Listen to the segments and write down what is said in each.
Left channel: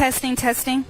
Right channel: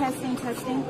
Testing, testing.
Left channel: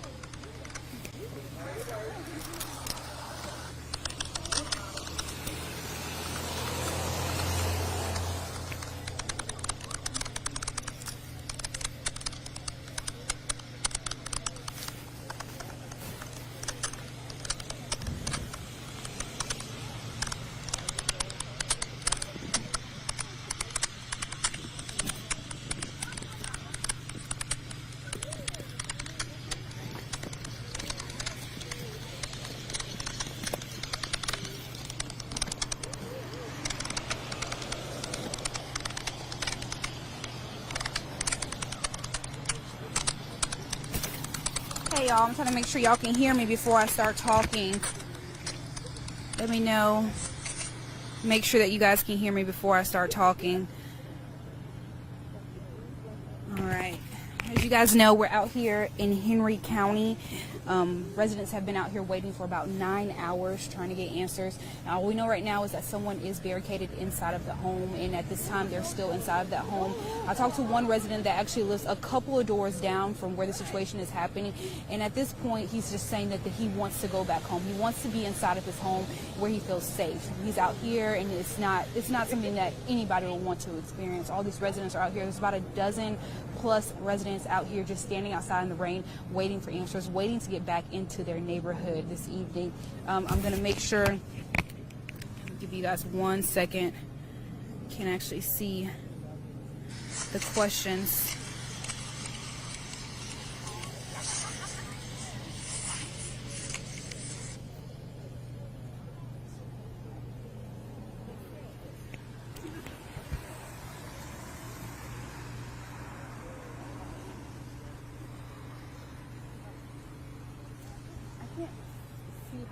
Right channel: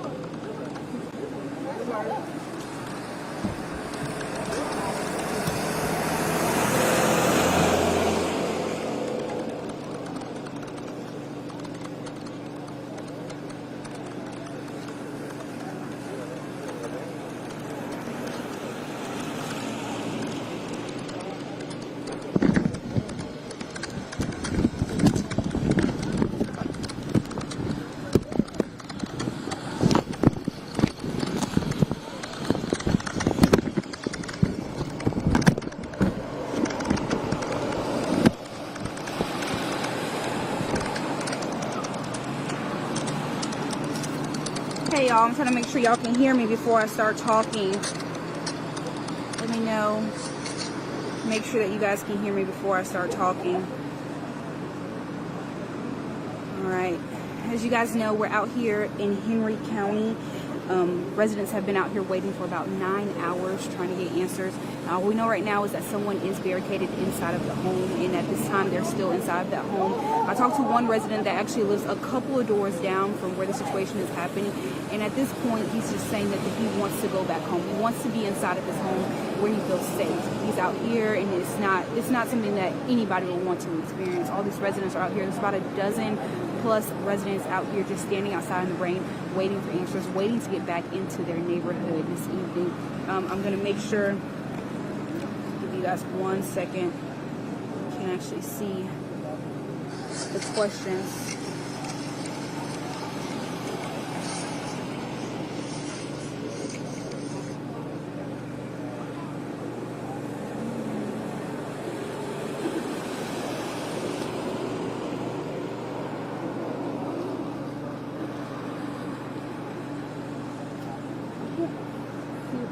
Hey y'all, I'm trying to make sure y'all can hear me before I start talking. Let me know. Make sure that you guys can hear me before I start talking. Alright. As you guys know, we're out here in Henry County. Residents have been out here waiting for about 9 hours trying to get answers. All we know right now is that someone is barricaded inside of the home, and at this time they're still inside of that home. I talked to one resident that actually lives a couple of doors down from where the situation is happening, and at this point he's just saying that he wants to go back home. He wants to be inside of his home where he feels safe. He's out here, and it's not something that anybody will want to experience. All these residents are out here. There's about a dozen plus residents out here just standing outside in the rain, waiting for answers, waiting to get back into their neighborhood this evening. I'm going to make sure, give you guys 1 second, you can actually see the questions.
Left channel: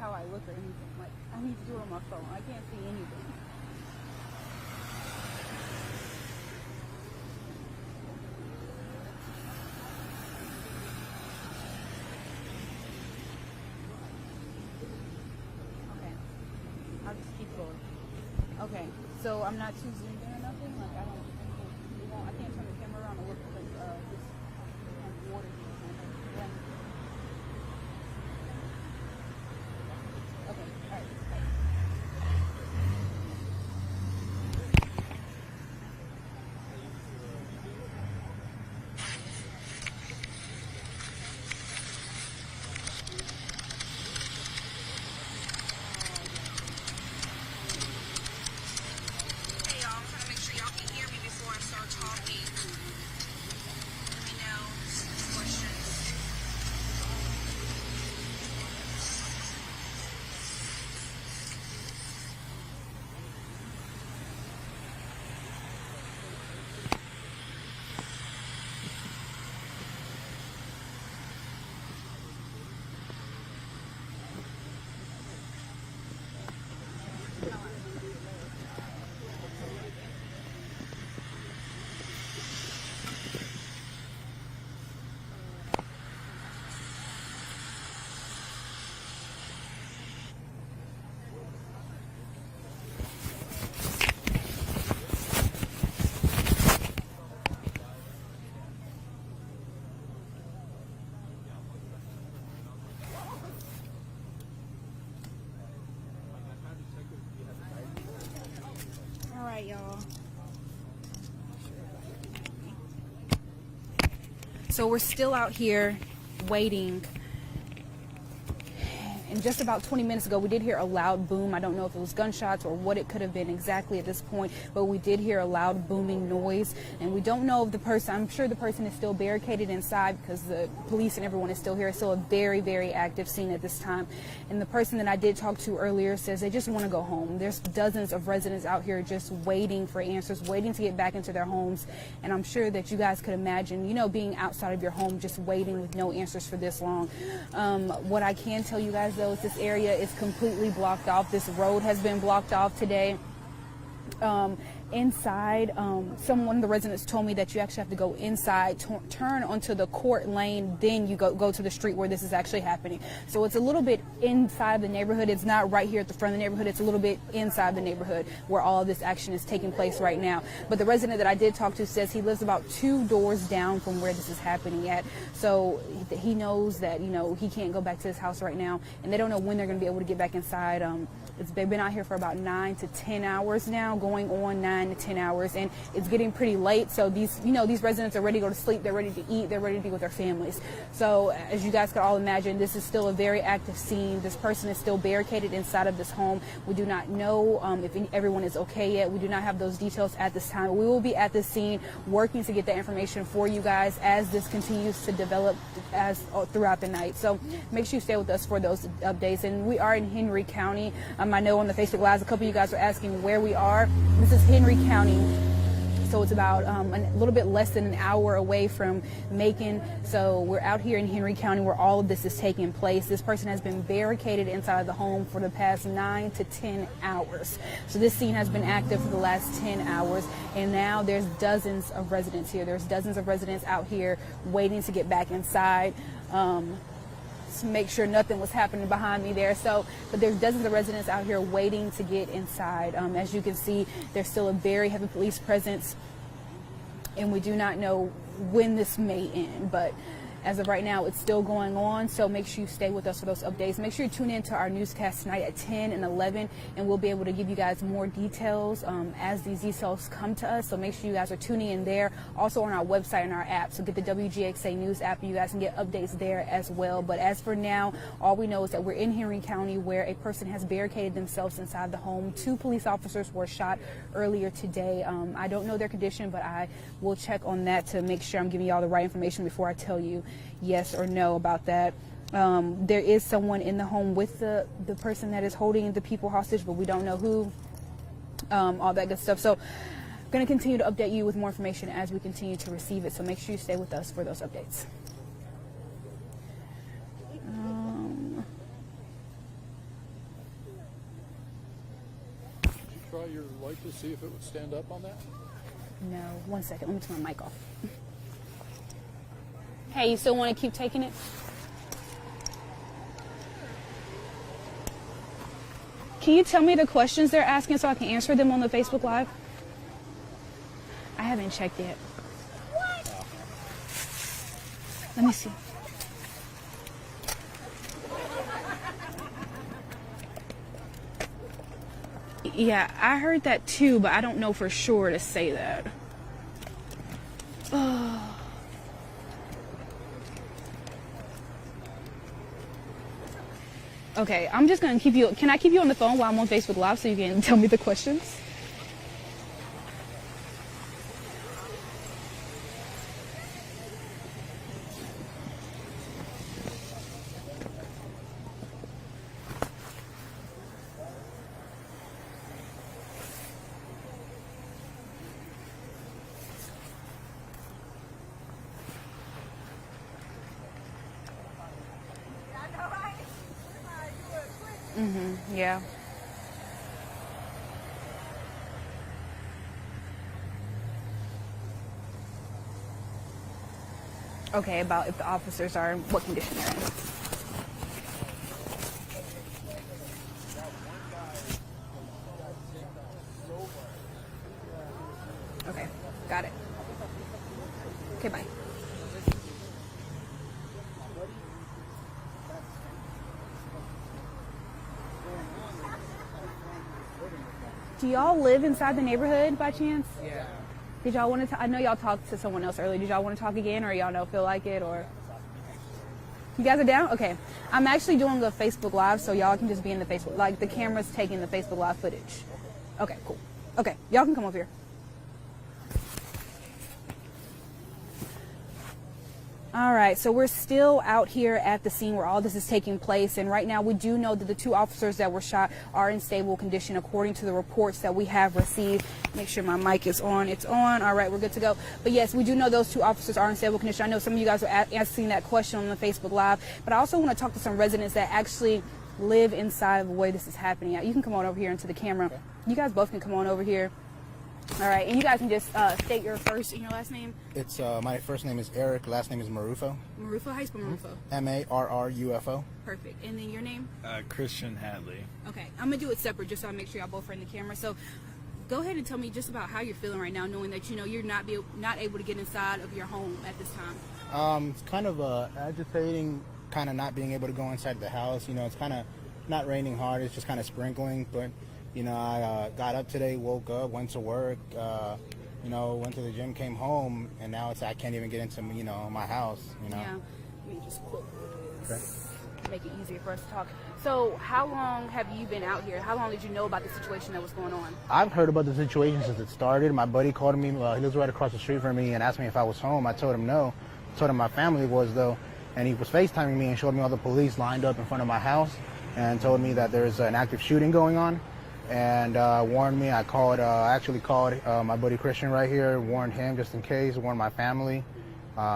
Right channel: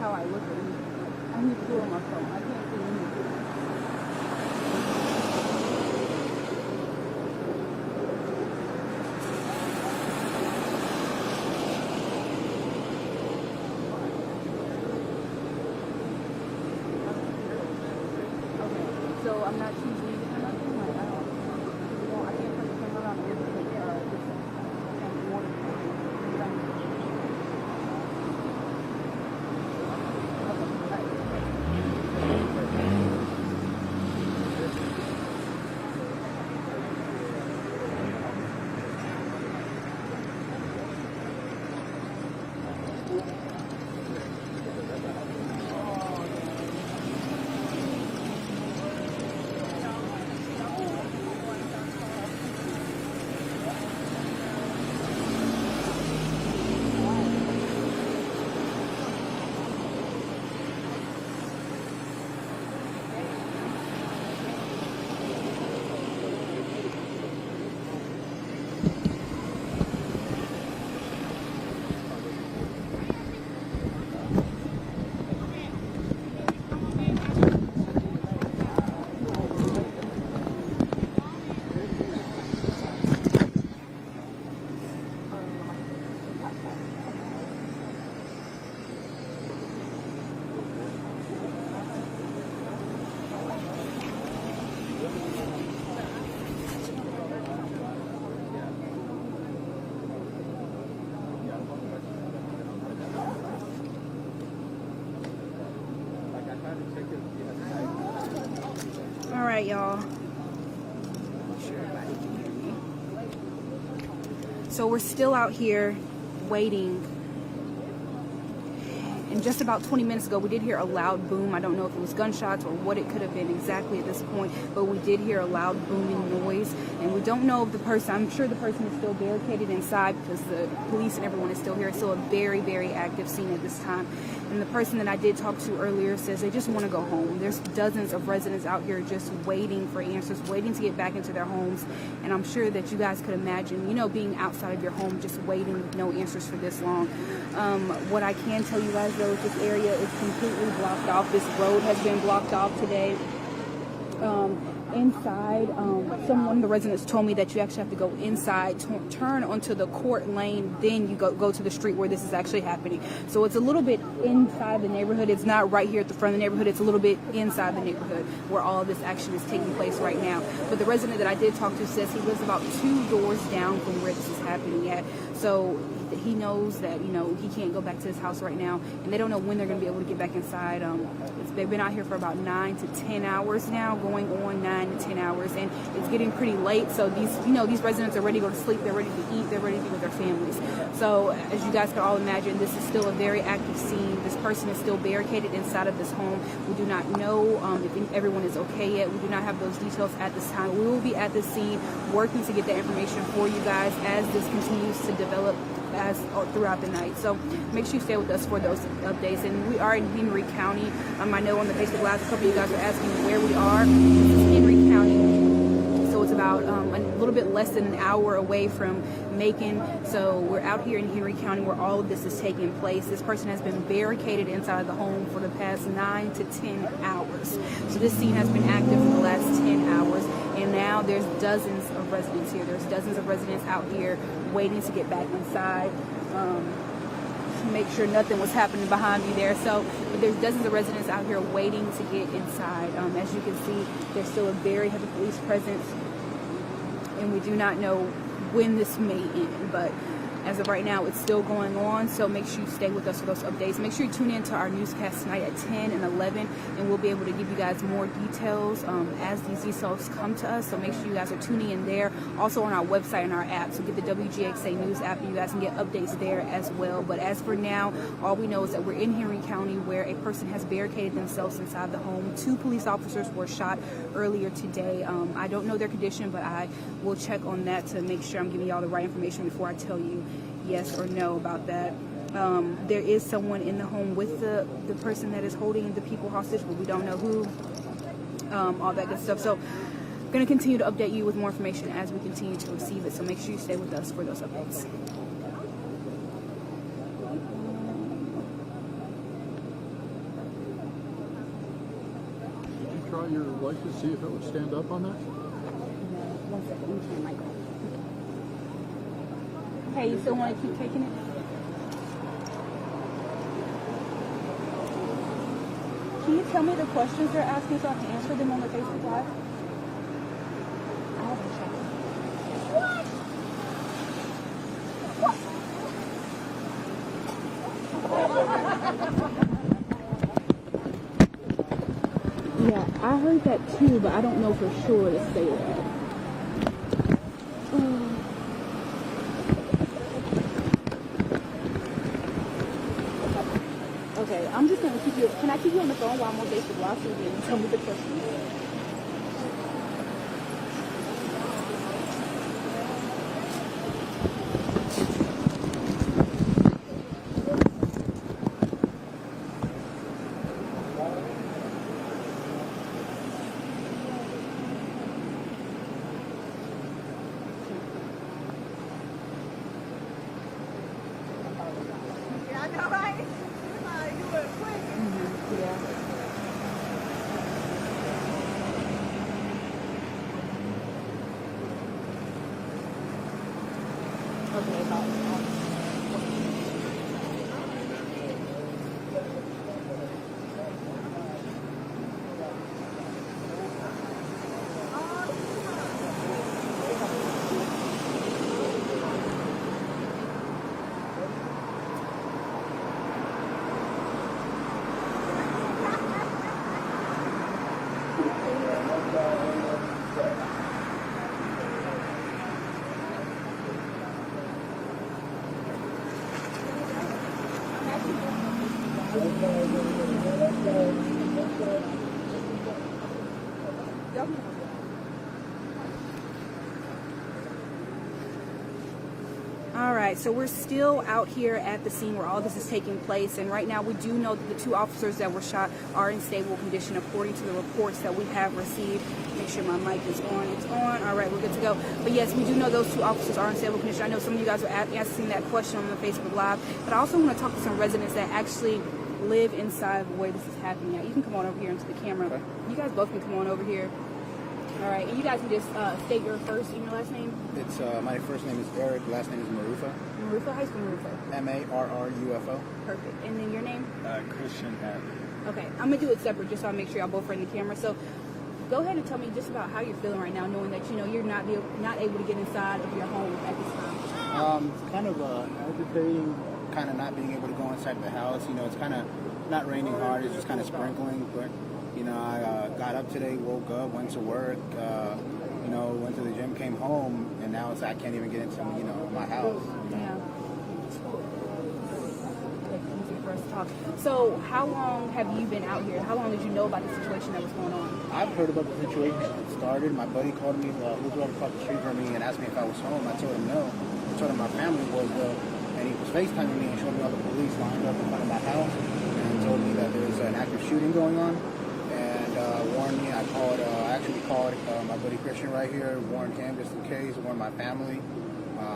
How I look at anything. Like, I need to do it on my phone. I can't see anything. Okay, so I'm not choosing nothing. Like, I can't turn the camera around and Alright, y'all. So we're still out here waiting. And just about 20 minutes ago, we did hear a loud boom. I don't know if it was gunshots or what it could have been exactly at this point, but we did hear a loud booming noise. And we don't know if the person, I'm sure the person is still barricaded inside because the police and everyone is still here. It's still a very, very active scene at this time. And the person that I did talk to earlier says they just want to go home. There's dozens of residents out here just waiting for answers, waiting to get back into their homes. And I'm sure that you guys could imagine, you know, being outside of your home, just waiting with no answers for this long. What I can tell you guys though is this area is completely blocked off. This road has been blocked off today. inside. One of the residents told me that you actually have to go inside, turn onto the court lane, then you go to the street where this is actually happening. So it's a little bit inside the neighborhood. It's not right here at the front of the neighborhood. It's a little bit inside the neighborhood where all of this action is taking place right now. But the resident that I did talk to says he lives about 2 doors down from where this is happening at. So he knows that, he can't go back to his house right now, and they don't know when they're going to be able to get back inside. They've been out here for about 9 to 10 hours now, going on 9 to 10 hours, and it's getting pretty late. So these residents are ready to go to sleep. They're ready to eat. They're ready to be with their families. So as you guys can all imagine, this is still a very active scene. This person is still barricaded inside of this home. We do not know if everyone is okay yet. We do not have those details at this time. We will be at the scene working to get that information for you guys as this continues to develop throughout the night. So make sure you stay with us for those updates. And we are in Henry County. I know on the Facebook Live, a couple of you guys are asking where we are. This is Henry County. So it's about a little bit less than an hour away from Macon. So we're out here in Henry County where all of this is taking place. This person has been barricaded inside of the home for the past 9 to 10 hours. So this scene has been active for the last 10 hours. And now there's dozens of residents here. There's dozens of residents out here waiting to get back inside. To make sure nothing was happening behind me there. But there's dozens of residents out here waiting to get inside. As you can see, there's still a very heavy police presence, and we do not know when this may end, but as of right now, it's still going on. So make sure you stay with us for those updates. Make sure you tune in to our newscast tonight at 10 and 11, and we'll be able to give you guys more details as these details come to us. So make sure you guys are tuning in there. Also on our website and our app. So get the WGXA News app, and you guys can get updates there as well. But as for now, all we know is that we're in Henry County where a person has barricaded themselves inside the home. 2 police officers were shot earlier today. I don't know their condition, but I will check on that to make sure I'm giving y'all the right information before I tell you yes or no about that. There is someone in the home with the person that is holding the people hostage, but we don't know who, all that good stuff. So I'm going to continue to update you with more information as we continue to receive it. So make sure you stay with us for those updates. Try your light to see if it would stand up on that? No, 1 second. Let me turn my mic off. Hey, you still want to keep taking it? Can you tell me the questions they're asking so I can answer them on the Facebook Live? I haven't checked yet. Let me see. Yeah, I heard that too, but I don't know for sure to say that. Okay, I'm just going to keep you... Can I keep you on the phone while I'm on Facebook Live so you can tell me the questions? Yeah. Okay, about if the officers are what condition they're in. Okay, got it. Do y'all live inside the neighborhood by chance? Did y'all want to? I know y'all talked to someone else earlier. Did y'all want to talk again, or y'all don't feel like it, or you guys are down? Okay, I'm actually doing a Facebook Live, so y'all can just be in the Facebook. Like the camera's taking the Facebook Live footage. Okay, y'all can come over here. All right, so we're still out here at the scene where all this is taking place, and right now we do know that the 2 officers that were shot are in stable condition according to the reports that we have received. Make sure my mic is on. It's on. All right, we're good to go. But yes, we do know those 2 officers are in stable condition. I know some of you guys are asking that question on the Facebook Live, but I also want to talk to some residents that actually live inside of the way this is happening. You can come on over here into the camera. You guys both can come on over here. All right, and you guys can just state your first and your last name. It's my first name is Eric, last name is Marufo. Marufo, how you spell Marufo? Marrufo. Perfect. And then your name? Christian Hadley. Okay, I'm gonna do it separate just so I make sure y'all both are in the camera. So go ahead and tell me just about how you're feeling right now, knowing that you're not able to get inside of your home at this time. It's kind of agitating, kind of not being able to go inside the house. It's kind of not raining hard. It's just kind of sprinkling. But I got up today, woke up, went to work. Went to the gym, came home, and now I can't even get into my house. Yeah. Make it easier for us to talk. So how long have you been out here? How long did you know about the situation that was going on? I've heard about the situation since it started. My buddy called me. He lives right across the street from me and asked me if I was home. I told him no. I told him my family was, though. And he was FaceTiming me and showed me all the police lined up in front of my house and told me that there's an active shooting going on. And warned me. I actually called my buddy Christian right here, warned him just in case, warned my family,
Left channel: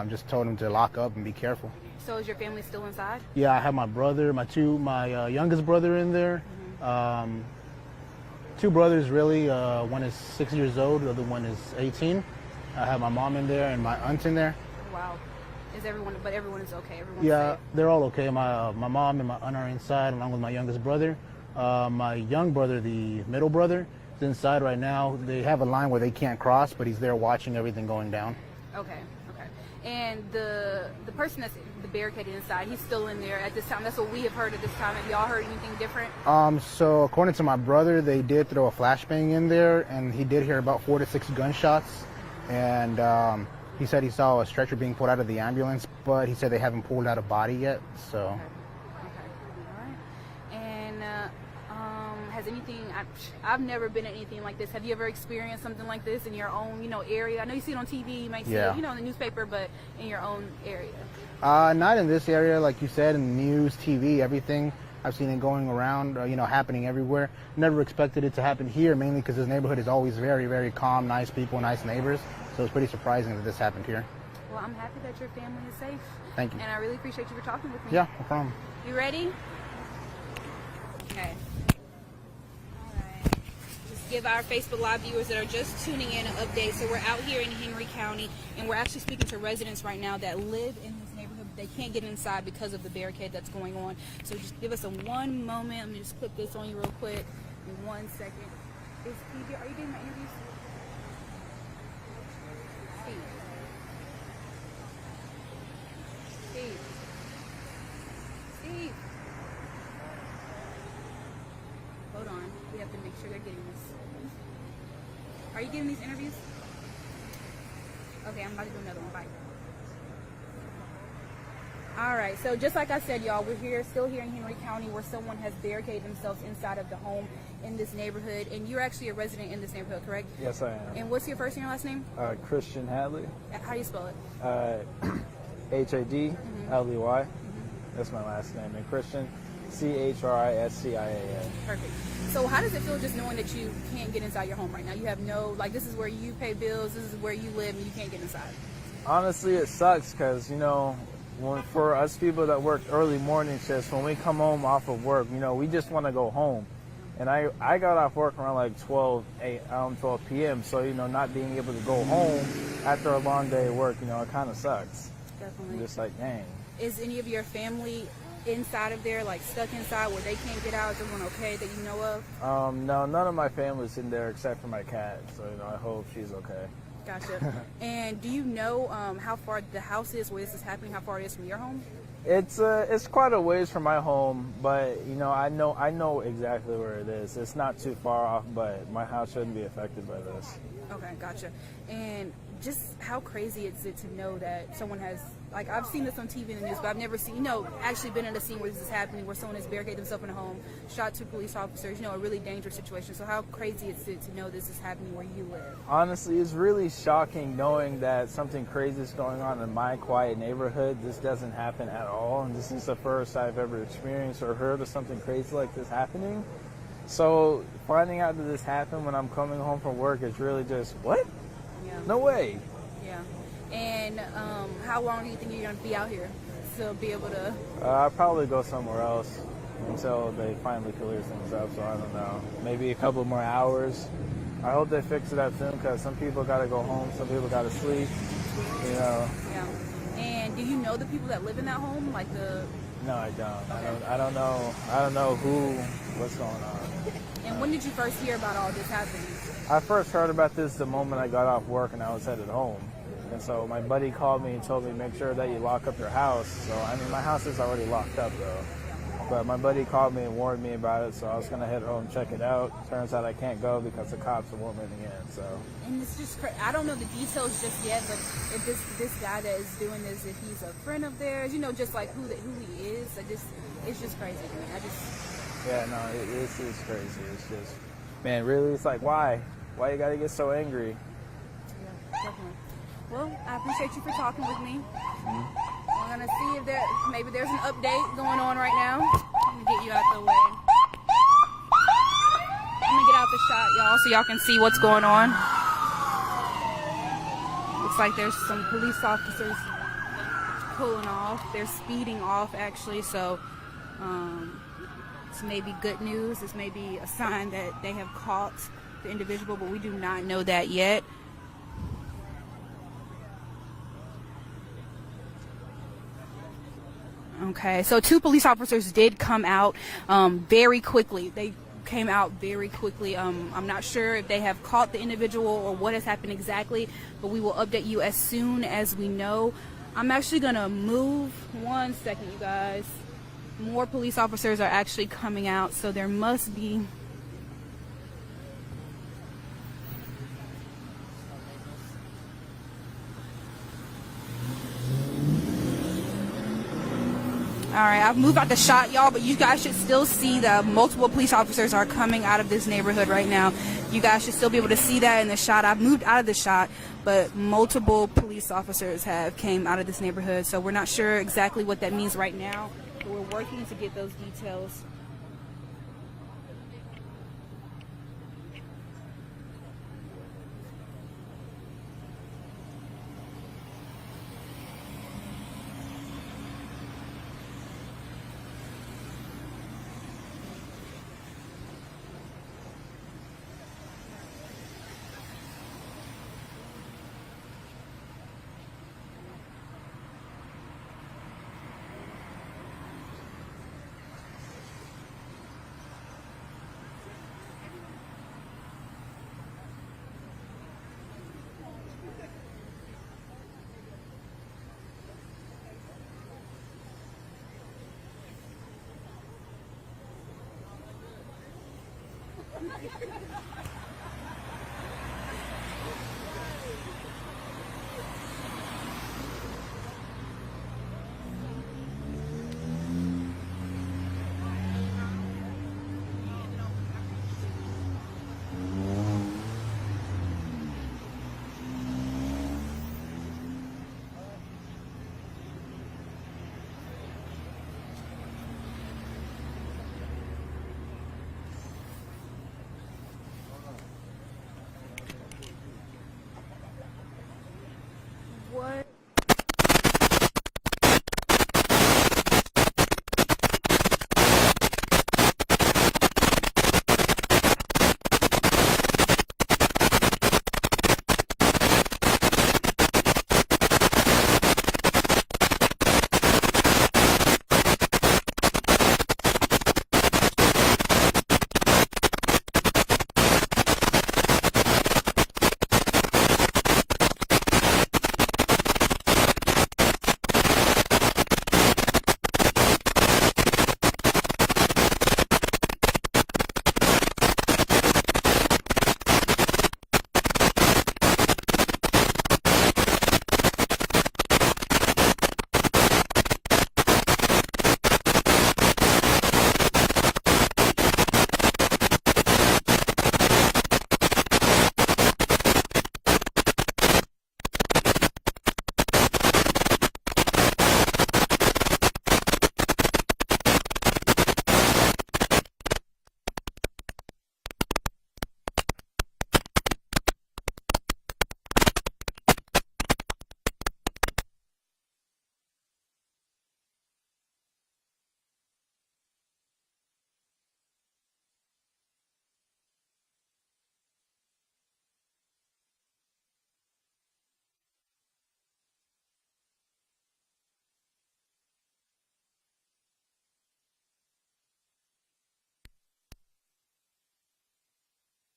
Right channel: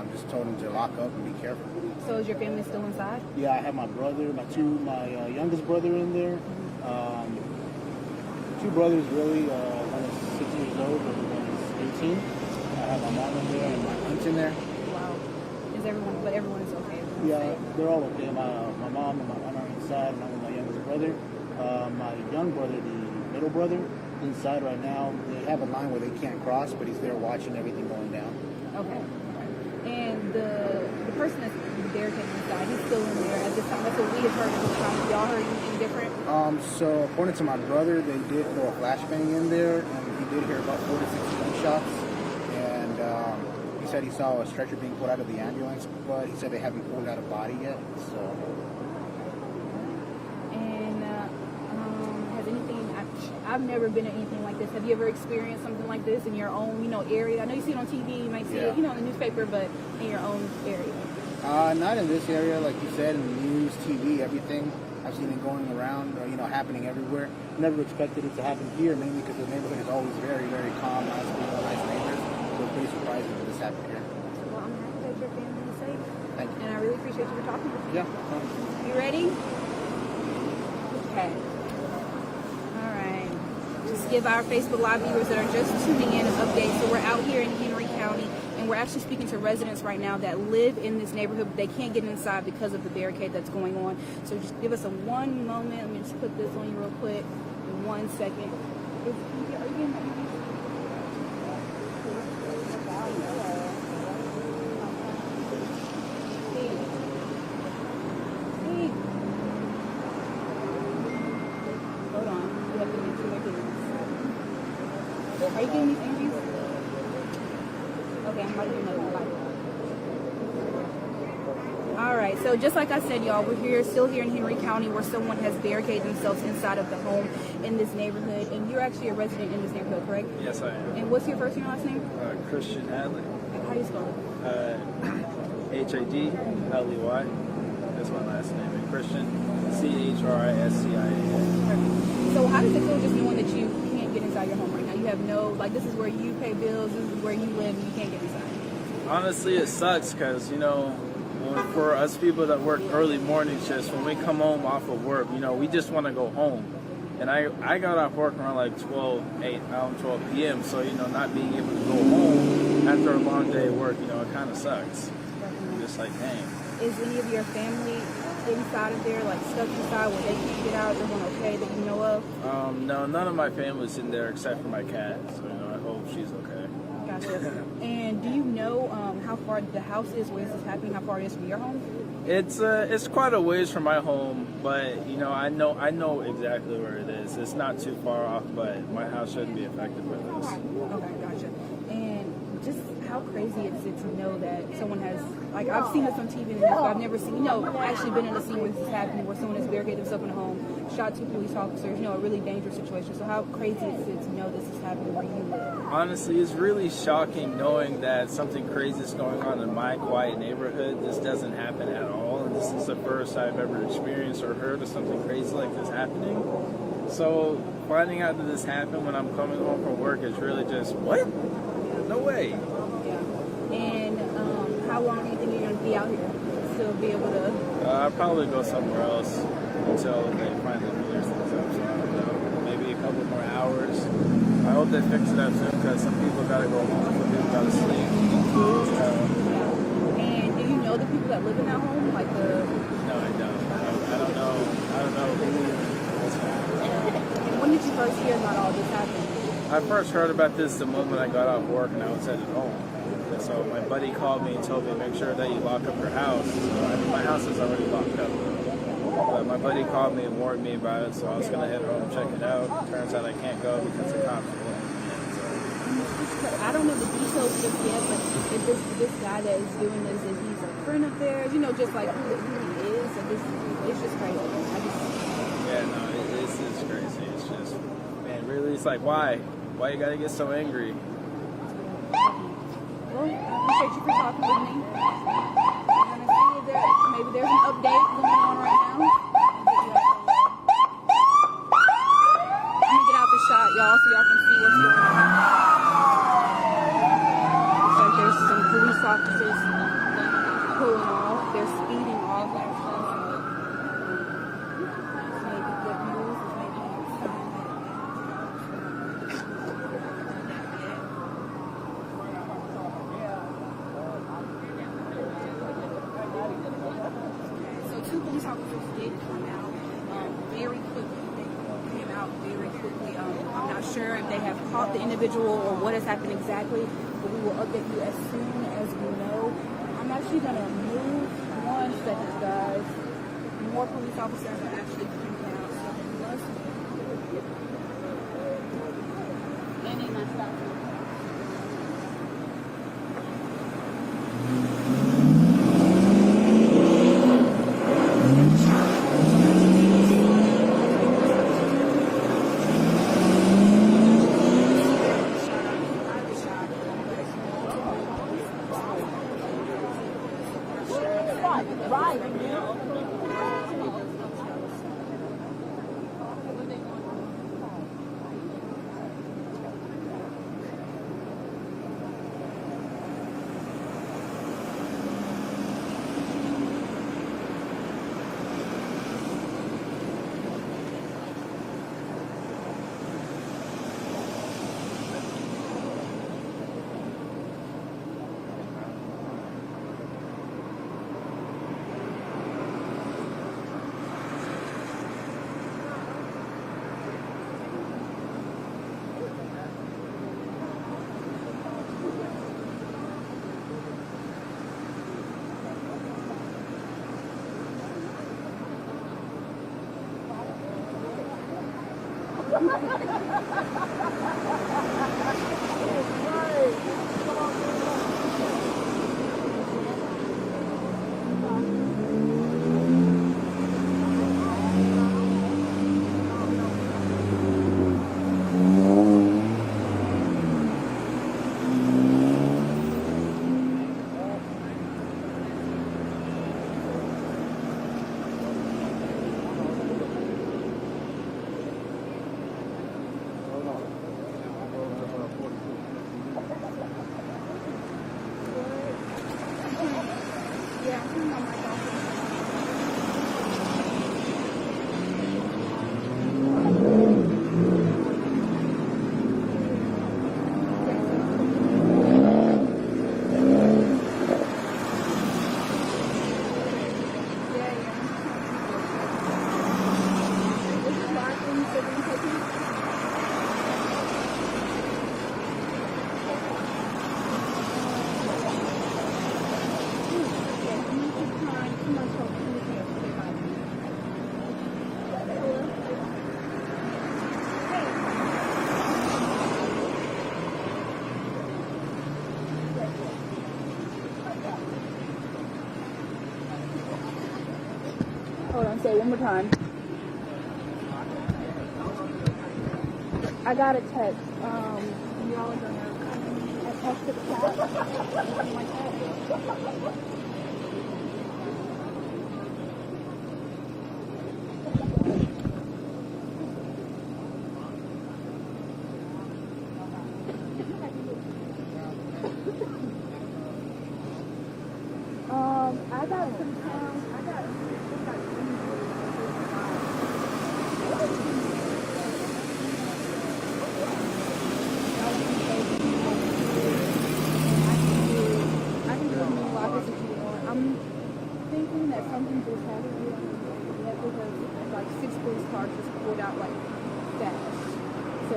just told him to lock up and be careful. So is your family still inside? Yeah, I have my brother, my youngest brother in there. Two brothers really, one is 6 years old, the other one is 18. I have my mom in there and my aunt in there. Wow. But everyone is okay? Yeah, they're all okay. My mom and my aunt are inside along with my youngest brother. My young brother, the middle brother, is inside right now. They have a line where they can't cross, but he's there watching everything going down. Okay. And the person that's barricaded inside, he's still in there at this time. That's what we have heard at this time. Have y'all heard anything different? So according to my brother, they did throw a flashbang in there, and he did hear about 4 to 6 gunshots. And he said he saw a stretcher being pulled out of the ambulance, but he said they haven't pulled out a body yet. So. I've never been in anything like this. Have you ever experienced something like this in your own, area? I know you see it on TV, you might see it, in the newspaper, but in your own area. Not in this area, like you said, in the news, TV, everything. I've seen it going around, happening everywhere. Never expected it to happen here, mainly because this neighborhood is always very, very calm, nice people, nice neighbors. So it's pretty surprising that this happened here. Well, I'm happy that your family is safe. Thank you. And I really appreciate you for talking with me. Yeah, no problem. You ready? Okay. Give our Facebook Live viewers that are just tuning in an update. So we're out here in Henry County, and we're actually speaking to residents right now that live in this neighborhood, but they can't get inside because of the barricade that's going on. So just give us one moment. Let me just put this on you real quick. 1 second. Are you getting my interviews? Steve. Hold on. We have to make sure they're getting this. Are you getting these interviews? Okay, I'm about to do another one. Bye. All right, so just like I said, y'all, we're still here in Henry County where someone has barricaded themselves inside of the home in this neighborhood. And you're actually a resident in this neighborhood, correct? Yes, I am. And what's your first and your last name? Christian Hadley. And how do you spell it? Hadley. That's my last name. And Christian, Chriscia. Perfect. So how does it feel just knowing that you can't get inside your home right now? You have this is where you pay bills, this is where you live, and you can't get inside. Honestly, it sucks because, for us people that work early morning shifts, when we come home off of work, we just want to go home. And I got off work around like 12 p.m. So, not being able to go home after a long day of work, it kind of sucks. Just like, dang. Is any of your family inside of there, like stuck inside where they can't get out, everyone okay that you know of? No, none of my family's in there except for my cat, so I hope she's okay. Gotcha. And do you know how far the house is where this is happening, how far it is from your home? It's quite a ways from my home, but I know exactly where it is. It's not too far off, but my house shouldn't be affected by this. Okay, gotcha. And just how crazy is it to know that someone has, like, I've seen this on TV and news, but I've never seen, actually been in a scene where this is happening, where someone has barricaded himself in a home, shot 2 police officers, a really dangerous situation. So how crazy is it to know this is happening where you live? Honestly, it's really shocking knowing that something crazy is going on in my quiet neighborhood. This doesn't happen at all, and this is the first I've ever experienced or heard of something crazy like this happening. So finding out that this happened when I'm coming home from work is really just, what? No way. Yeah. And how long do you think you're going to be out here? Still be able to... I'll probably go somewhere else until they finally finish things up. So I don't know. Maybe a couple more hours. I hope they fix it up soon because some people got to go home. Some people got to sleep. Yeah. And do you know the people that live in that home? Like the... No, I don't. I don't know. I don't know who. What's happening. And when did you first hear about all this happening? I first heard about this the moment I got off work and I was headed home. And so my buddy called me and told me, make sure that you lock up your house. So I mean, my house is already locked up though. But my buddy called me and warned me about it, so I was gonna head home and check it out. Turns out I can't go because the cops won't let me in. So. I don't know the details just yet, but if this guy that is doing this, if he's a friend of theirs, you know, just like who he is, and it's just crazy. Yeah, no, this is crazy. It's just, man, really, it's like, why? Why you gotta get so angry? Well, I appreciate you for talking with me. I'm gonna see if maybe there's an update going on right now. Get you out the way. I'm gonna get out the shot, y'all, so y'all can see what's going on. Looks like there's some police officers pulling off. They're speeding off, actually, so this may be good news. This may be a sign that they have caught the individual, but we do not know that yet. Okay, so 2 police officers did come out very quickly. They came out very quickly. I'm not sure if they have caught the individual or what has happened exactly, but we will update you as soon as we know. I'm actually going to move 1 second, guys. More police officers are actually coming out, so there must be... Move out the shot, y'all, but you guys should still see that multiple police officers are coming out of this neighborhood right now. You guys should still be able to see that in the shot. I've moved out of the shot, but multiple police officers have came out of this neighborhood, so we're not sure exactly what that means right now. We're working to get those details. I got some pounds. I got. I can do as many lockers as you want. I'm thinking that something just happened with me because like 6 police cars just pulled out like fast. So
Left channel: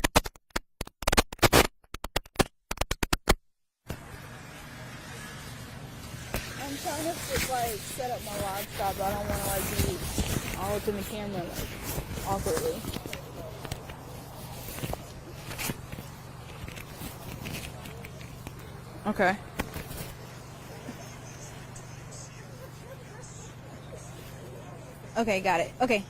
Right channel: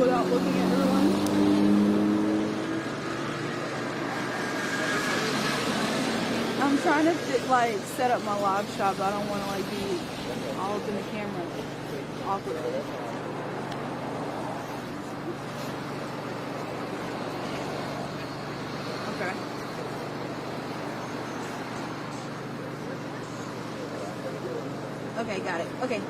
without looking at everyone. I'm trying to like set up my live shot, but I don't want to like be all up in the camera awkwardly. Okay. Okay, got it. Okay.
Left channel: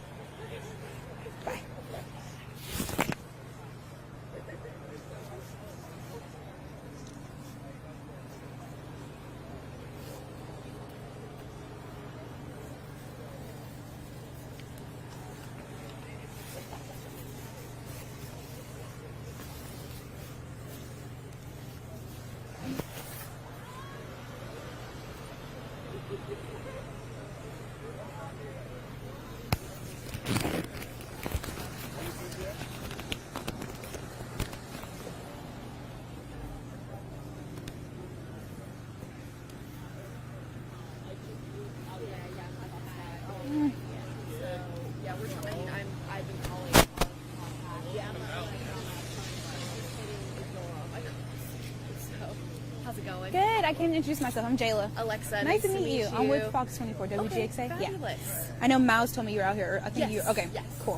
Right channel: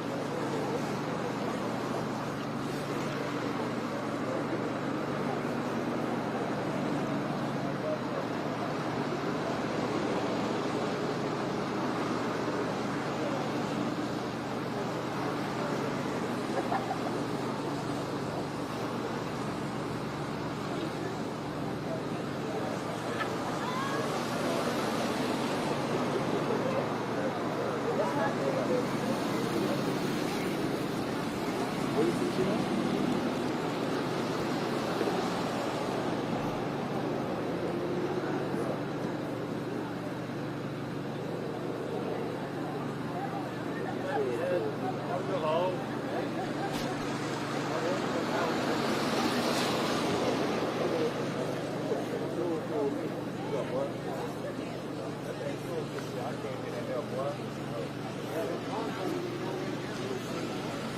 I can't introduce myself. I'm Jayla. Alexa. Nice to meet you. I'm with Fox 24. WGXA? Yeah. I know Miles told me you're out here. I think you're okay. Yeah. Cool.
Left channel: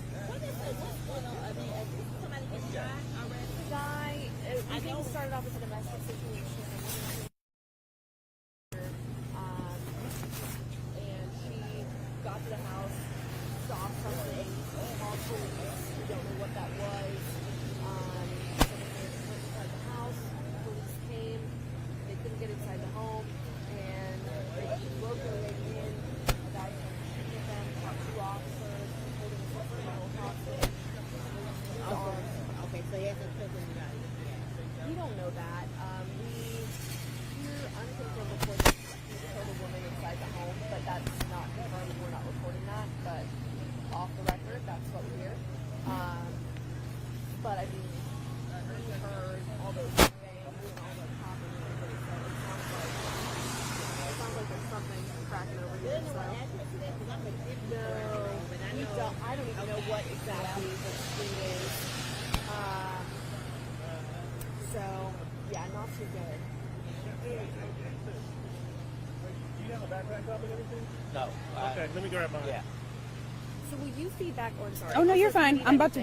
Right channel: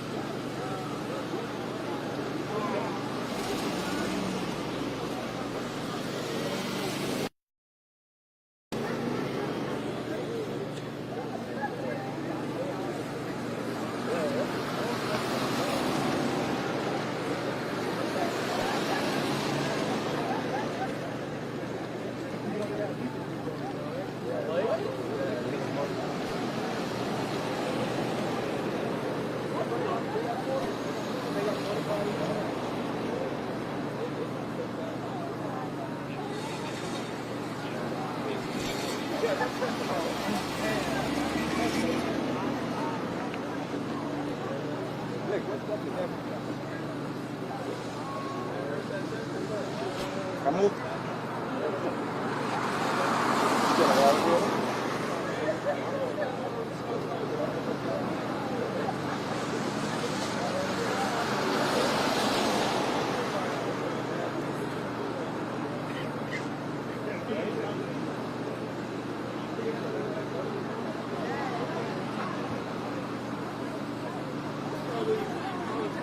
Oh no, you're fine. I'm about to.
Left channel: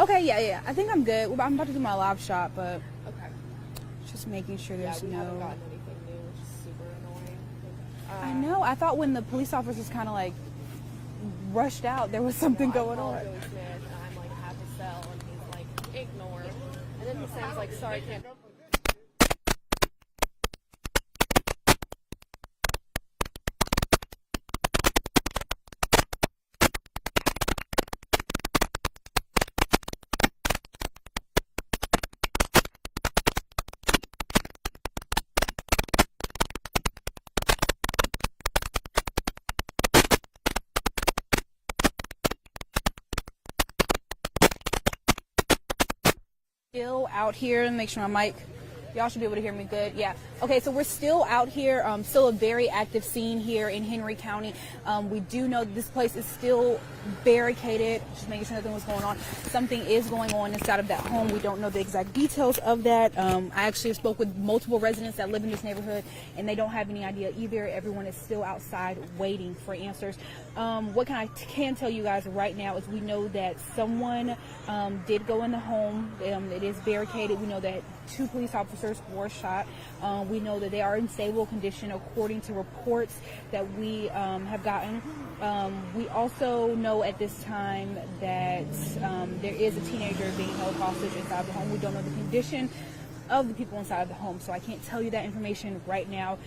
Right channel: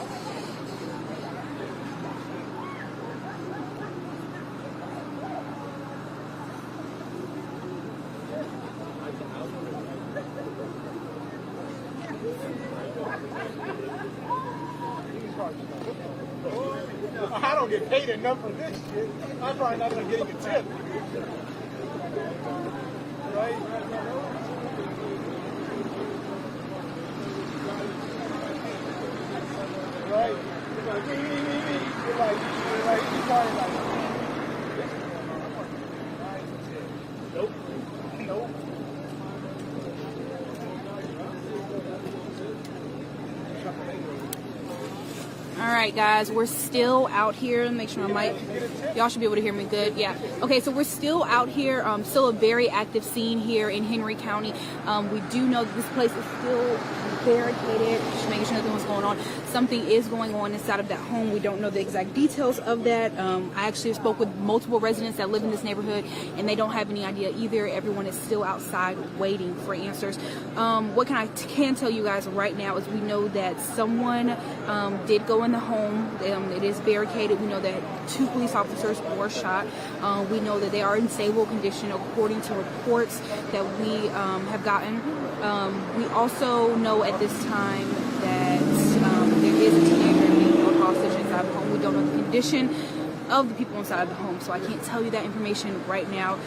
Okay, yeah. I think I'm good. I'm about to do my live shot, but just making sure there's no. I know. I thought when the police officers kind of like rushed out. There was something going on. I don't get paid enough for this shit. I'm probably not gonna get a tip. Right? Right? You're like, you're like, you're probably like, nope. All right, guys, we're still out here. Make sure my mic, y'all should be able to hear me good. Yeah. Okay, so we're still out here. Still a very active scene here in Henry County. We do know that this place is still barricaded. Just making sure nothing was going on. Something is going on inside of that home. We don't know the exact details of that. I actually spoke with multiple residents that live in this neighborhood, and they don't have any idea either. Everyone is still outside waiting for answers. What I can tell you guys right now is we know that someone did go in the home. It is barricaded. We know that 2 police officers were shot. We know that they are in stable condition according to reports that we have gotten. We also know at this time that there is a teenager being held hostage inside the home. We don't know the condition of the people inside of the home, so I can't tell you that information right now.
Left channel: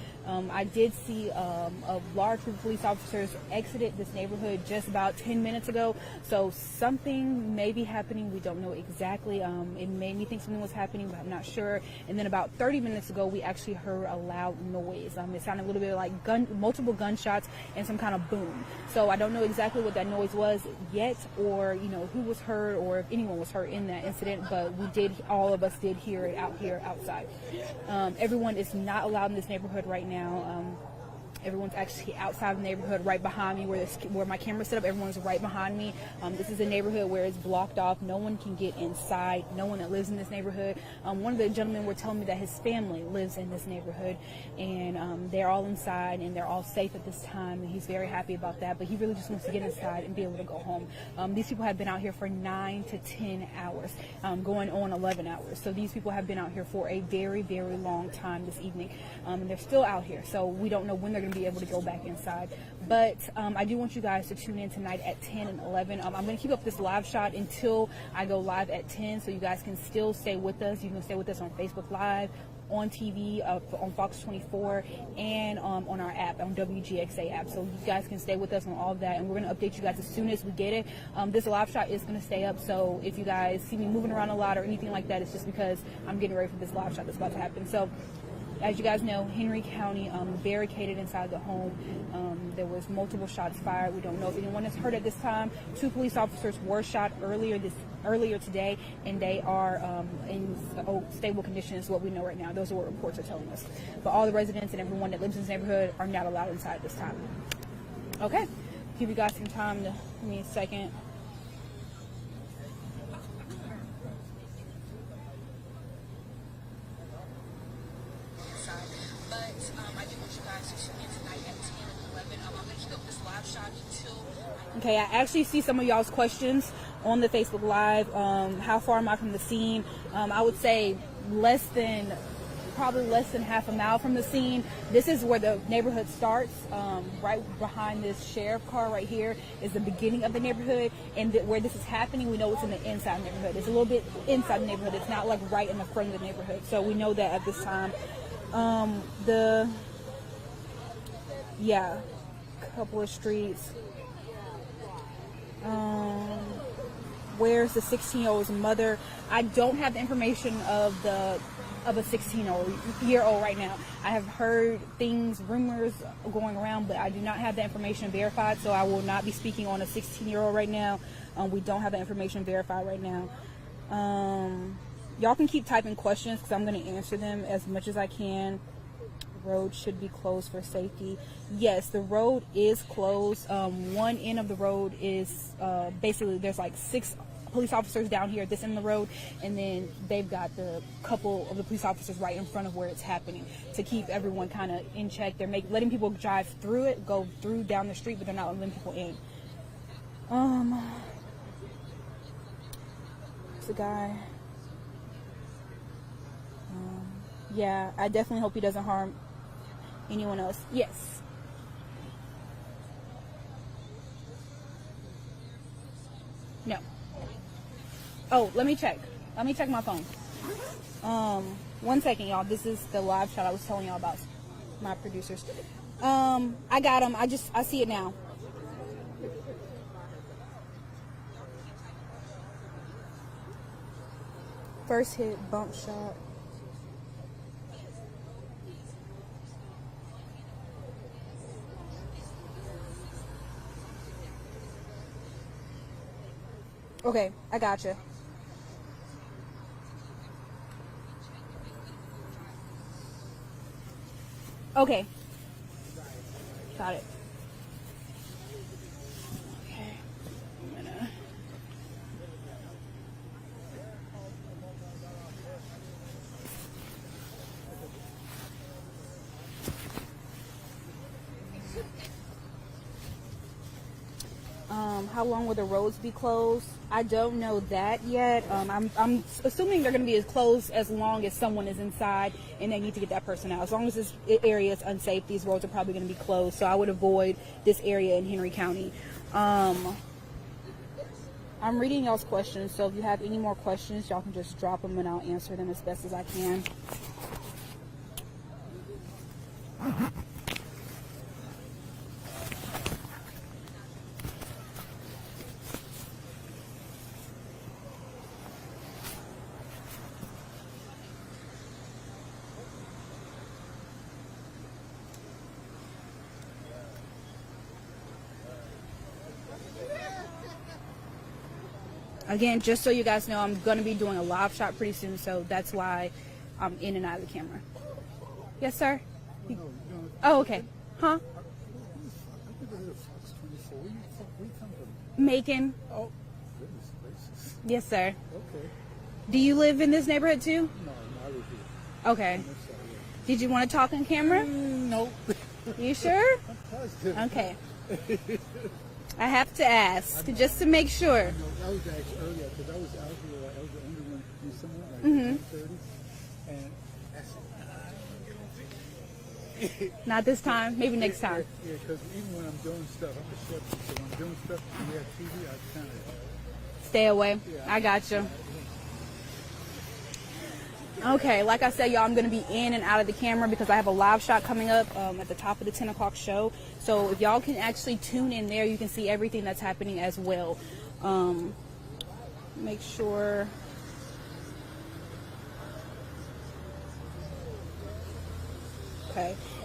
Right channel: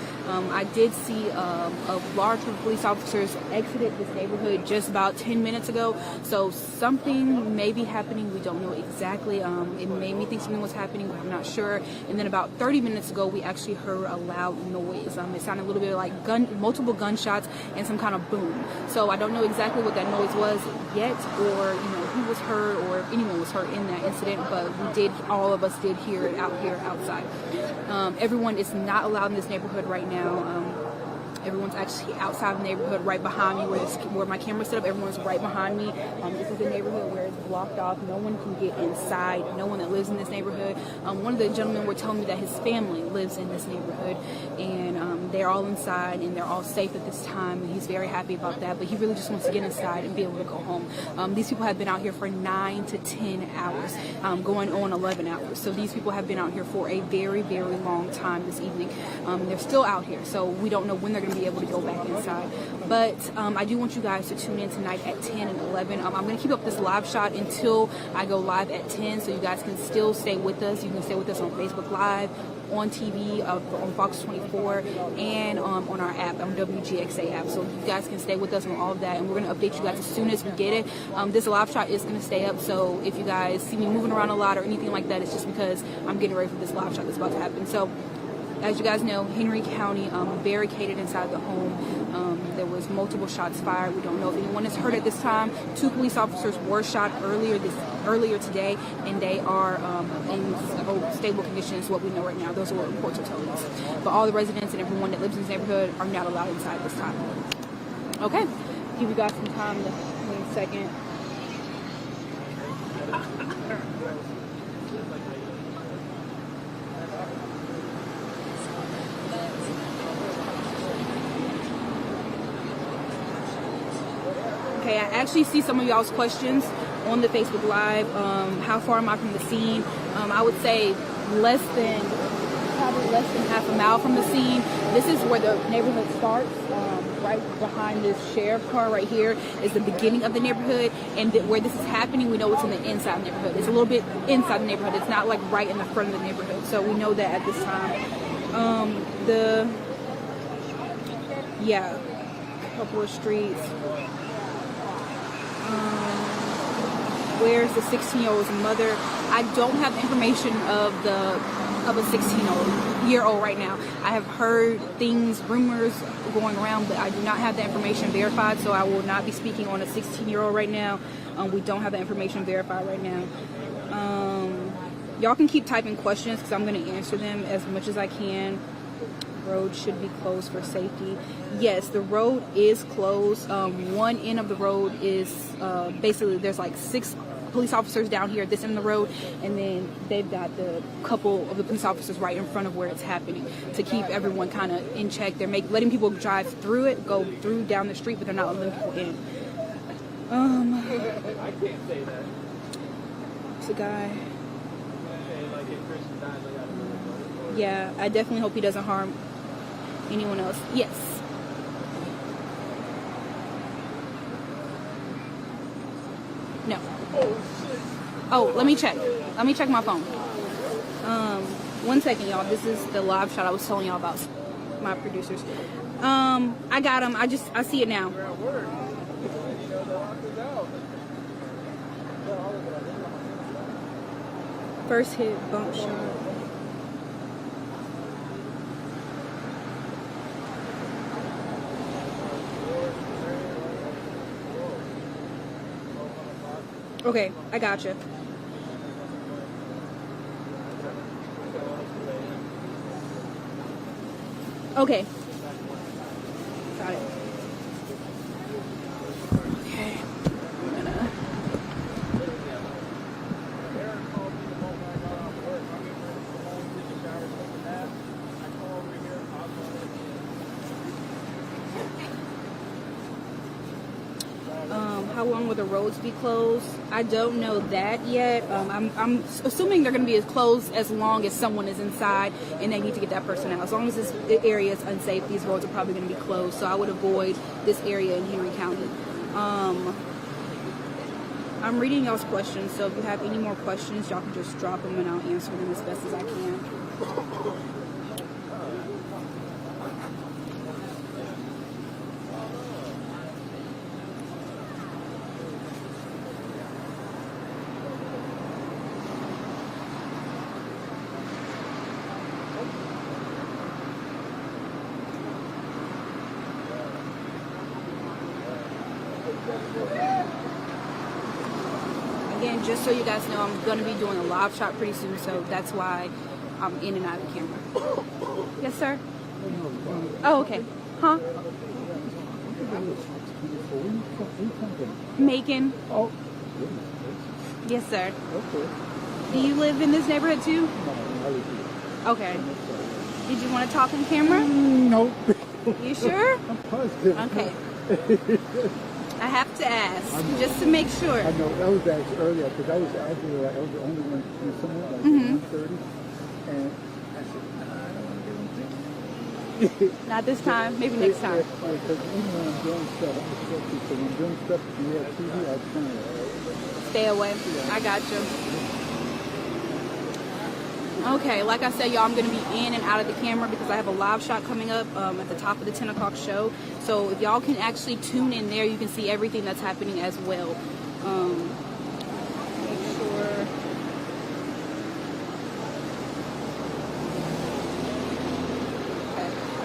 I did see a large group of police officers exited this neighborhood just about 10 minutes ago, so something may be happening. We don't know exactly. It made me think something was happening, but I'm not sure. And then about 30 minutes ago, we actually heard a loud noise. It sounded a little bit like multiple gunshots and some kind of boom. So I don't know exactly what that noise was yet, or who was hurt, or if anyone was hurt in that incident, but all of us did hear it out here outside. Everyone is not allowed in this neighborhood right now. Everyone's actually outside the neighborhood right behind me where my camera's set up. Everyone's right behind me. This is a neighborhood where it's blocked off. No one can get inside. No one that lives in this neighborhood. One of the gentlemen were telling me that his family lives in this neighborhood, and they're all inside and they're all safe at this time, and he's very happy about that, but he really just wants to get inside and be able to go home. These people have been out here for 9 to 10 hours, going on 11 hours. So these people have been out here for a very, very long time this evening. They're still out here, so we don't know when they're going to be able to go back inside. But I do want you guys to tune in tonight at 10 and 11. I'm going to keep up this live shot until I go live at 10, so you guys can still stay with us. You can stay with us on Facebook Live, on TV, on Fox 24, and on our app, on WGXA app. So you guys can stay with us on all of that, and we're going to update you guys as soon as we get it. This live shot is going to stay up, so if you guys see me moving around a lot or anything like that, it's just because I'm getting ready for this live shot that's about to happen. So as you guys know, Henry County barricaded inside the home. There was multiple shots fired. We don't know if anyone is hurt at this time. 2 police officers were shot earlier today, and they are in stable condition is what we know right now. Those are what reports are telling us. But all the residents and everyone that lives in this neighborhood are not allowed inside this time. Okay, give you guys some time to give me a second. Okay, I actually see some of y'all's questions on the Facebook Live. How far am I from the scene? I would say probably less than half a mile from the scene. This is where the neighborhood starts. Right behind this sheriff car right here is the beginning of the neighborhood, and where this is happening, we know it's in the inside of the neighborhood. It's a little bit inside the neighborhood. It's not like right in the front of the neighborhood. So we know that at this time. Couple of streets. Where's the 16-year-old's mother? I don't have the information of a 16-year-old right now. I have heard rumors going around, but I do not have the information verified, so I will not be speaking on a 16-year-old right now. We don't have the information verified right now. Y'all can keep typing questions because I'm going to answer them as much as I can. Road should be closed for safety. Yes, the road is closed. One end of the road is basically there's like 6 police officers down here at this end of the road, and then they've got the couple of the police officers right in front of where it's happening to keep everyone kind of in check. They're letting people drive through it, go through down the street, but they're not letting people in. It's a guy. Yeah, I definitely hope he doesn't harm anyone else. Yes. No. Oh, let me check. Let me check my phone. 1 second, y'all. This is the live shot I was telling y'all about. My producers. I got him. I see it now. First hit, bump shot. Okay, I gotcha. Okay. Got it. Okay. How long will the roads be closed? I don't know that yet. I'm assuming they're going to be as closed as long as someone is inside and they need to get that person out. As long as the area is unsafe, these roads are probably going to be closed. So I would avoid this area in Henry County. I'm reading y'all's questions, so if you have any more questions, y'all can just drop them and I'll answer them as best as I can. Again, just so you guys know, I'm going to be doing a live shot pretty soon, so that's why I'm in and out of the camera. Yes, sir? Oh, okay. Huh? Macon. Oh, goodness gracious. Yes, sir. Okay. Do you live in this neighborhood too? No, I live here. Okay. Did you want to talk on camera? Nope. You sure? I'm positive. Okay. I have to ask, just to make sure. I know, that was actually earlier, because I was actually, I was the only one to do someone like 1:30, and I said, nah, I don't want to get them. Not this time, maybe next time. Because even when I'm doing stuff, I'm disruptive, so when I'm doing stuff, and you have TV, I kind of... Stay away. I got you. Okay, like I said, y'all, I'm going to be in and out of the camera because I have a live shot coming up at the top of the 10 o'clock show. So if y'all can actually tune in there, you can see everything that's happening as well. Make sure...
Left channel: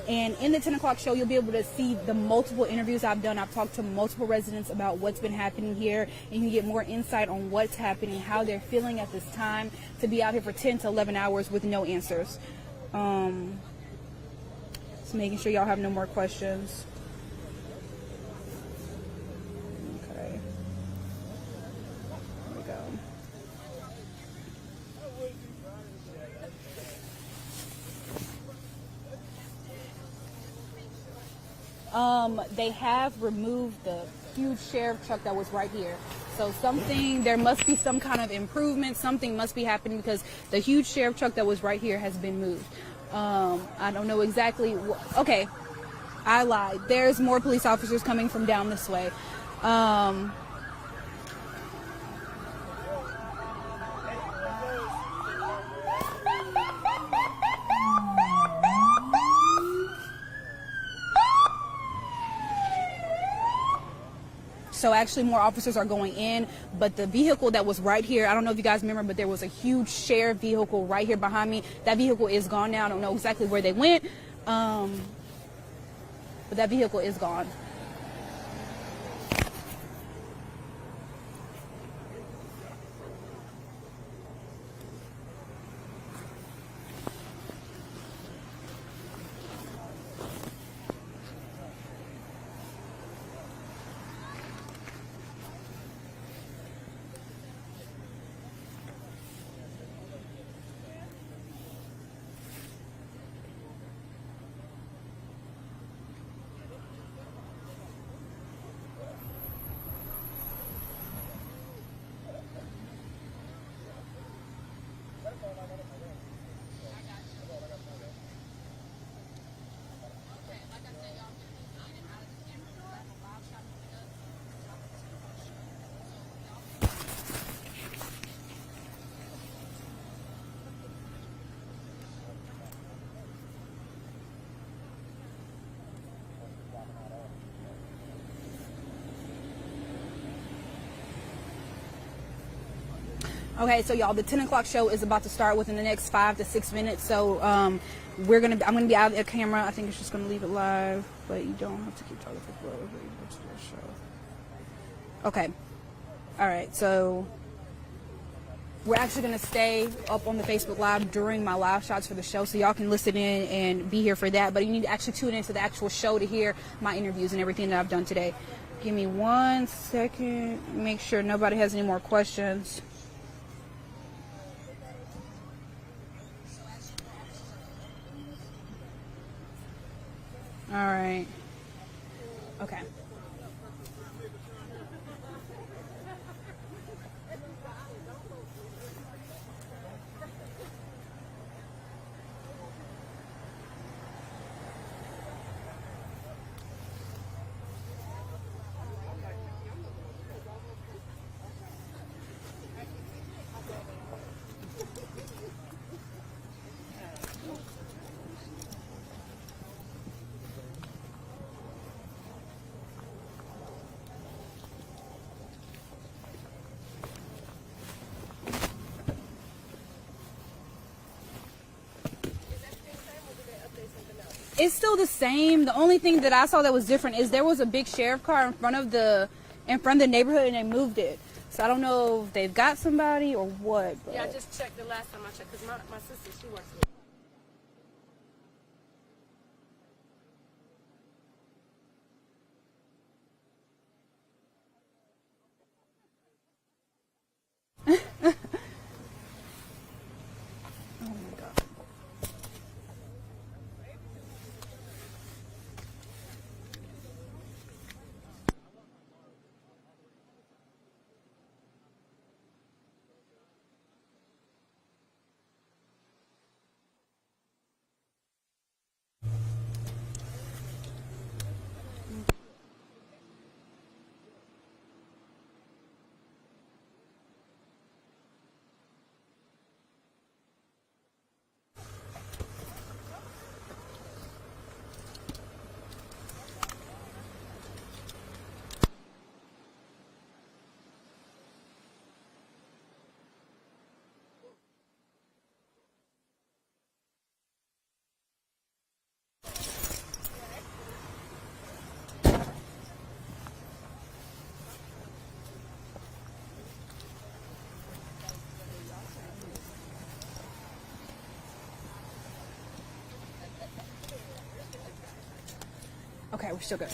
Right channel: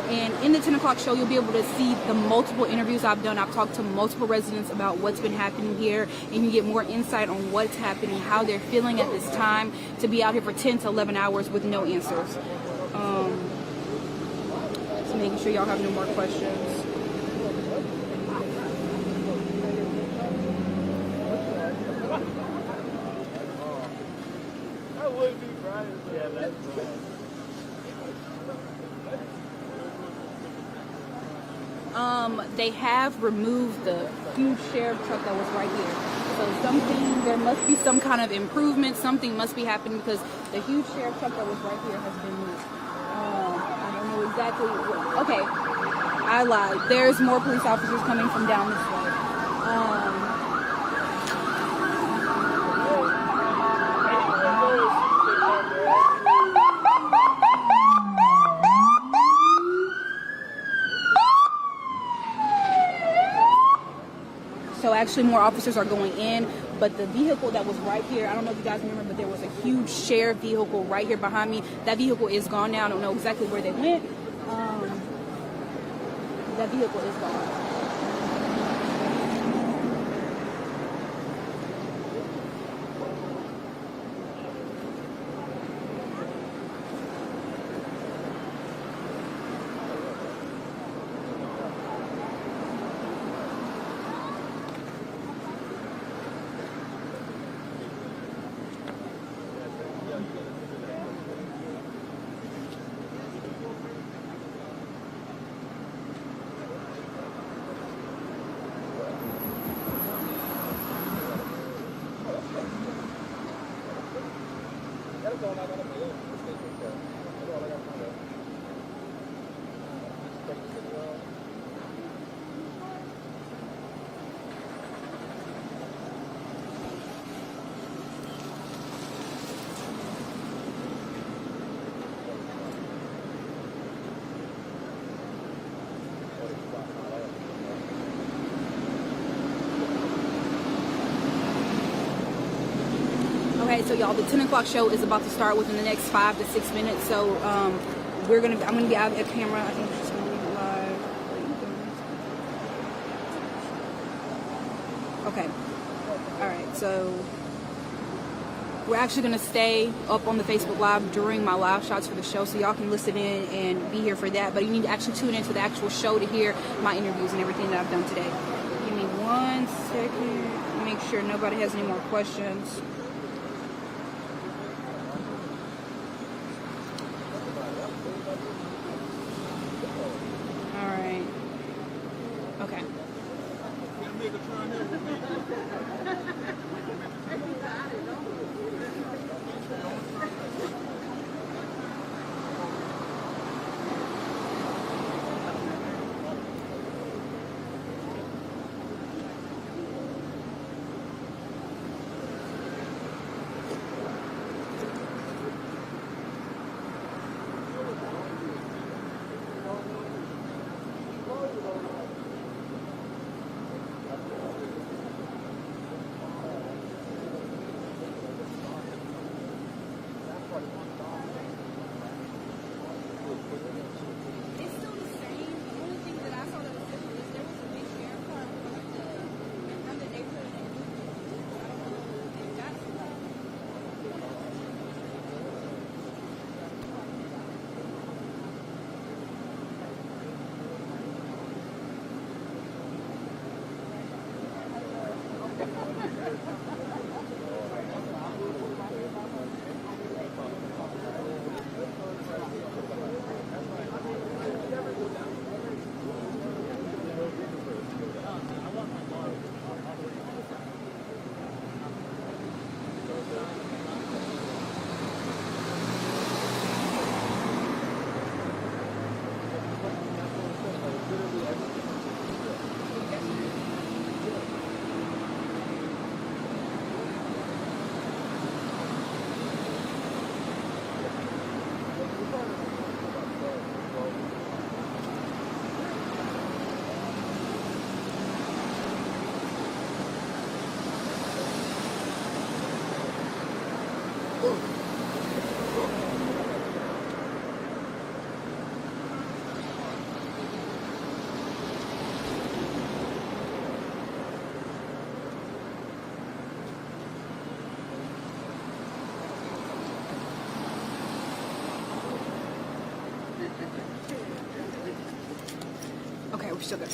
And in the 10 o'clock show, you'll be able to see the multiple interviews I've done. I've talked to multiple residents about what's been happening here. And you can get more insight on what's happening, how they're feeling at this time to be out here for 10 to 11 hours with no answers. Just making sure y'all have no more questions. They have removed the huge sheriff truck that was right here. So there must be some kind of improvement. Something must be happening because the huge sheriff truck that was right here has been moved. I don't know exactly. Okay, I lied. There's more police officers coming from down this way. So actually more officers are going in, but the vehicle that was right here, I don't know if you guys remember, but there was a huge shared vehicle right here behind me. That vehicle is gone now. I don't know exactly where they went. But that vehicle is gone. Okay, so y'all, the 10 o'clock show is about to start within the next 5 to 6 minutes. So I'm gonna be out of the camera. I think we're just gonna leave it live. Wait, okay. All right. So we're actually gonna stay up on the Facebook Live during my live shots for the show, so y'all can listen in and be here for that. But you need to actually tune into the actual show to hear my interviews and everything that I've done today. Give me 1 second. Make sure nobody has any more questions. All right. Okay. It's still the same. The only thing that I saw that was different is there was a big sheriff car in front of the neighborhood, and they moved it. So I don't know if they've got somebody or what. Yeah, I just checked the last time. I checked the front of my sister's. Okay, we're still good.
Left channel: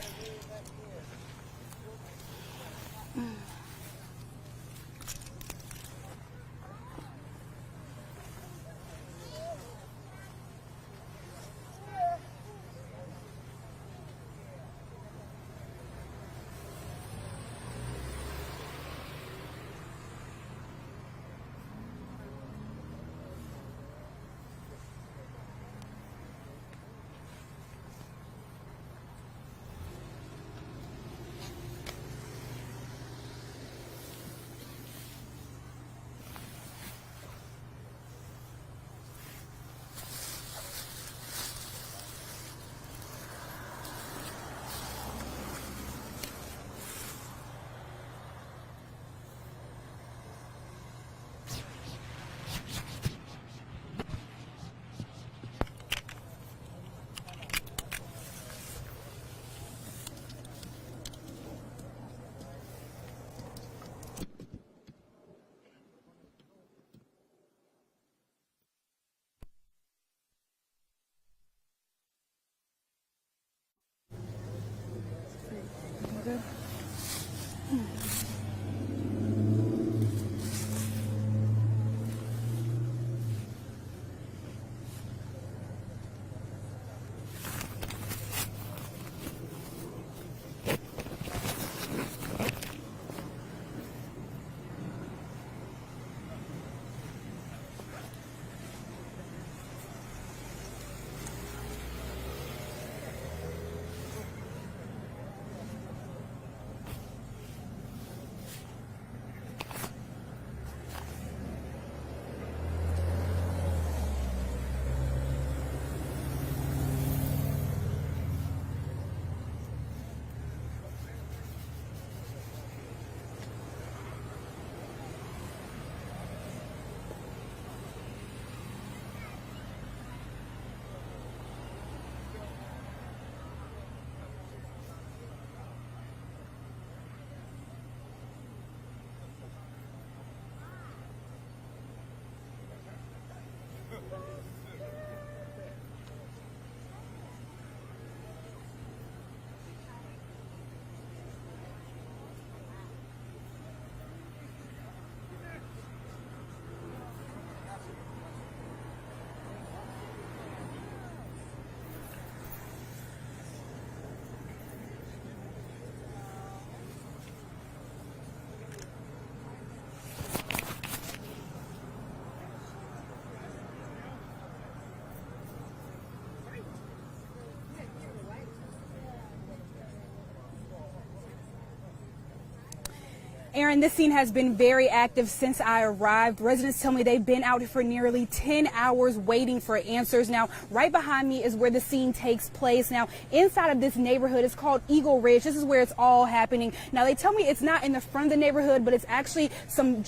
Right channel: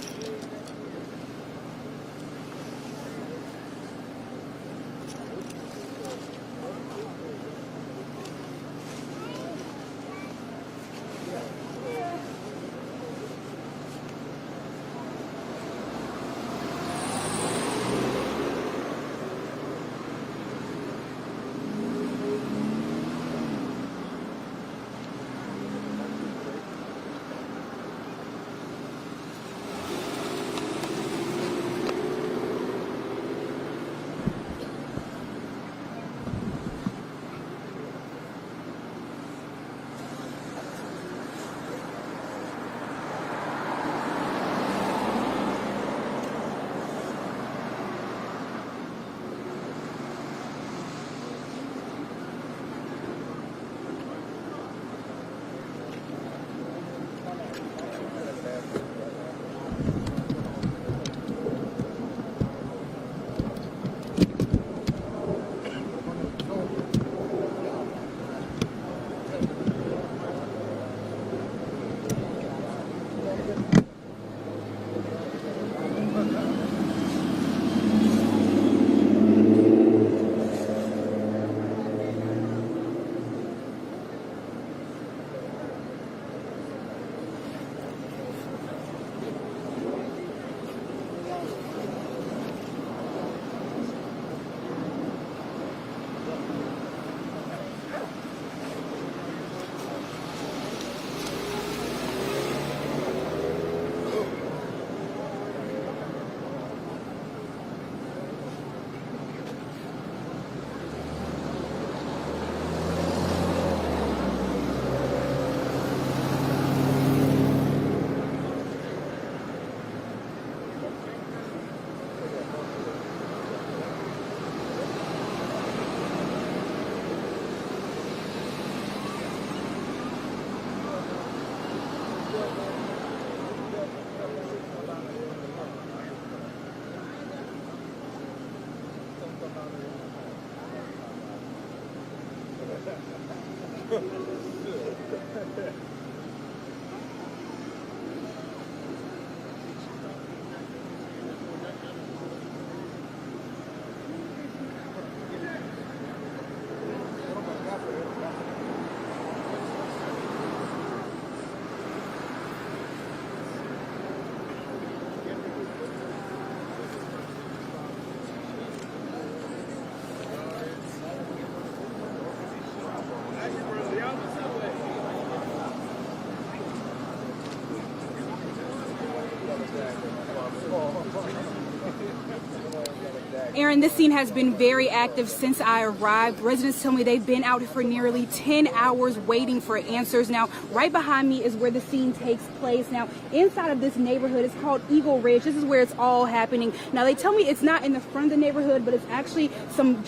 Aaron, this scene has been very active since I arrived. Residents tell me they've been out for nearly 10 hours waiting for answers. Now, right behind me is where the scene takes place. Now, inside of this neighborhood, it's called Eagle Ridge. This is where it's all happening. Now, they tell me it's not in the front of the neighborhood, but it's actually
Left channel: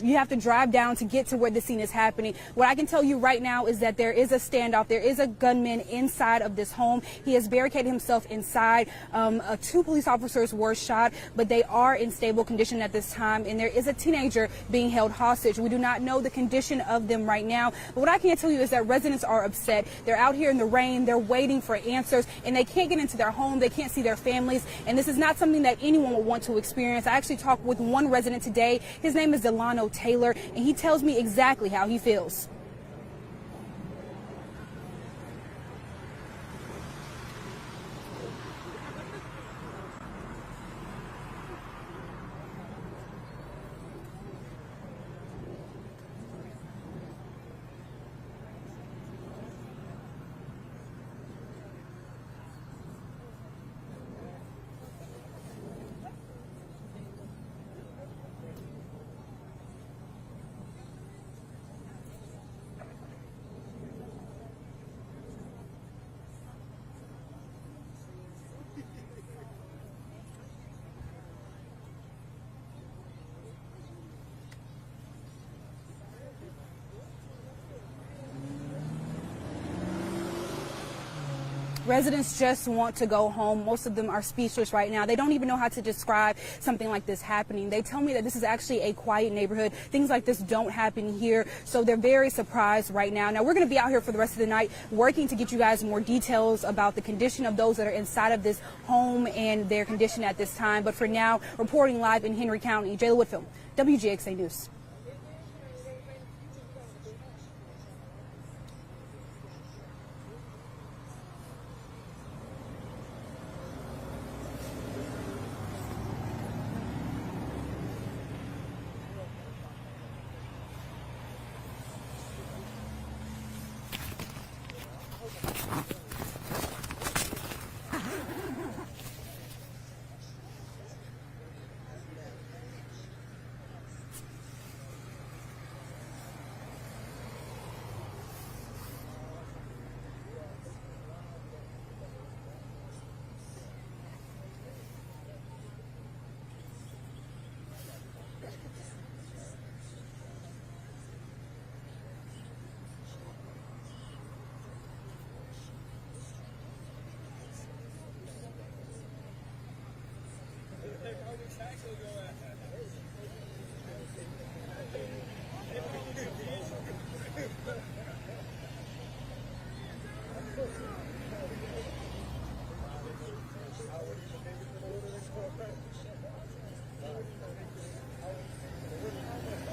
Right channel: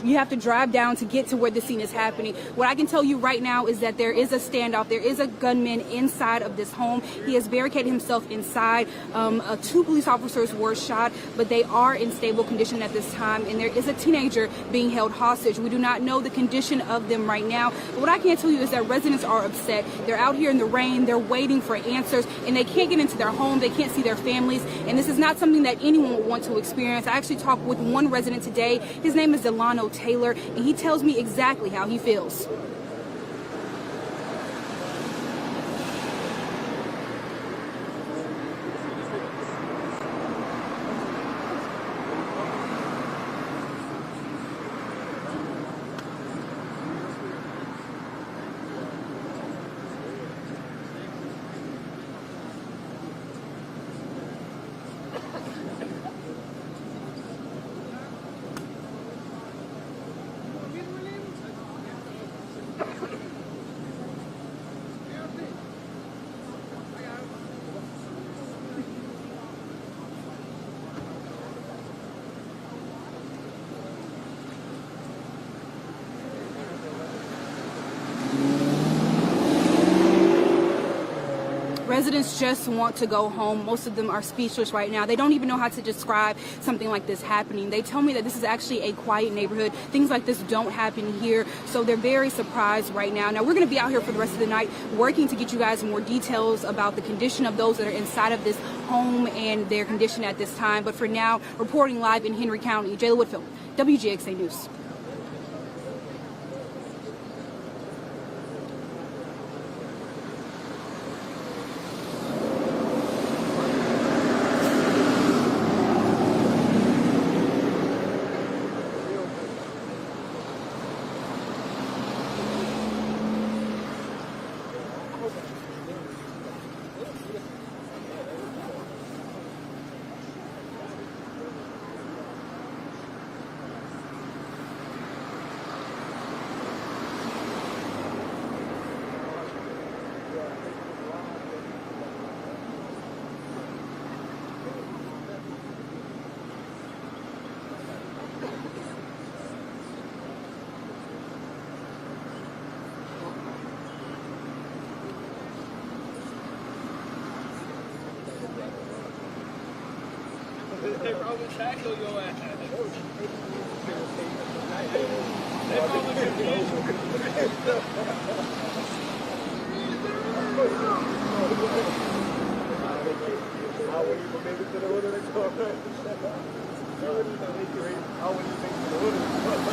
you have to drive down to get to where the scene is happening. What I can tell you right now is that there is a standoff. There is a gunman inside of this home. He has barricaded himself inside. 2 police officers were shot, but they are in stable condition at this time, and there is a teenager being held hostage. We do not know the condition of them right now, but what I can tell you is that residents are upset. They're out here in the rain, they're waiting for answers, and they can't get into their home, they can't see their families, and this is not something that anyone would want to experience. I actually talked with one resident today. His name is Delano Taylor, and he tells me exactly how he feels. Residents just want to go home. Most of them are speechless right now. They don't even know how to describe something like this happening. They tell me that this is actually a quiet neighborhood. Things like this don't happen here, so they're very surprised right now. Now, we're going to be out here for the rest of the night working to get you guys more details about the condition of those that are inside of this home and their condition at this time. But for now, reporting live in Henry County, Jayla Whitfield, WGXA News. They probably tackle your ass. They probably confuse you. I wouldn't even make it to the hood of the car. I wouldn't even make it to the hood of the car.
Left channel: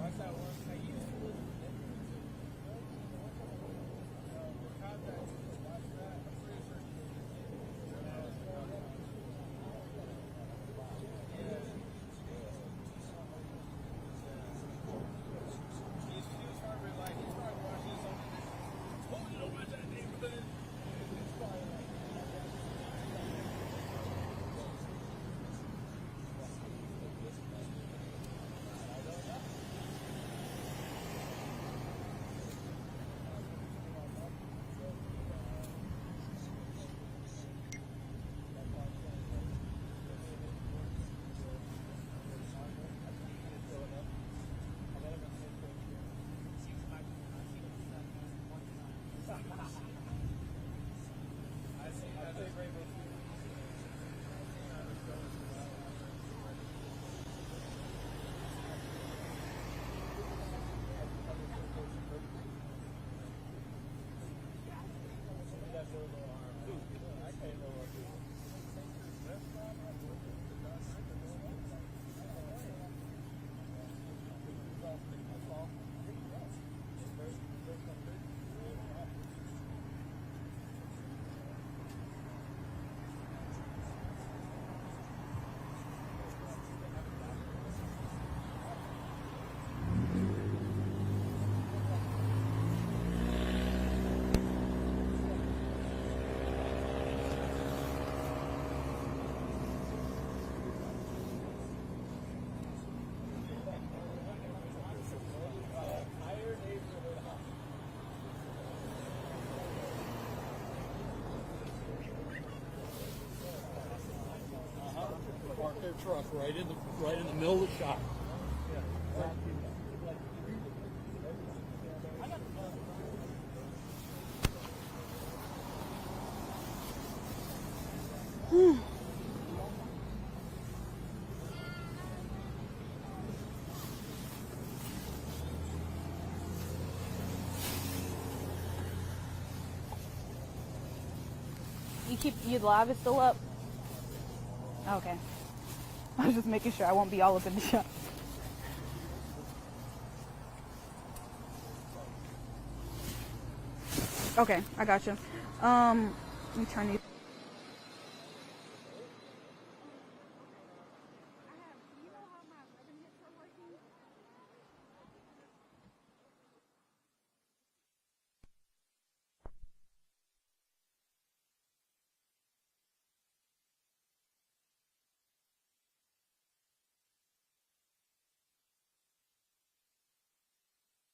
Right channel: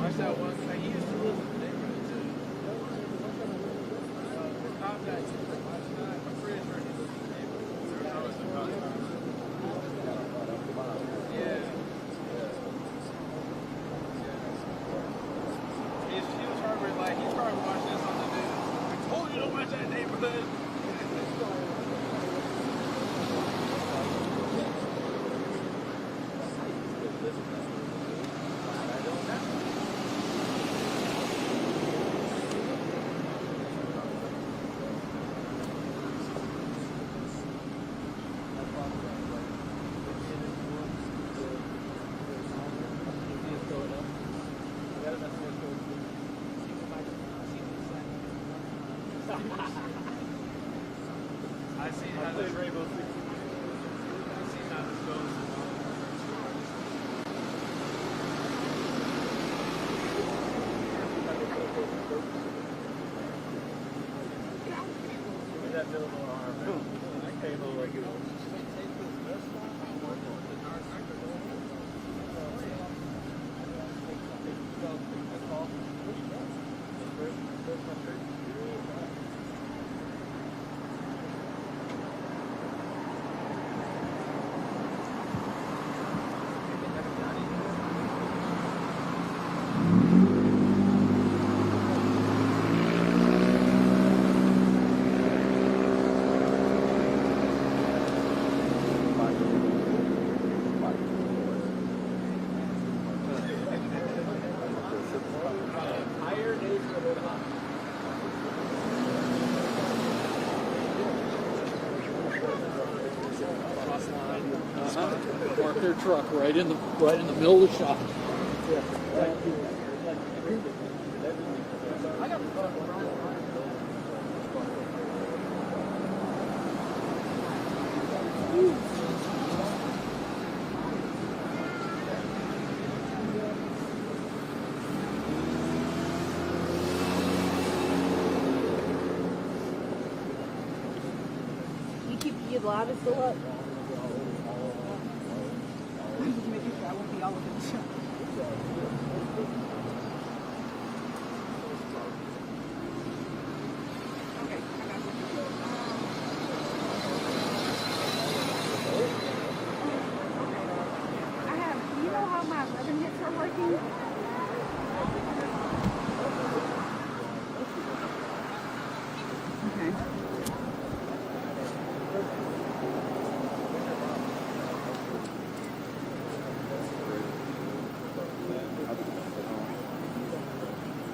Watch that one thing. I see how this Rainbow Six. I see how this goes. Look at that little arm. I can't hold like it. Park their truck right in the middle of the shop. You live is still up? Okay. I was just making sure I won't be all up in the shop. Okay, I got you. You know how my 11 hits are working? Okay.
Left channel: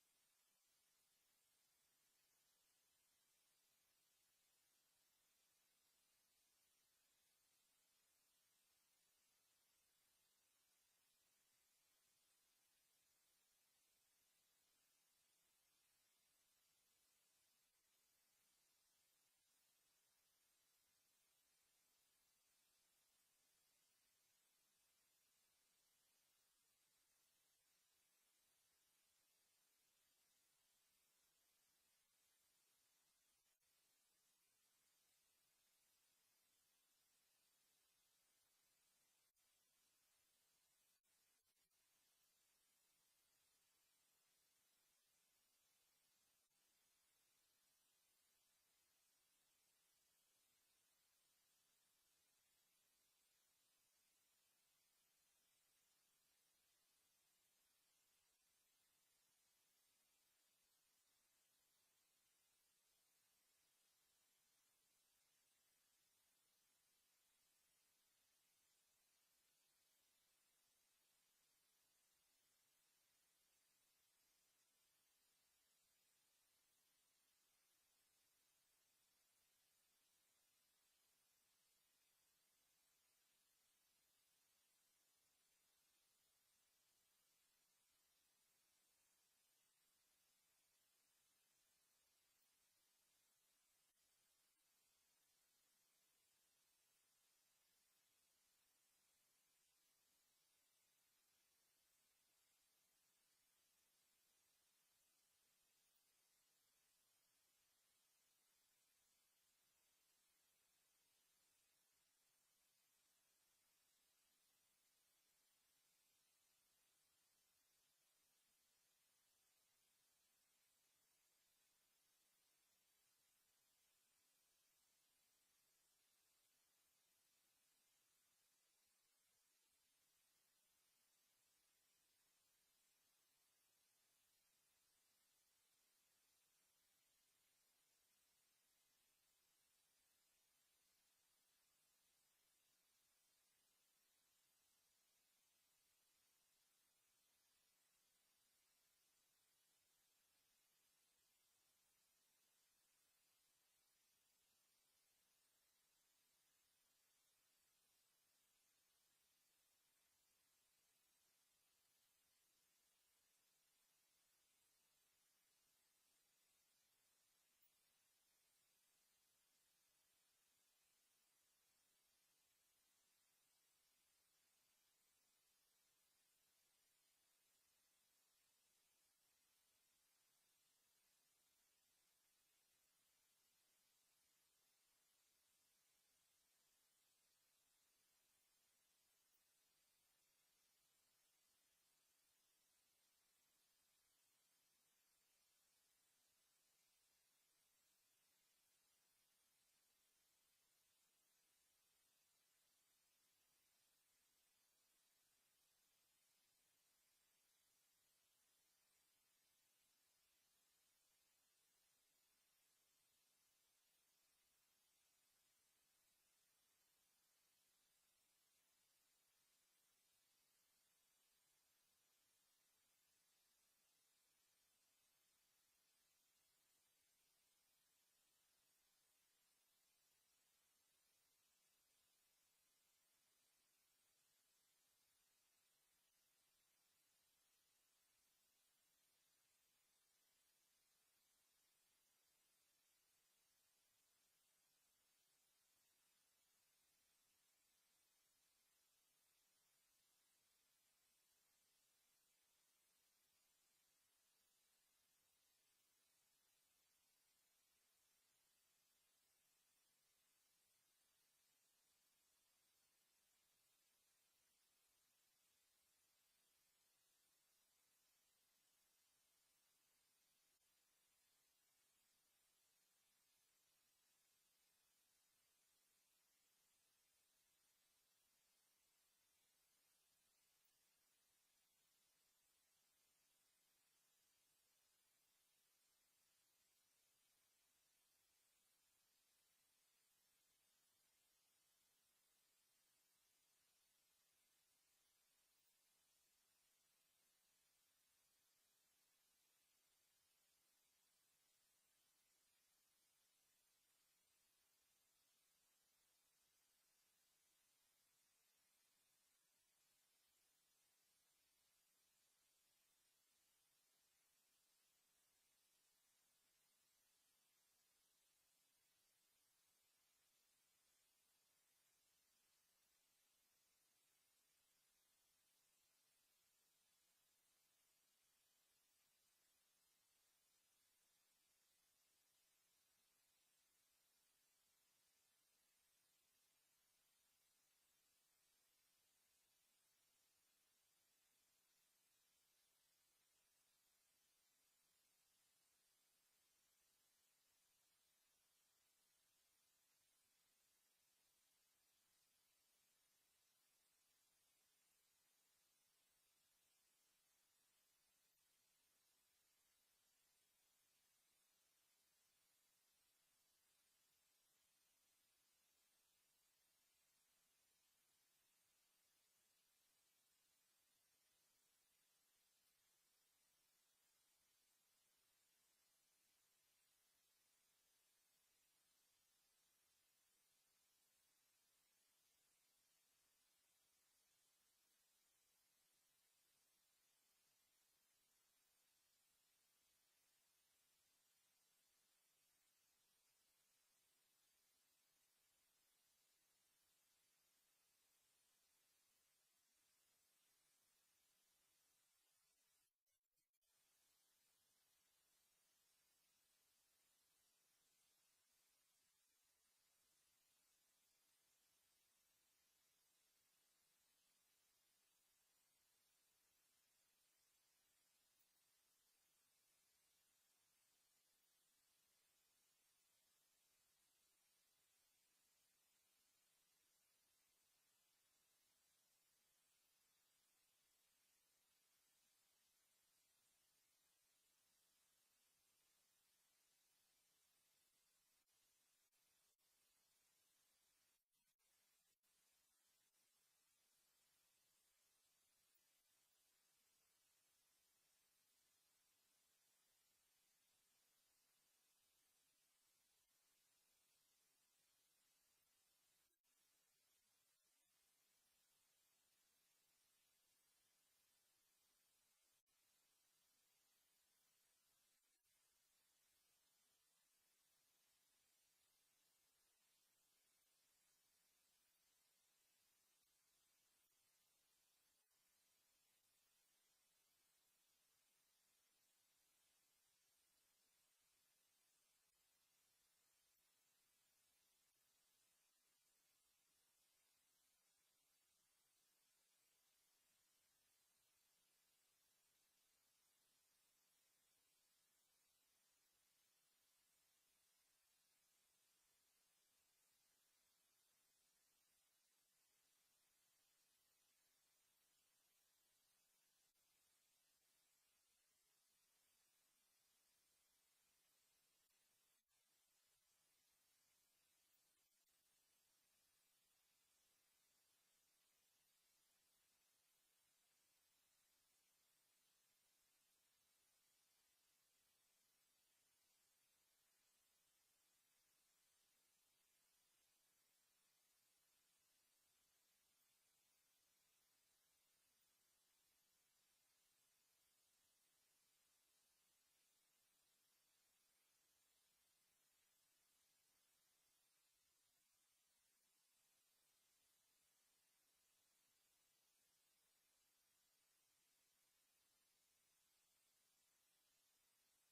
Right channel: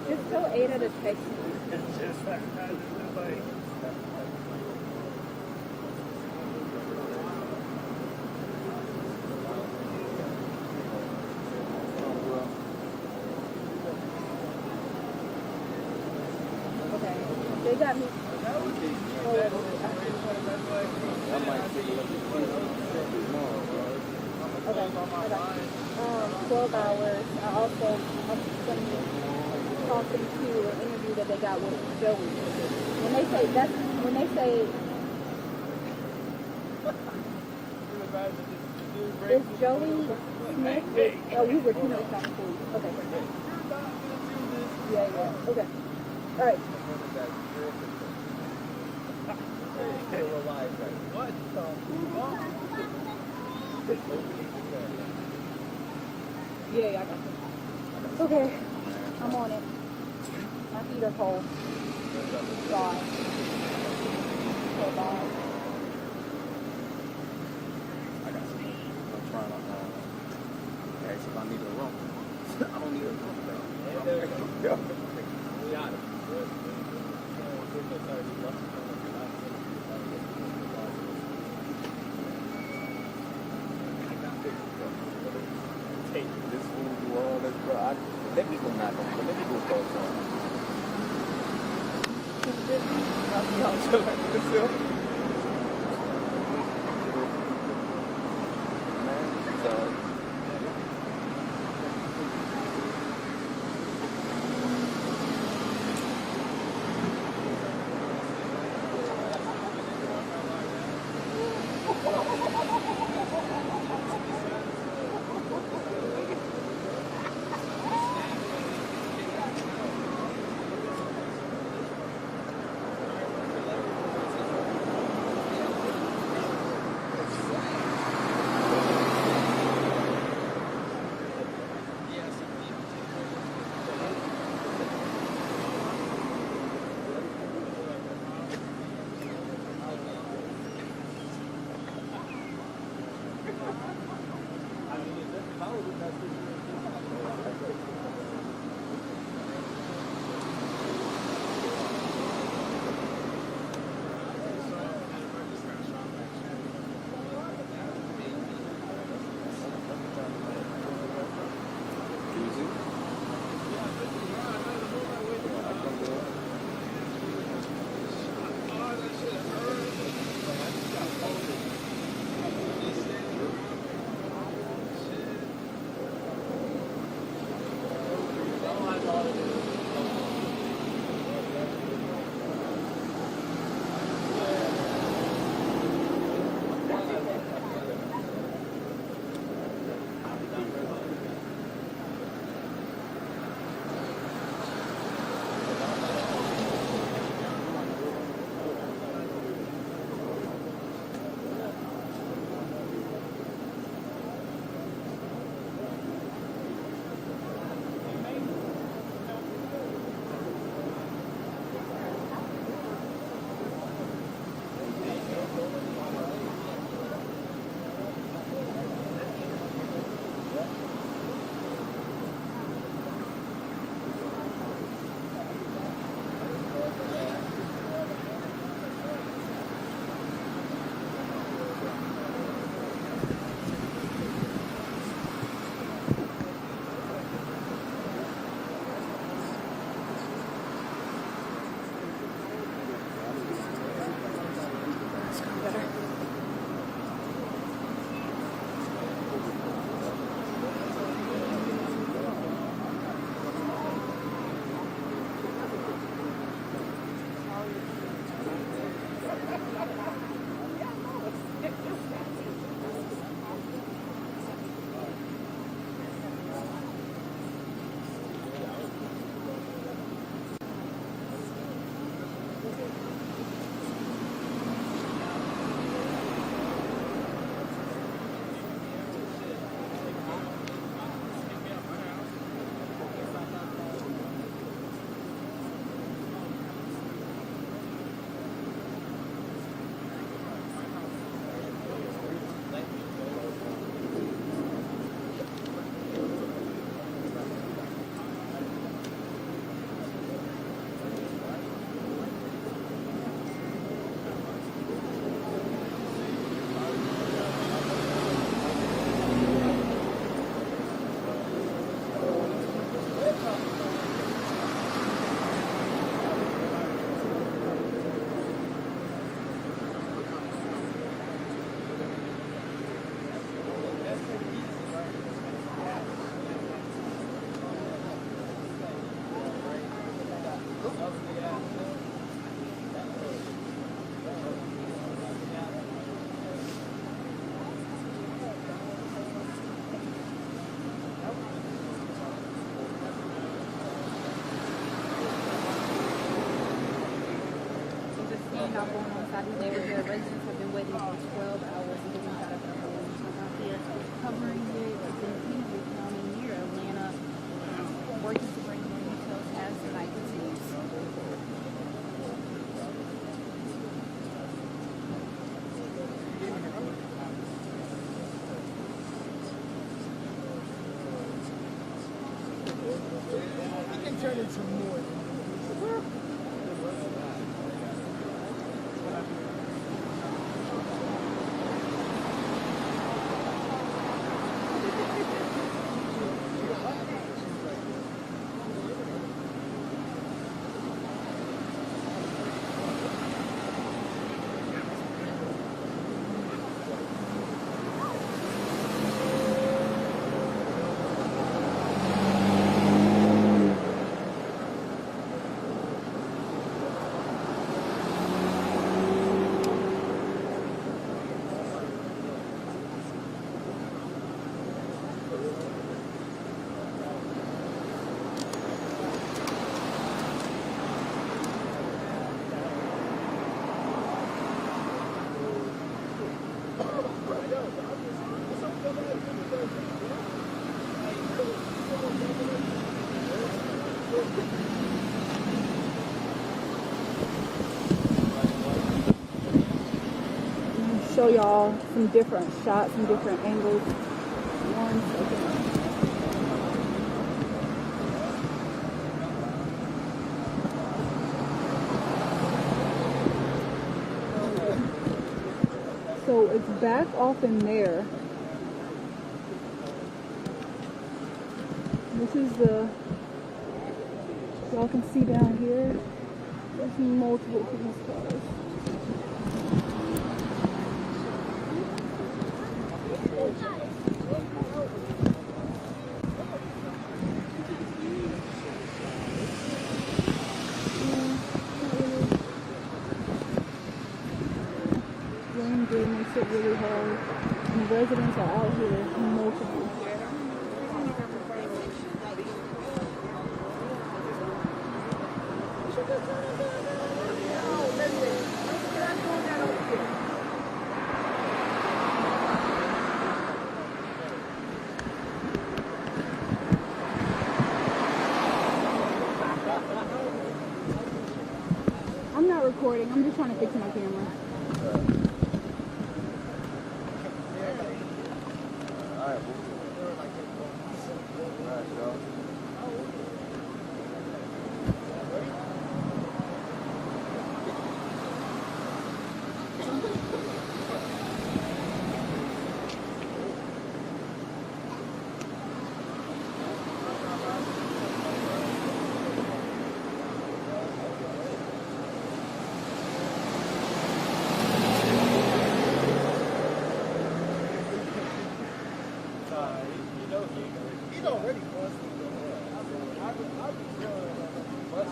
Just tell Ada to text me. Okay. They got me. Okay. 12 hours. I'm going to talk them to an interview that they got with Joey. When they say is Joey Smith? Oh, we were doing this on the police. Okay. Yeah. Okay. All right. Yeah, I got it. Okay, I'm on it. My feet are cold. God. So bad. I got some. I'm trying to ask if I need a room. I don't need a room, though. Got it. Hey, this fool do all this, bro. Let me go knock on it. Let me go call someone. standoff going on inside his neighborhood. Residents have been waiting for 12 hours to get inside of their homes. I'm out here covering it. It's in Henry County near Atlanta, working to bring more details as the night continues. It can turn into more. Show y'all some different shots, some different angles. One second. So it's back off in there. This is y'all can see down here, there's multiple police cars. Rain good makes it really hard. And residents are out here multiple. I'm not recording, I'm just trying to fix my camera. He's already busted. I'll be busted.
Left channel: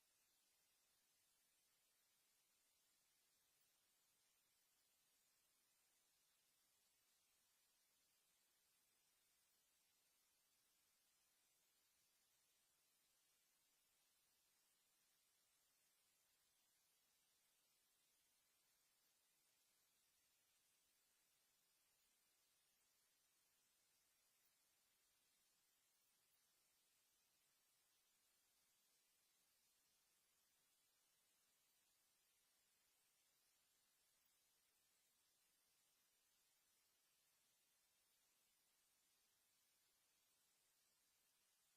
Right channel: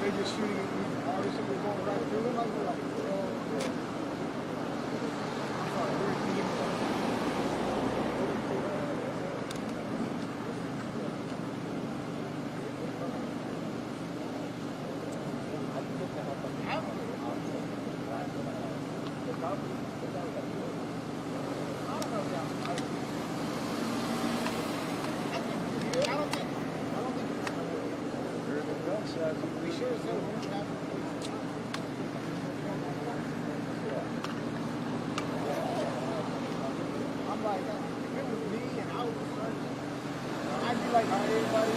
They just shooting all this shit was going right through them. I was like, we sure as hell won't have I'm like, if it was me and I was searching, I'd be like, all right, everybody.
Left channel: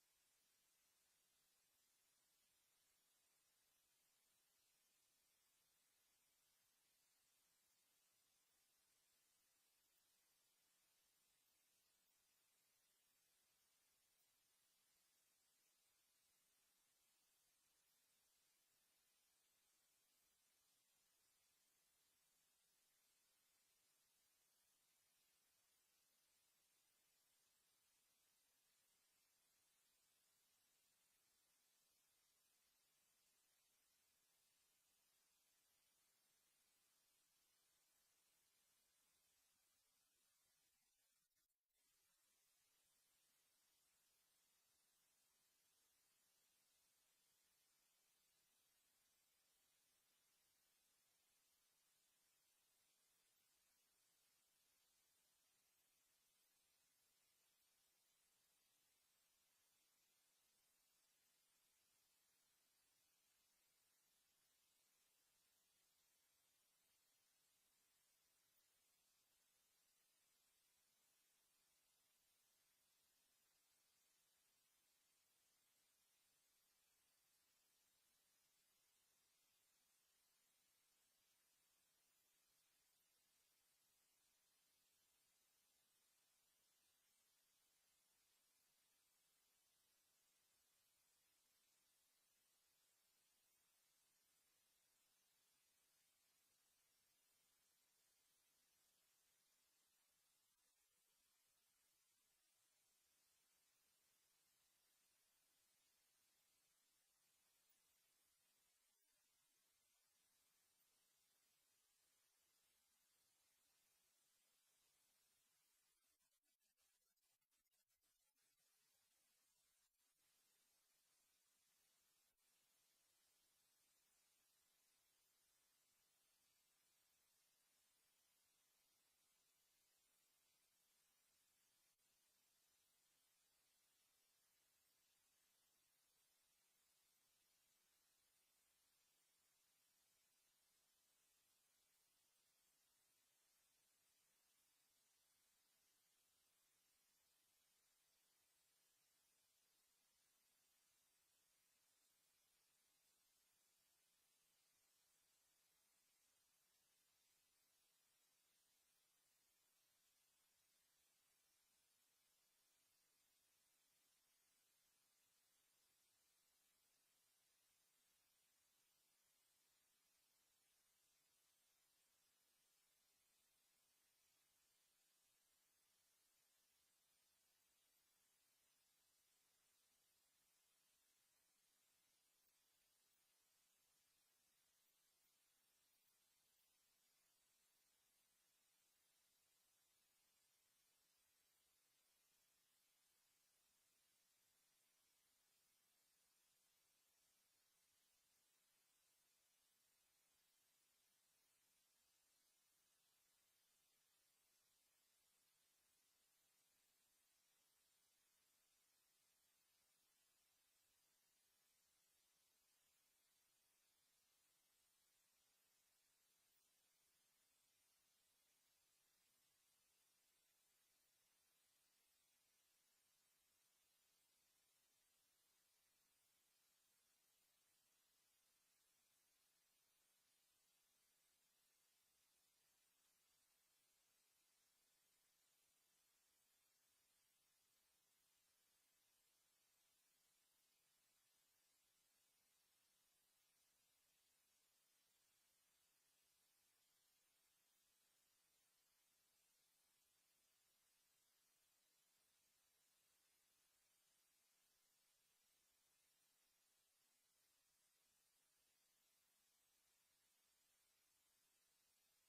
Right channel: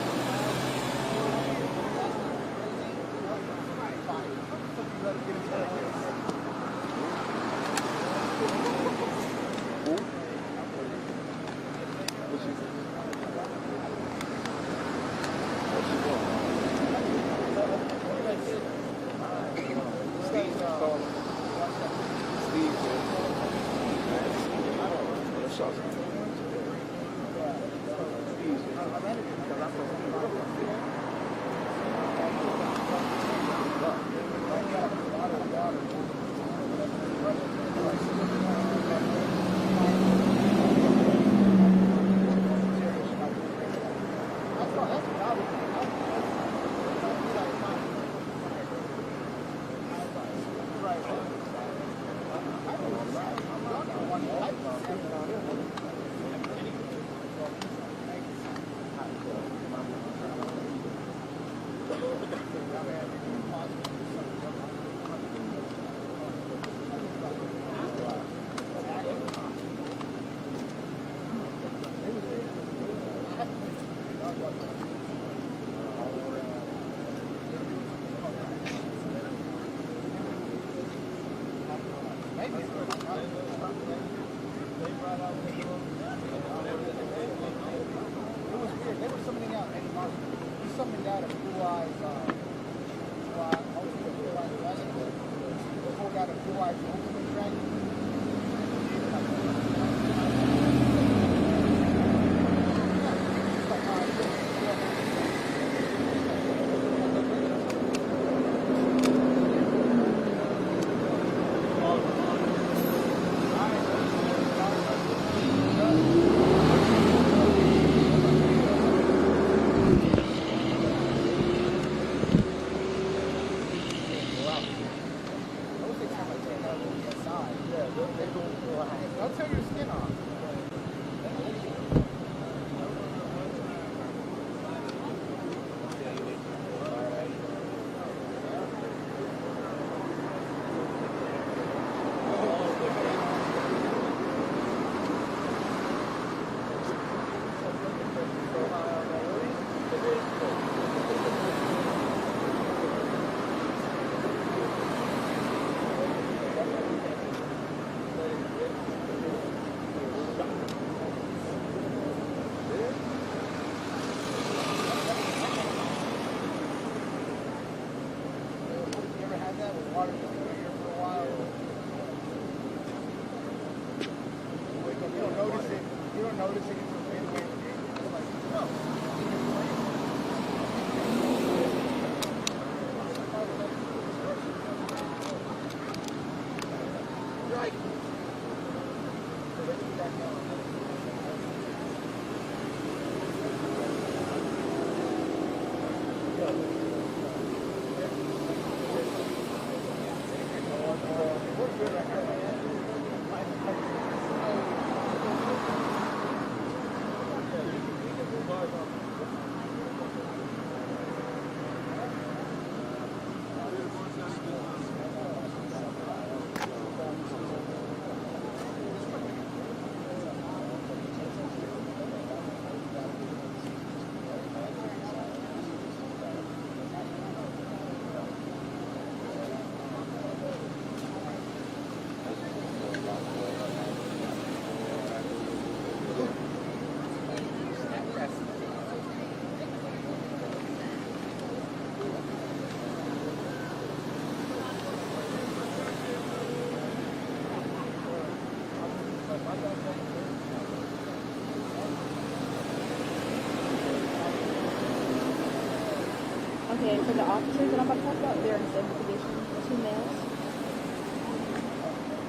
Okay, for the officers that I'm about to talk about, they're in the same condition. 2 males.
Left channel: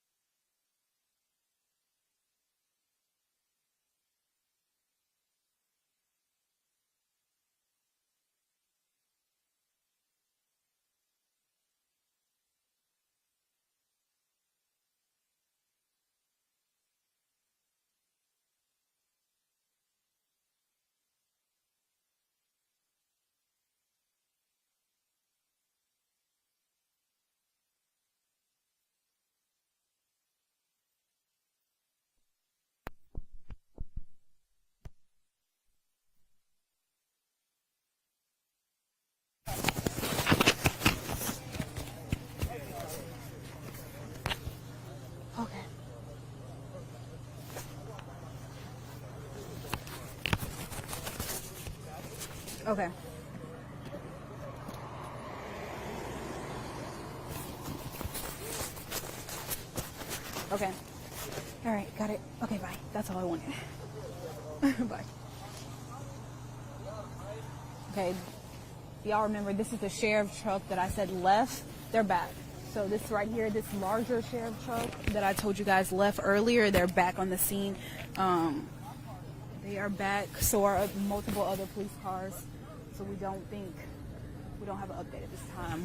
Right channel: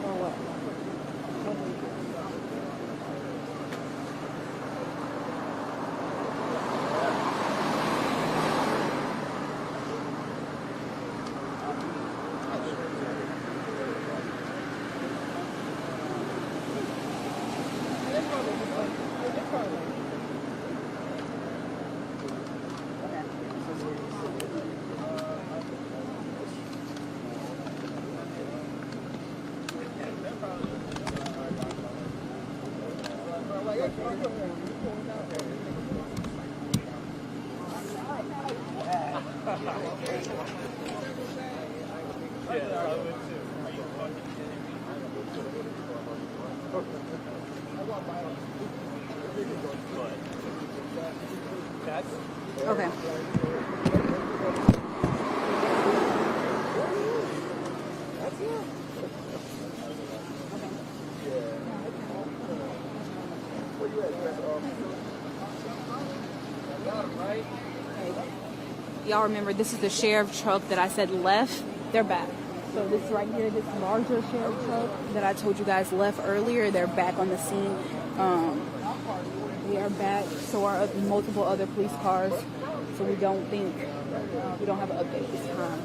Or what? Okay. Okay. All right, got it. Okay, bye. That's all I want. Bye. y'all remember this is the sheriff truck that I said left. They're back. So this right here, this larger sheriff truck that I told you guys left earlier, they're back on the scene. They are back. So are multiple other police cars. So we don't have an update this time.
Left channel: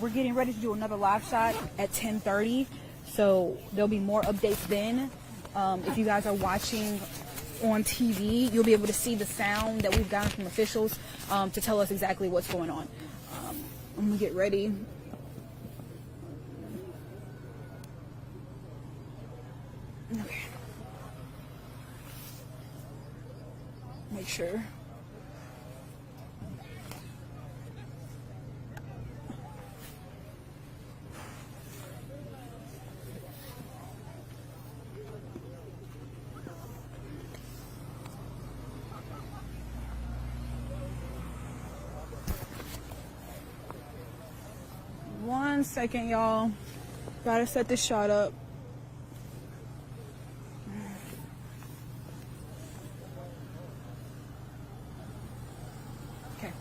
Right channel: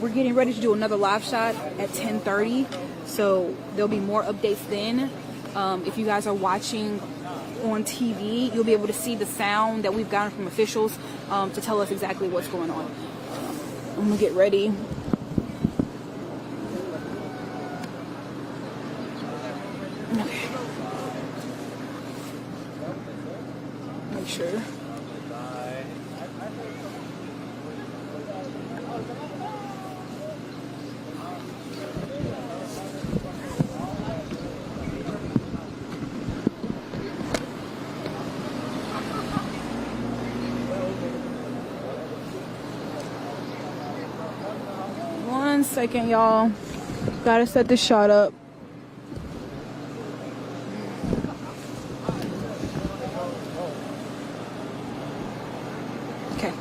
We're getting ready to do another live shot at 10:30, so there'll be more updates then. If you guys are watching on TV, you'll be able to see the sound that we've gotten from officials to tell us exactly what's going on. I'm gonna get ready. Okay. Make sure. One second, y'all. Gotta set this shot up. Okay.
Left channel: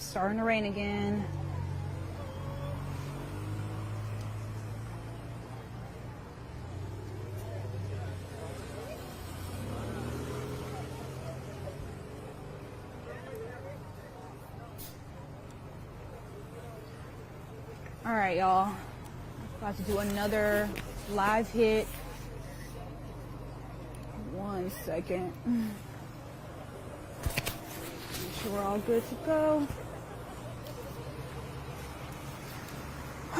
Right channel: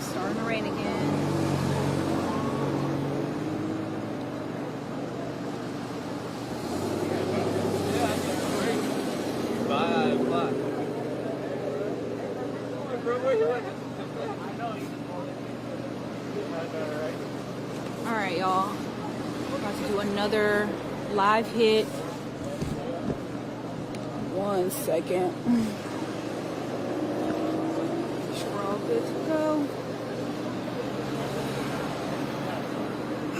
Starting to rain again. All right, y'all. About to do another live hit. 1 second. Make sure we're all good to go.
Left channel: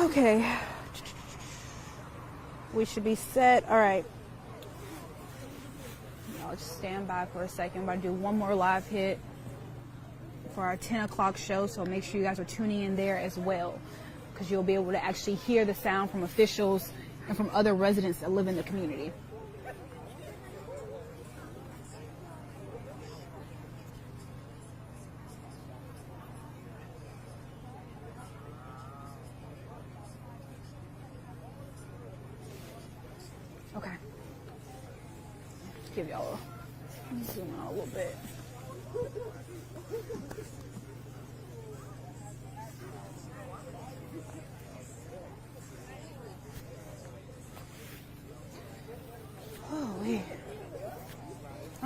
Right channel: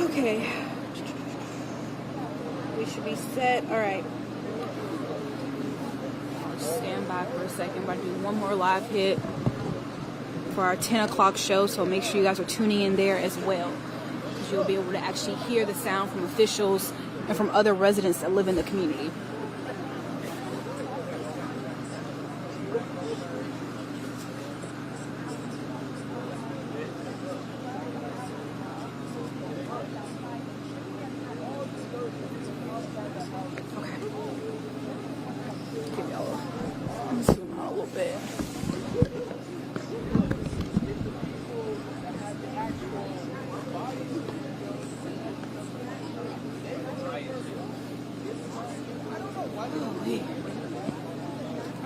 Okay. We should be set. All right. I'll just stand by for a second. I'm about to do one more live hit for our 10 o'clock show, so make sure you guys are tuning in there as well, because you'll be able to actually hear the sound from officials and from other residents that live in the community.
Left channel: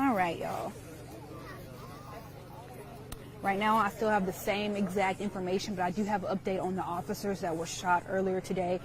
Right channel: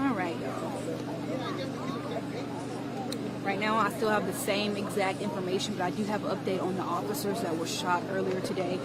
All right, y'all. Right now, I still have the same exact information, but I do have an update on the officers that were shot earlier today.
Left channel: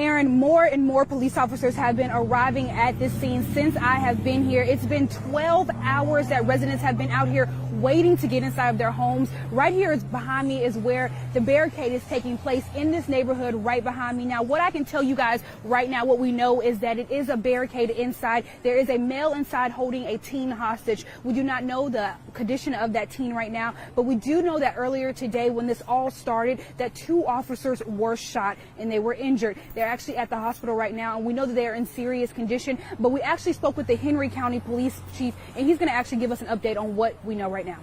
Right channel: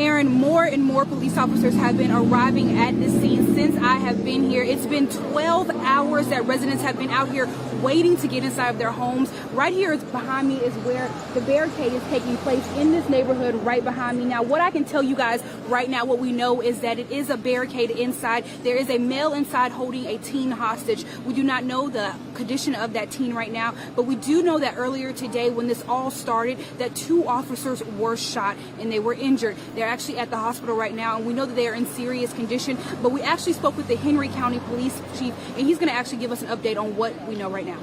Aaron, more and more police officers have been arriving at this scene since I have been here. It's been 12 hours that residents have been out here waiting to get inside of their homes. Right here is behind me is where the barricade is taking place in this neighborhood right behind me. Now, what I can tell you guys right now, what we know is that it is a barricade inside. There is a male inside holding a teen hostage. We do not know the condition of that teen right now, but we do know that earlier today when this all started, that 2 officers were shot and they were injured. They're actually at the hospital right now, and we know that they are in serious condition, but we actually spoke with the Henry County Police Chief, and he's going to actually give us an update on what we know right now.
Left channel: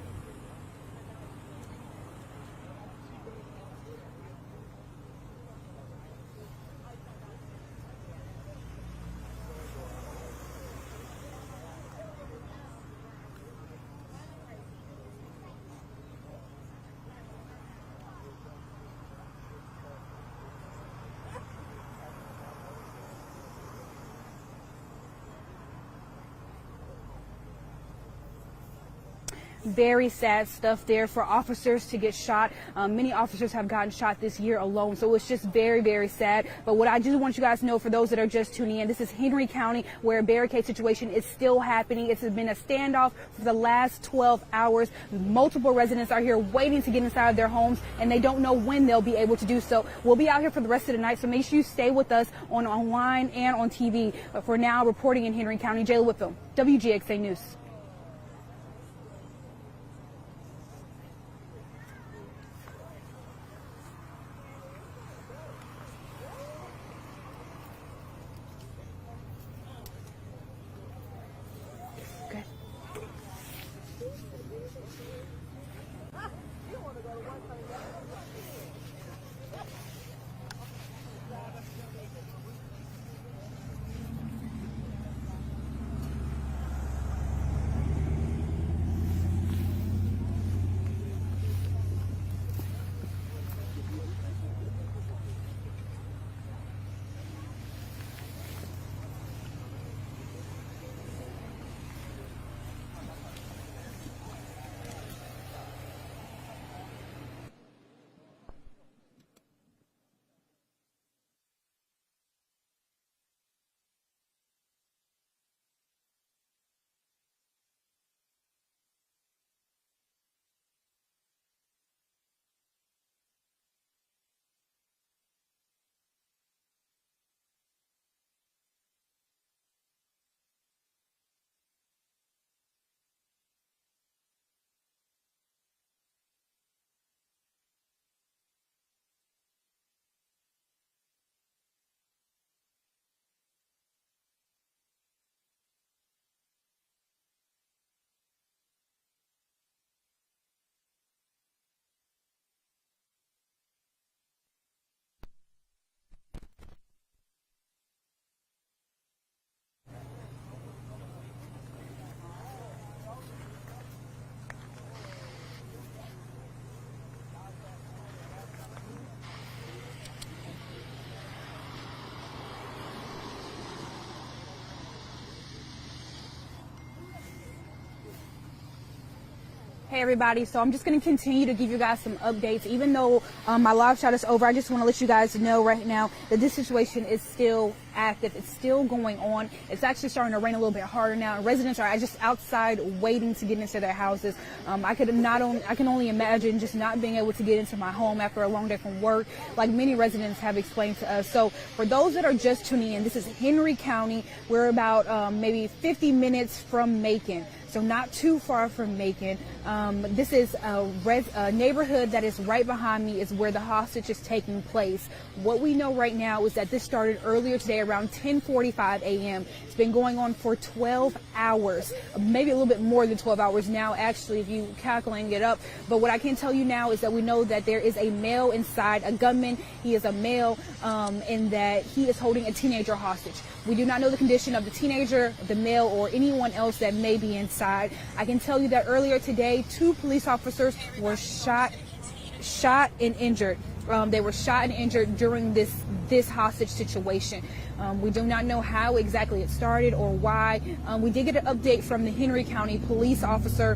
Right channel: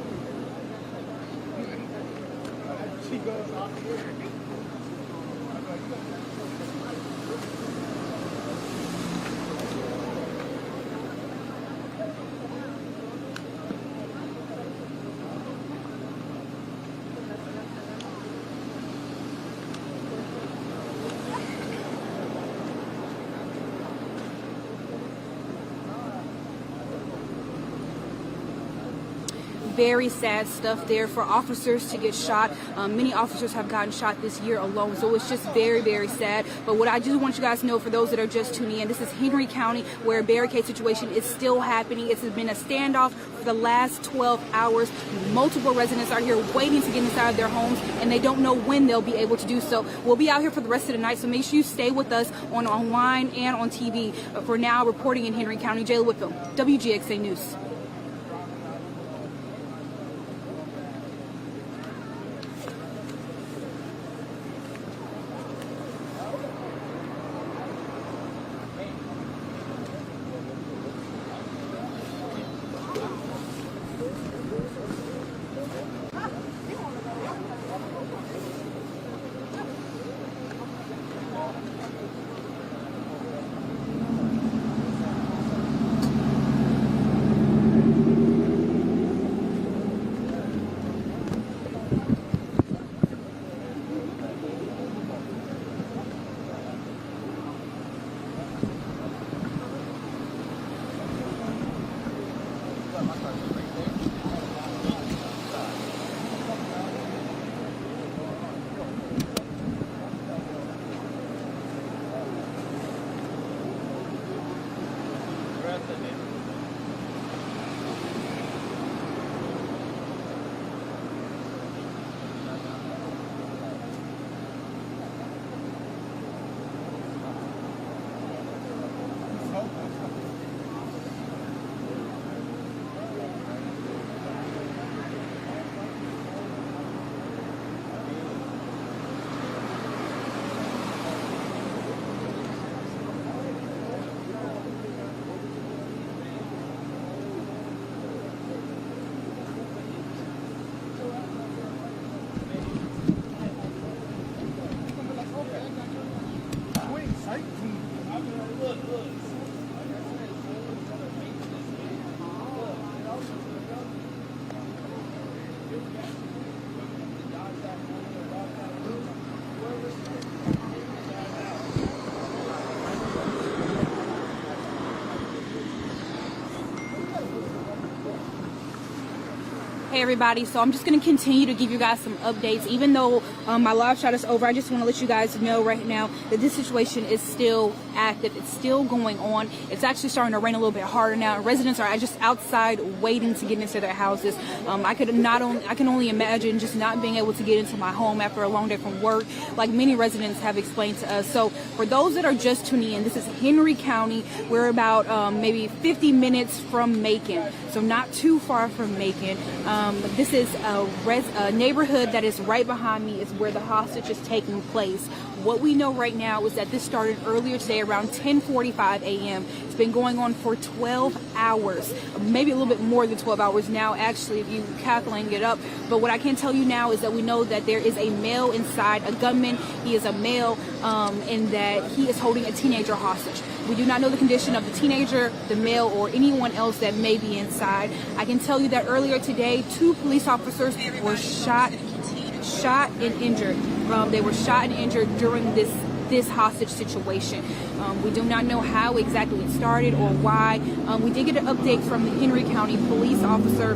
Very sad stuff there for officers to get shot. Many officers have gotten shot this year alone, so it's just very, very sad. But what I just want you guys to know, for those that are just tuning in, this is Henry County, where a barricade situation is still happening. It's been a standoff for the last 12 hours. Multiple residents are here waiting to get inside of their homes, and they don't know when they'll be able to do so. We'll be out here for the rest of the night, so make sure you stay with us online and on TV. For now, reporting in Henry County, Jayla Whitfield, WGXA News. Hey everybody, so I'm just going to continue to give you guys some updates. Even though my live shot is over, I just want to let you guys know right now that this situation is still active. It's still going on. It's actually starting to rain a little bit harder now. Residents are just outside waiting to get into their houses. I can only imagine just not being able to get into my home after a long day from work, like many residents have explained to us. So for those that are just tuning in, this is Henry County. We're about maybe 50 minutes from Macon, so not too far from Macon. This is a neighborhood that is right behind me is where the hostage is taking place. What we know right now is that this started earlier today around 10:45 a.m. It's been going on for 12 hours, maybe a little bit more than 12 hours now, actually, if you calculate it up. But what I can tell you now is that we know that there is a male inside, a gunman. He is a male, and that he is holding a teenager hostage. We do not know the condition of the teenager, the male, or anyone else that may be inside. I can tell you that earlier today, 2 police officers were shot and injured. They were shot and injured during this hostage situation. We do not know how exactly it started or why. We did get an update from the Henry County police officer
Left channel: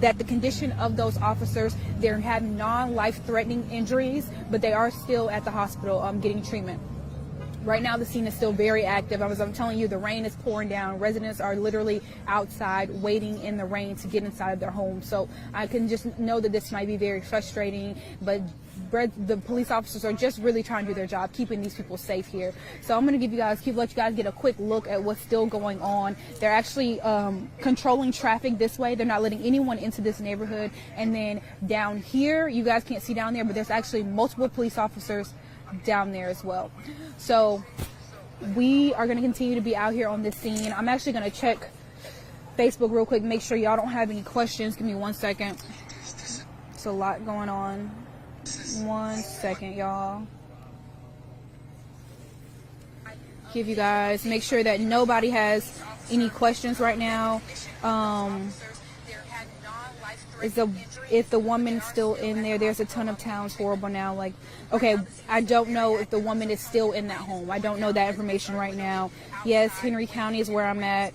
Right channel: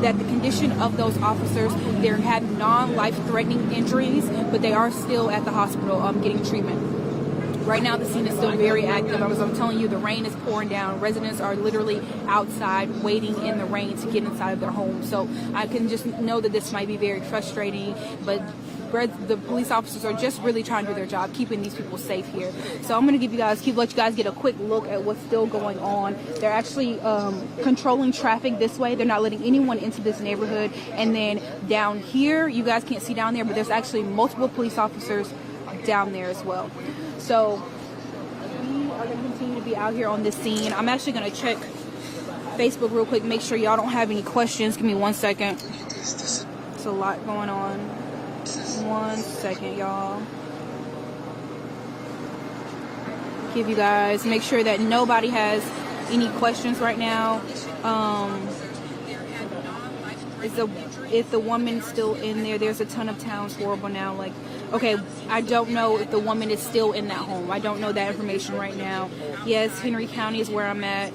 that the condition of those officers, they have non-life-threatening injuries, but they are still at the hospital getting treatment. Right now, the scene is still very active. As I'm telling you, the rain is pouring down. Residents are literally outside waiting in the rain to get inside of their homes. So I can just know that this might be very frustrating, but the police officers are just really trying to do their job, keeping these people safe here. So I'm going to let you guys get a quick look at what's still going on. They're actually controlling traffic this way. They're not letting anyone into this neighborhood. And then down here, you guys can't see down there, but there's actually multiple police officers down there as well. So we are going to continue to be out here on this scene. I'm actually going to check Facebook real quick, make sure y'all don't have any questions. Give me 1 second. It's a lot going on. 1 second, y'all. Give you guys, make sure that nobody has any questions right now. If the woman's still in there, there's a ton of towns horrible now. Like, okay, I don't know if the woman is still in that home. I don't know that information right now. Yes, Henry County is where I'm at.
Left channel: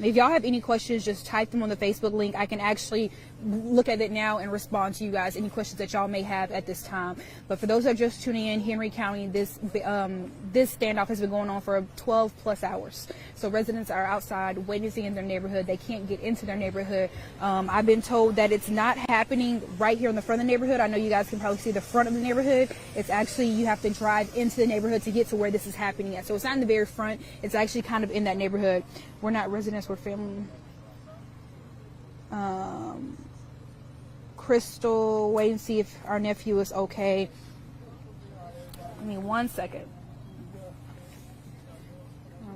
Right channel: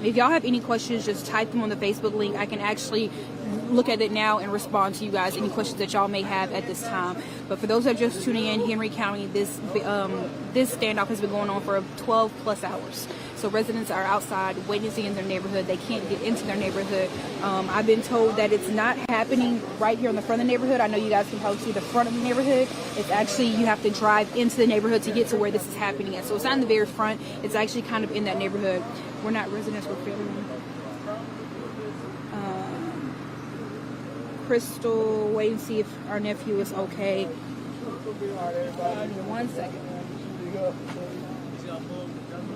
If y'all have any questions, just type them on the Facebook link. I can actually look at it now and respond to you guys, any questions that y'all may have at this time. But for those that are just tuning in, Henry County, this standoff has been going on for 12 plus hours. So residents are outside waiting to see in their neighborhood. They can't get into their neighborhood. I've been told that it's not happening right here in the front of the neighborhood. I know you guys can probably see the front of the neighborhood. It's actually, you have to drive into the neighborhood to get to where this is happening at. So it's not in the very front. It's actually kind of in that neighborhood. We're not residents, we're family. Crystal, wait and see if our nephew is okay. Give me 1 second.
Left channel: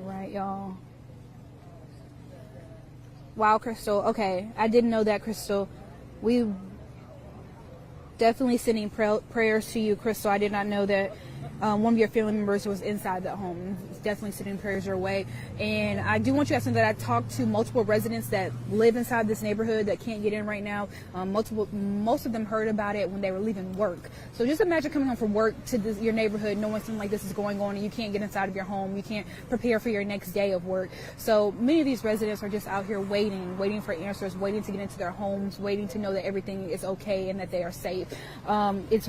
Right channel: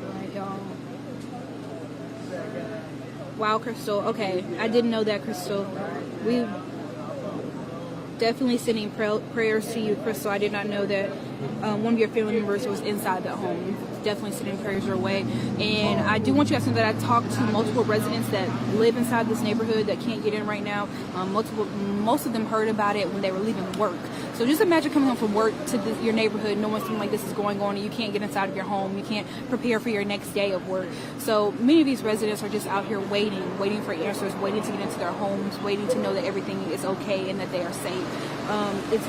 Alright, y'all. Wow, Crystal. Okay, I didn't know that, Crystal. We definitely sending prayers to you, Crystal. I did not know that one of your family members was inside that home. Definitely sending prayers your way. And I do want you guys to know that I talked to multiple residents that live inside this neighborhood that can't get in right now. Most of them heard about it when they were leaving work. So just imagine coming home from work to your neighborhood, knowing something like this is going on, and you can't get inside of your home. You can't prepare for your next day of work. So many of these residents are just out here waiting for answers, waiting to get into their homes, waiting to know that everything is okay and that they are safe. Is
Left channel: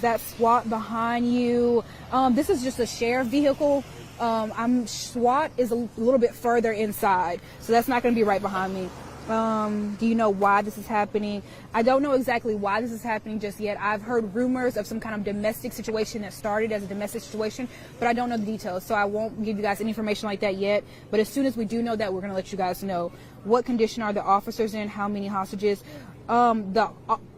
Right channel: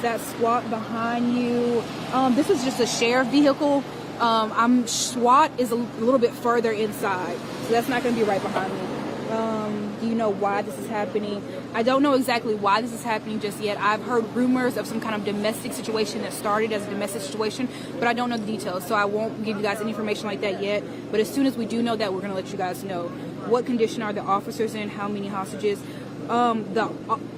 that SWAT behind you? This is just a sheriff vehicle. SWAT is a little bit further inside, so that's not going to be right behind me. Do you know why this is happening? I don't know exactly why this is happening just yet. I've heard rumors of some kind of domestic situation that started as a domestic situation, but I don't know the details, so I won't give you guys any information like that yet. But as soon as we do know that, we're going to let you guys know. What condition are the officers in? How many hostages? The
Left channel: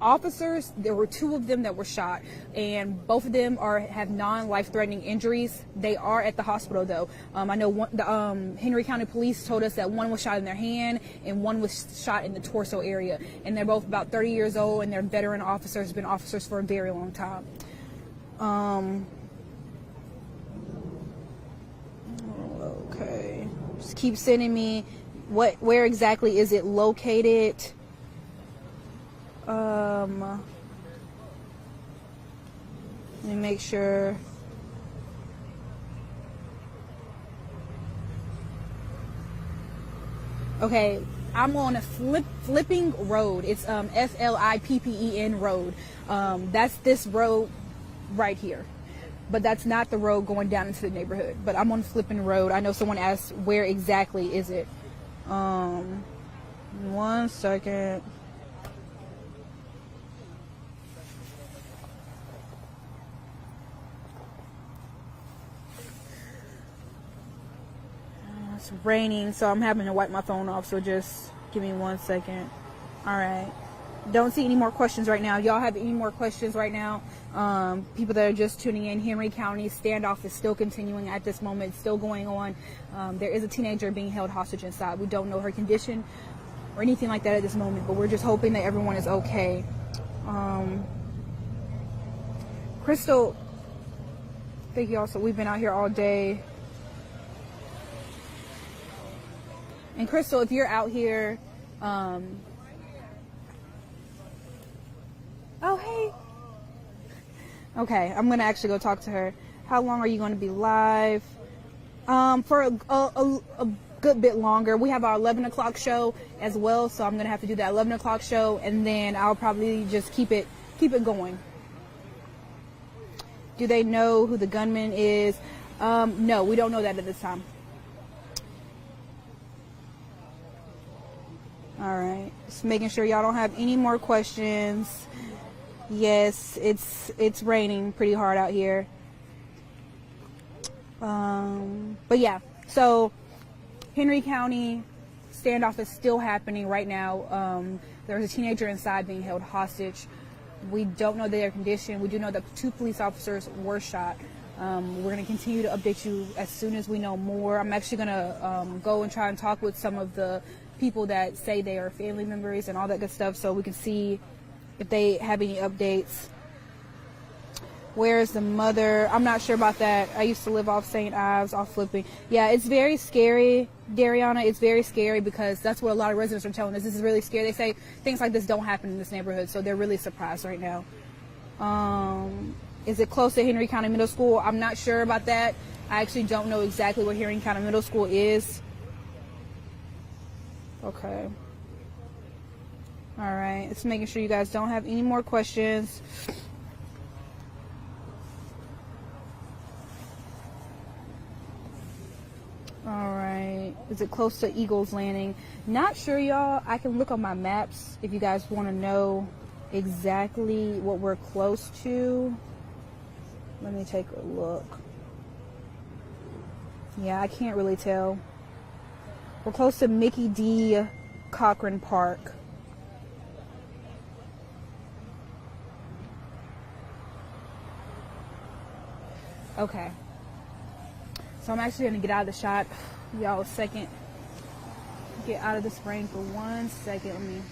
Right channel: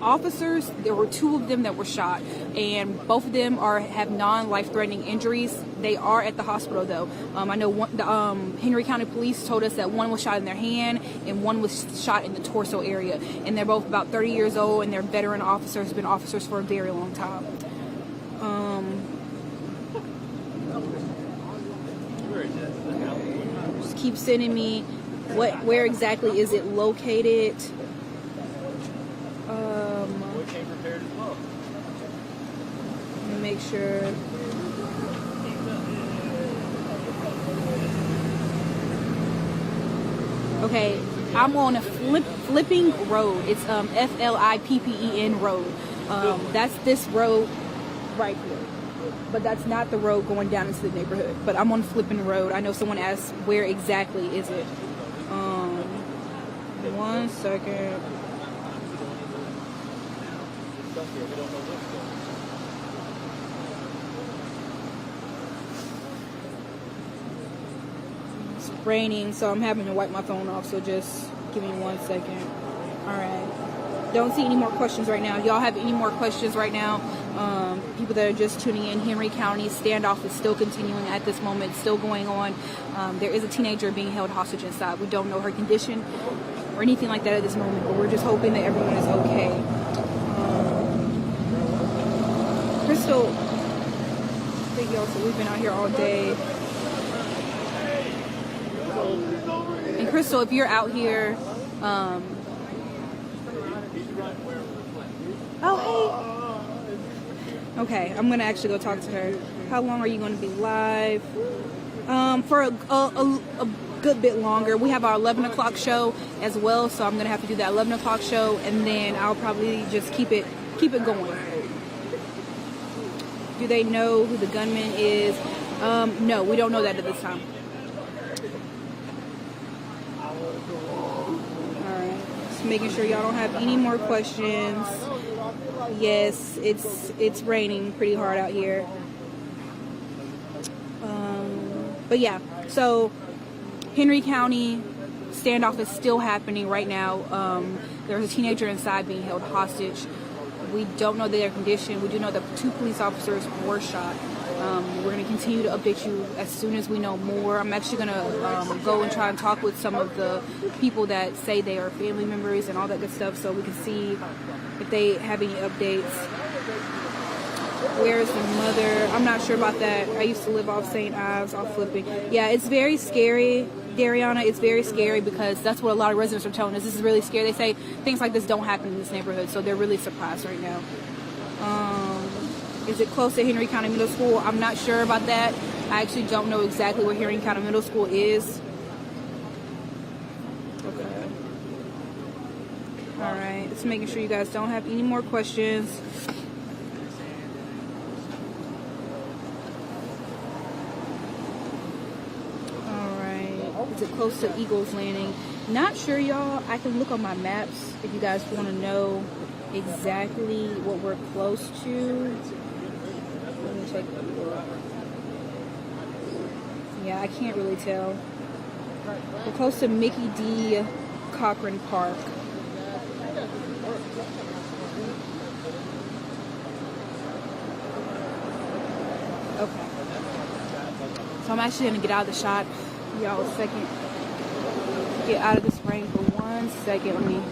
officers, there were 2 of them that were shot, and both of them have non-life-threatening injuries. They are at the hospital, though. I know the Henry County Police told us that one was shot in their hand and one was shot in the torso area, and they're both about 30 years old, and they're veteran officers, been officers for a very long time. Okay. Just keep sending me where exactly is it located. Make sure. Okay, I'm on a flipping road. It's Flippen road. That's this road right here. But that's not the road going down into the neighborhood. But I'm on Flippin Road. I know someone asked where exactly is it. 1 second. It's raining, so I'm having to wipe my phone off. So just give me 1 second. All right. Don't see any more questions right now. Y'all have any more questions right now? People that are just tuning in, Henry County standoff is still continuing at this moment, still going on. There is a teenager being held hostage inside. We don't know her condition or anything like that at this moment, but we're just hoping that everyone is okay. Crystal, thank y'all. So we've been out here all day. And Crystal, if you're out here, oh, hey. Okay, I'm gonna actually go talk to her. How long are you going to be live? For a good bit longer. We have our 11 o'clock show as well, so I'm gonna have to do that 11 o'clock show, and then I'll probably just keep it going. Do they know who the gunman is? No, we don't know that at this time. All right, just making sure y'all don't have any more questions. Yes, it's raining pretty hard out here. But yeah, so Henry County standoff is still happening right now. There's a teenager inside being held hostage. We don't know their condition. We do know that 2 police officers were shot. We're going to continue to update you as soon as we know more. I'm actually going to go and try and talk with some of the people that say they are family members and all that good stuff, so we can see if they have any updates. Where's the mother? I'm not sure about that. I used to live off St. Ives, off Flipping. Yeah, it's very scary, Dariana. It's very scary because that's what a lot of residents are telling us. This is really scary. They say things like this don't happen in this neighborhood, so they're really surprised right now. Is it close to Henry County Middle School? I'm not sure about that. I actually don't know exactly where Henry County Middle School is. Okay. All right, just making sure you guys don't have any more questions. All right, is it close to Eagles Landing? Not sure, y'all. I can look on my maps if you guys want to know exactly what we're close to. Let me take a look. Yeah, I can't really tell. We're close to Mickey D. Cochran Park. Okay. So I'm actually going to get out of the shot. Y'all a second. Get out of this rain for 1 second. Let me...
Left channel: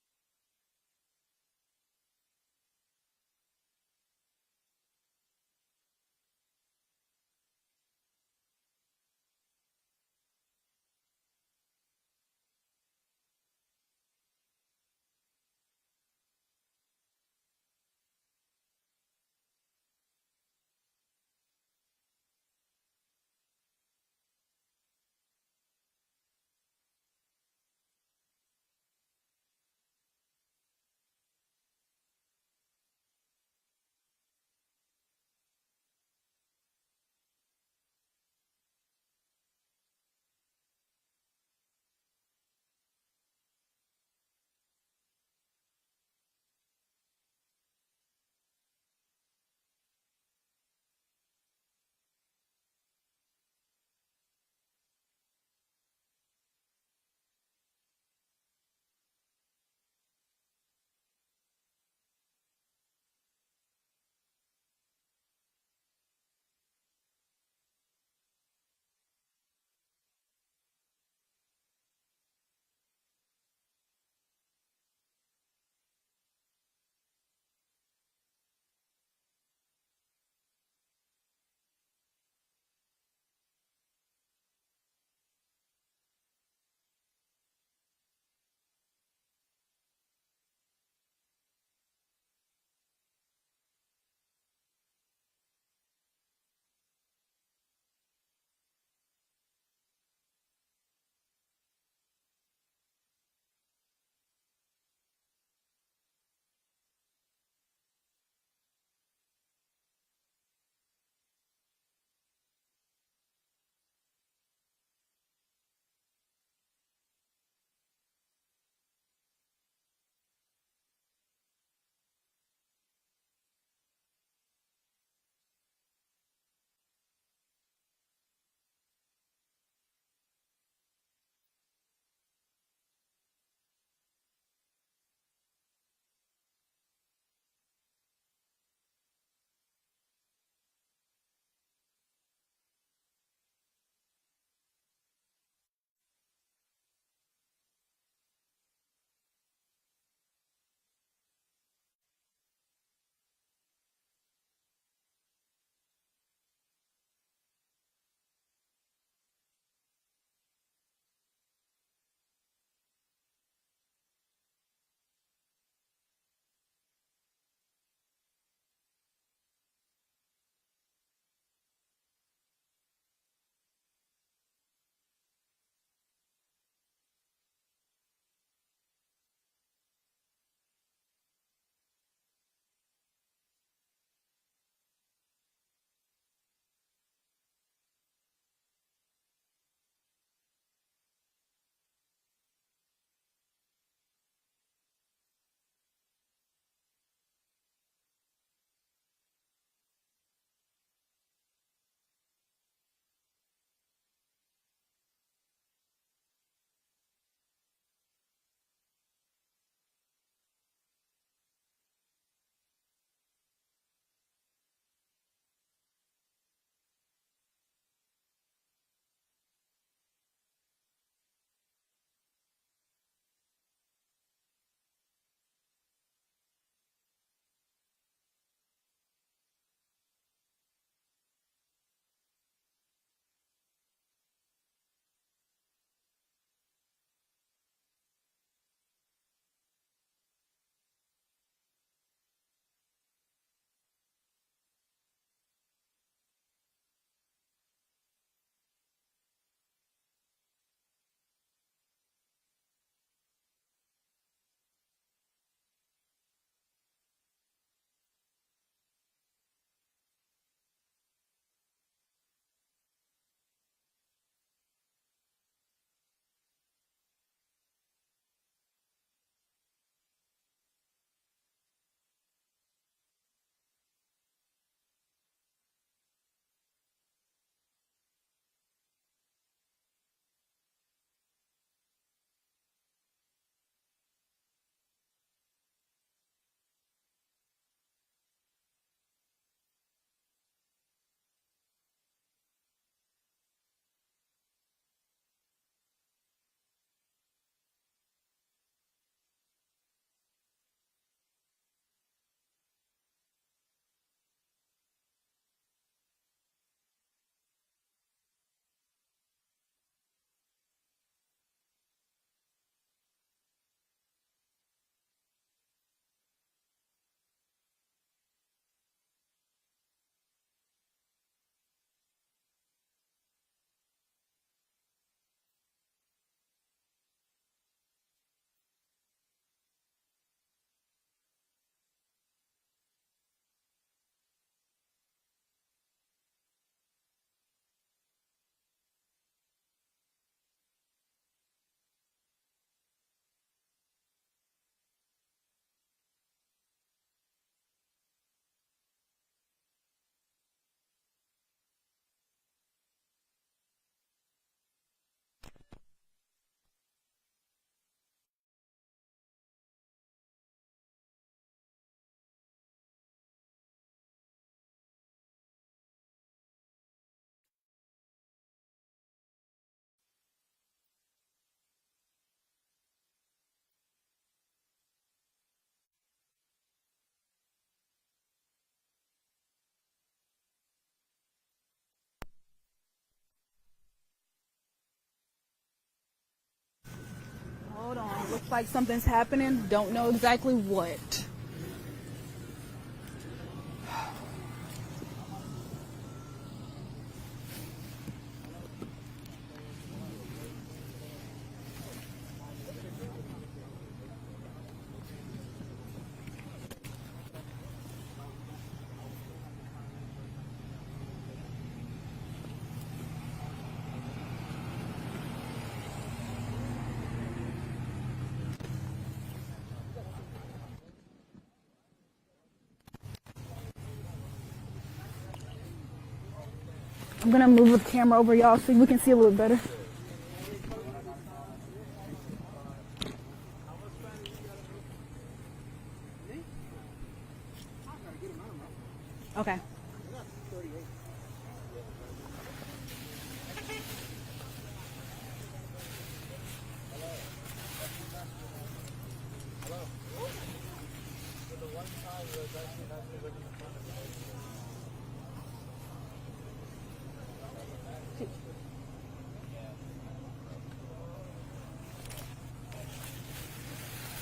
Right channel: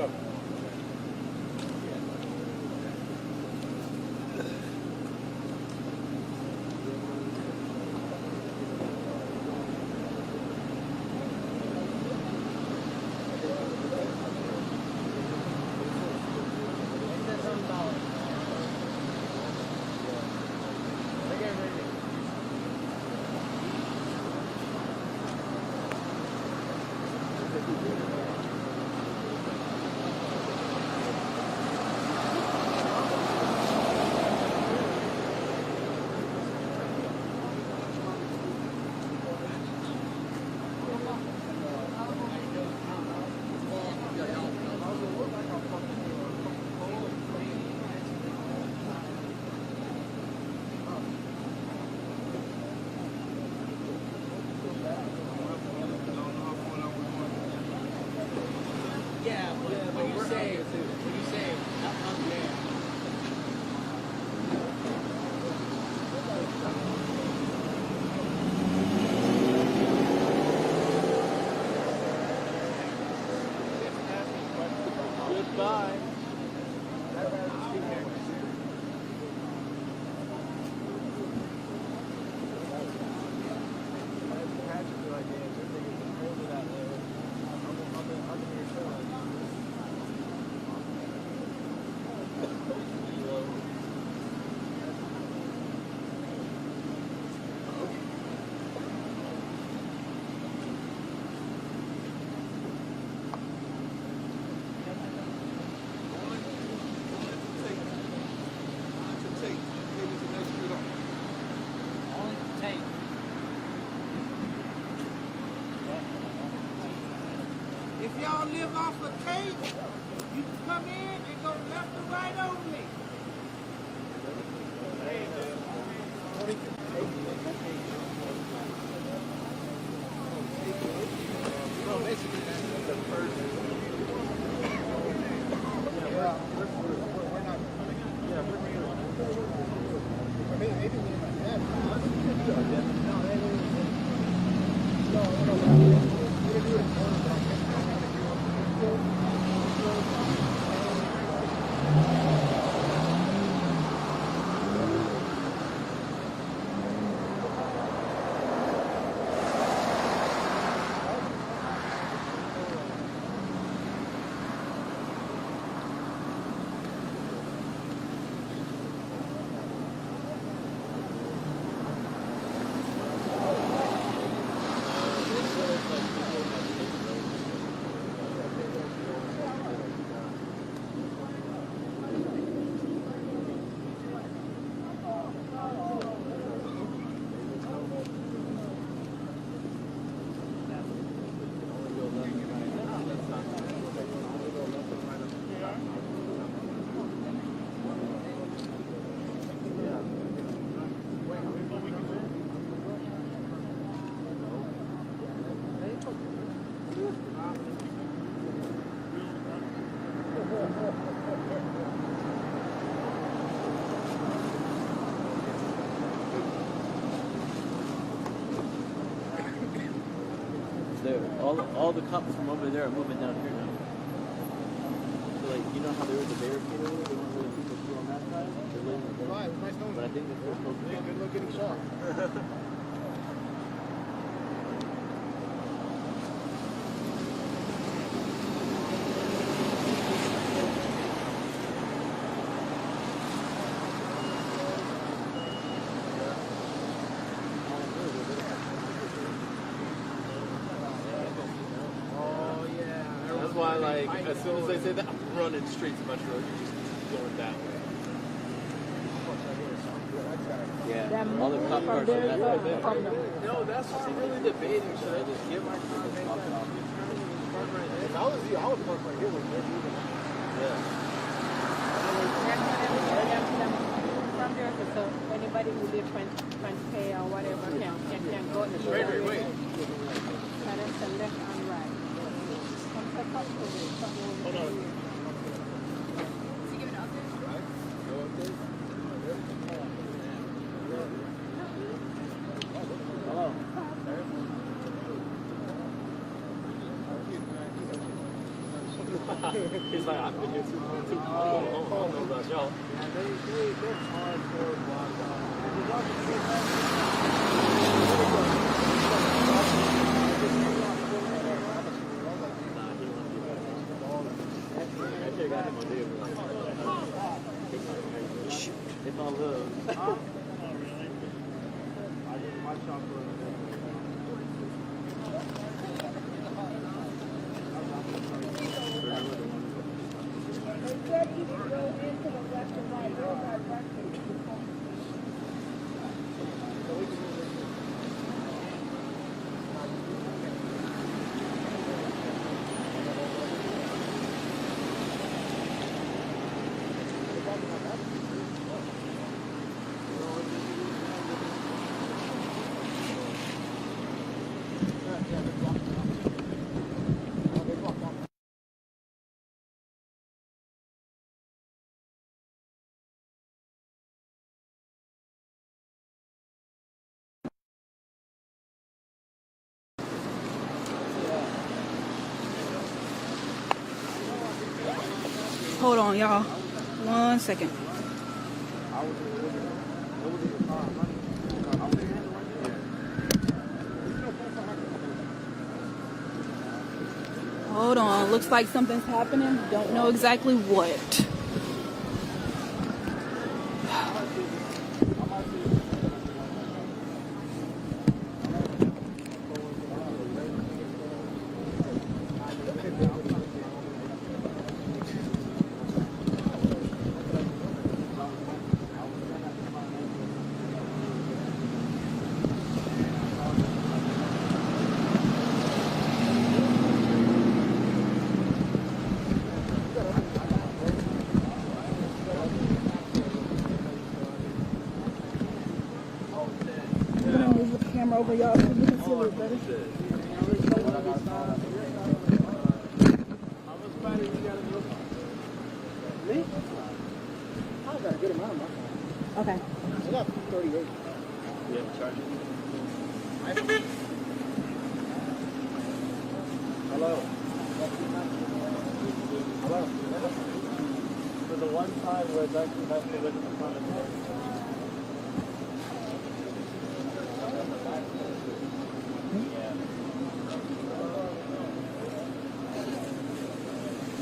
go. If y'all live off of tape, you can come in and go left or right only. All the cops from over there are moving down here now. So like, you know how there was a barricade over there? They weren't letting people through on that side? They're letting them through. But I think they're still supposed to be. Good luck getting shot. That's why, like, as soon as they say that, I'm running straight to Metro. You're just going that way. Yeah, all the cop cars are that way. No, that's why I'm really debating. Should I just give my car and make that? If I was you, I would park right here with you. Yeah. From there, so anybody who lives front pay or whatever can go in the Wait. and then left and right. Hold on. Is he giving an update? Go up there. Hello. He's like, I've been here too long. I don't know about y'all. They're hardcore block If I lose. Hold on, y'all. 1 second. Hold on. Looks like something's happening. Don't know exactly what. I'm gonna move the camera over y'all so we can see a little better. Okay. I got 38. Yeah, charge it. Hello. Hello. So the one side was actually has to look in the front of the door.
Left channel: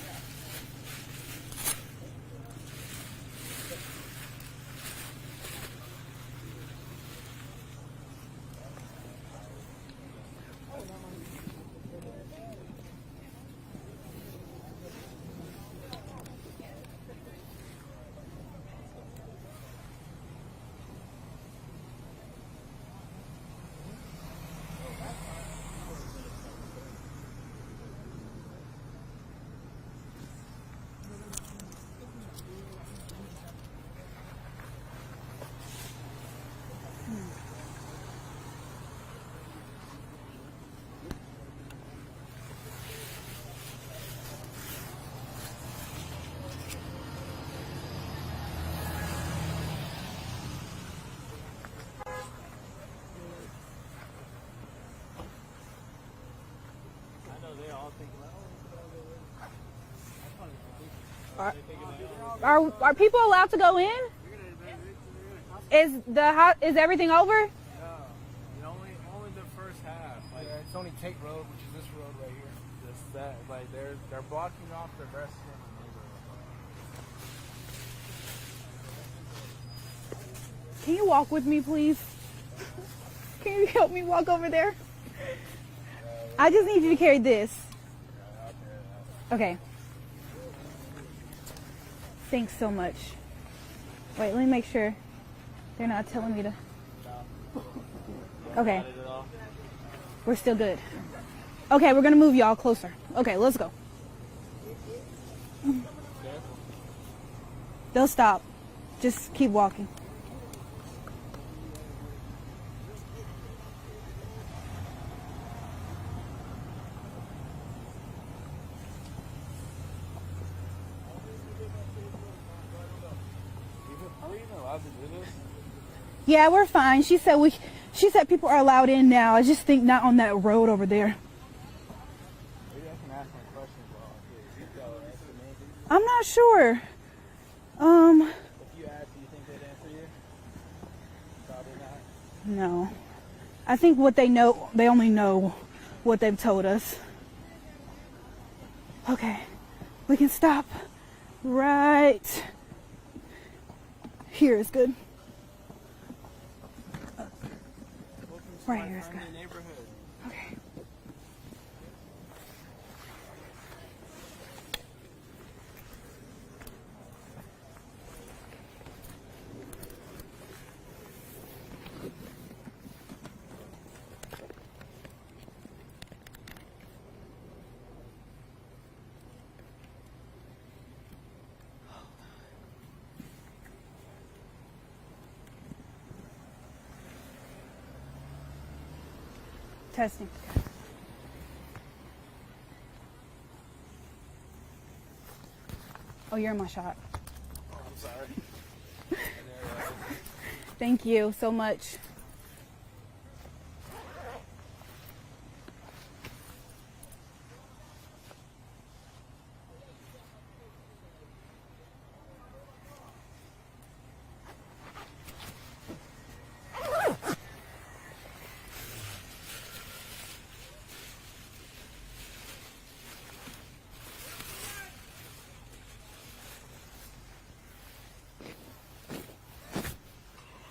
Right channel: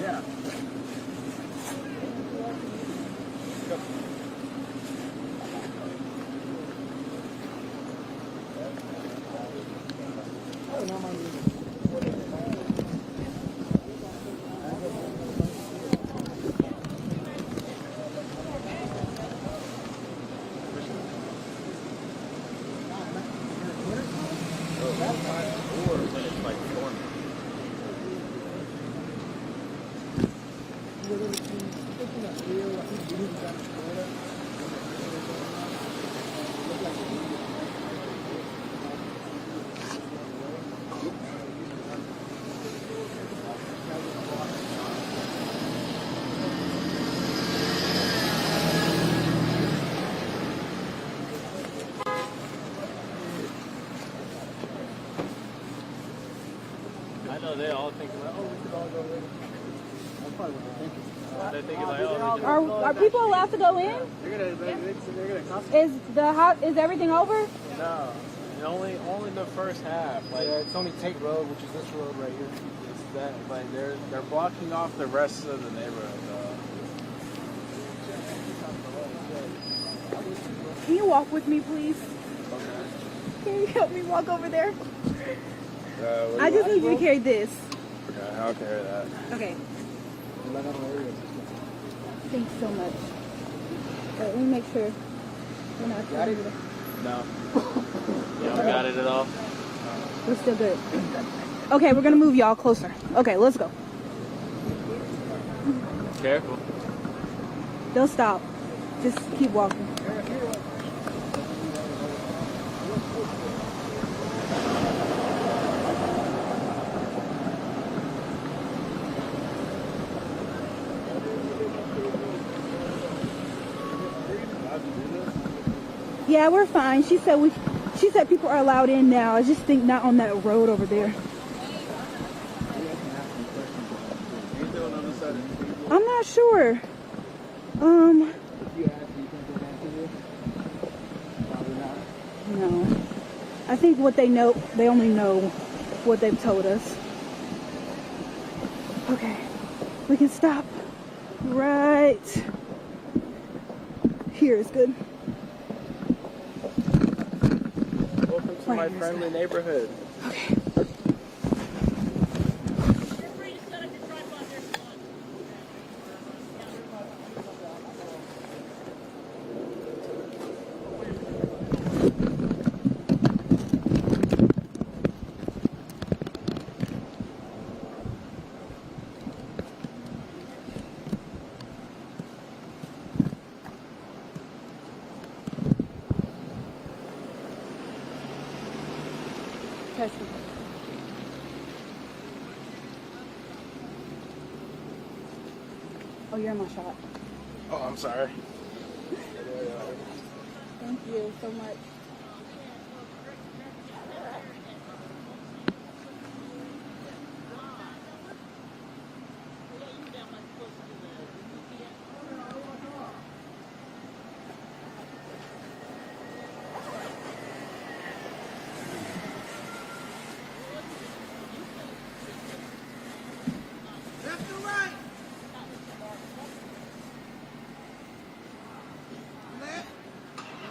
Yeah. I know they all thinking like, oh, we could all go in. They're thinking like, oh, we could Are people allowed to go in? They're gonna Is everything over? No, and only the first half. Like, Yeah, it's only Tate Road, which is this road right here. it's that, like they're blocking off the rest of the neighborhood. Can you walk with me, please? Can you help me walk over there? I just need you to carry this. Okay, I'll carry that. Okay. Thanks so much. Wait, let me make sure you're not telling me to. No. You don't Okay. got it at all? We're still good. Okay, we're gonna move y'all closer. Okay, let's go. Careful. Don't stop. Just keep walking. Yeah, we're fine. She said people are allowed in now. I just think not on that road over there. Anything on the other side I'm not sure. No. I think what they know, they only know what they've told us. Okay, we can stop right here is good. Welcome to my friendly neighborhood. Okay. Testing. Oh, you're in my shot. Oh, I'm sorry. Thank you so much. Left or right? Left.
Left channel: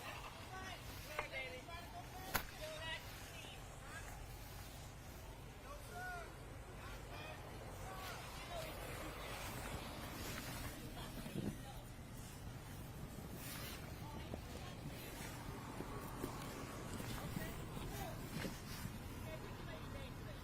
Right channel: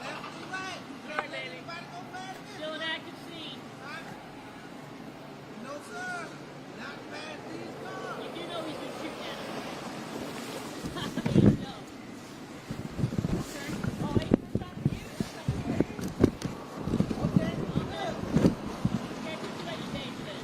Left or right? Sorry, baby. Anybody go past this? Still an active scene. Huh? No, sir. Not past these cars. You do know he's been shooting at us. No. Oh, wait. Okay. Can't put you in danger then.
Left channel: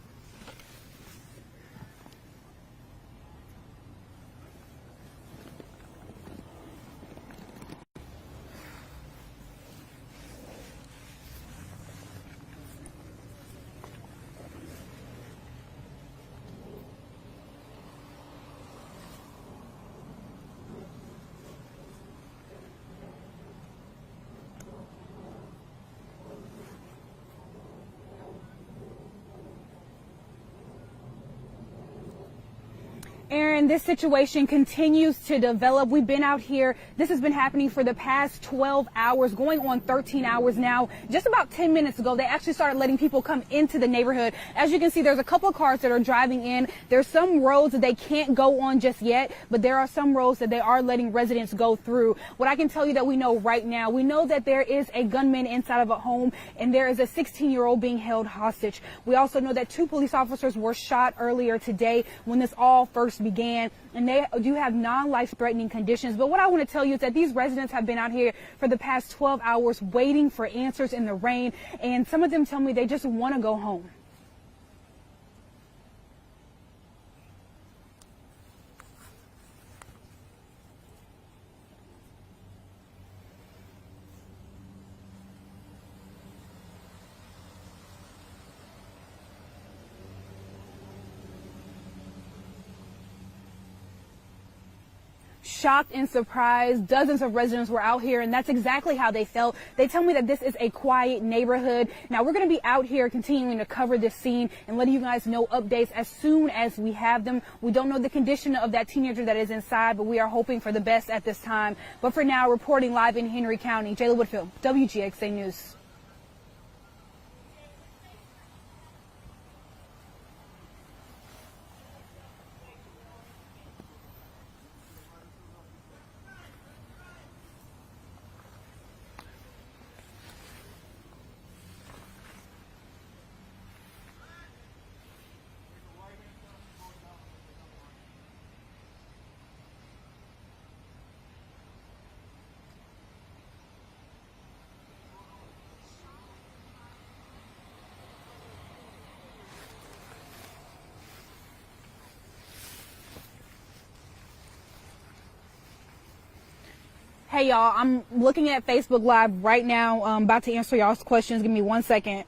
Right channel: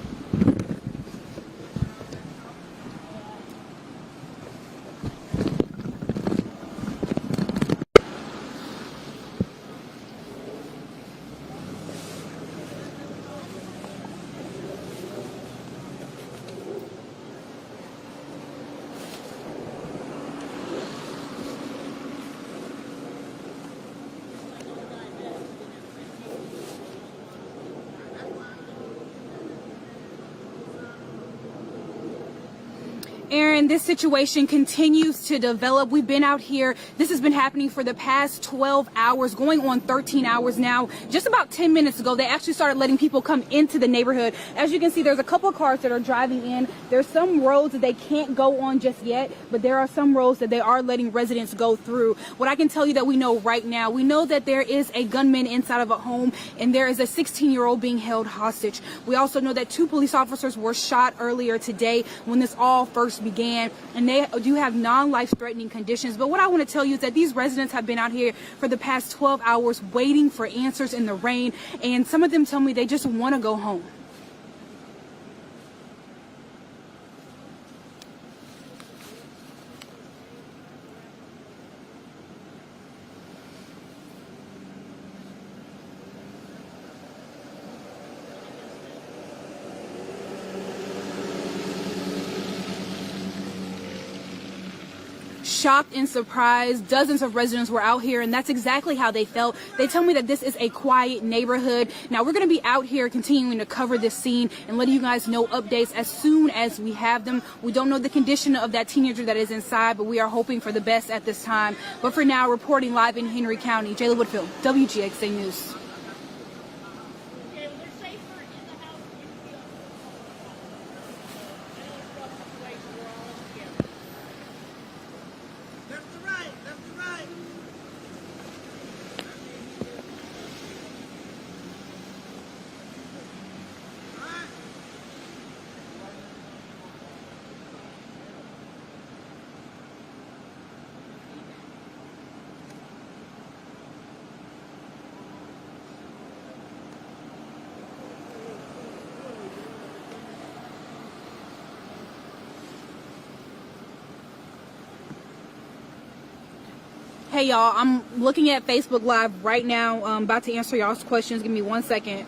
Aaron, this situation continues to develop. We've been out here. This has been happening for the past 12 hours, going on 13 hours now. Just about 10 minutes ago, they actually started letting people come into the neighborhood. As you can see, there's a couple of cars that are driving in. There's some roads that they can't go on just yet, but there are some roads that they are letting residents go through. What I can tell you that we know right now, we know that there is a gunman inside of a home, and there is a 16-year-old being held hostage. We also know that 2 police officers were shot earlier today when this all first began, and they do have non-life-threatening conditions. But what I want to tell you is that these residents have been out here for the past 12 hours waiting for answers in the rain, and some of them tell me they just want to go home. Shocked and surprised, dozens of residents were out here, and that's exactly how they felt. They tell me that this is a quiet neighborhood. Now, we're going to be out here continuing to cover this scene and letting you guys know updates as soon as we have them. We don't know the condition of that teenager that is inside, but we are hoping for the best at this time. But for now, reporting live in Henry County, Jayla Whitfield, WGXA News. Left or right? Left or right? All right. Hey y'all, I'm looking at Facebook Live right now. I'm about to answer y'all's questions. Give me 1 second.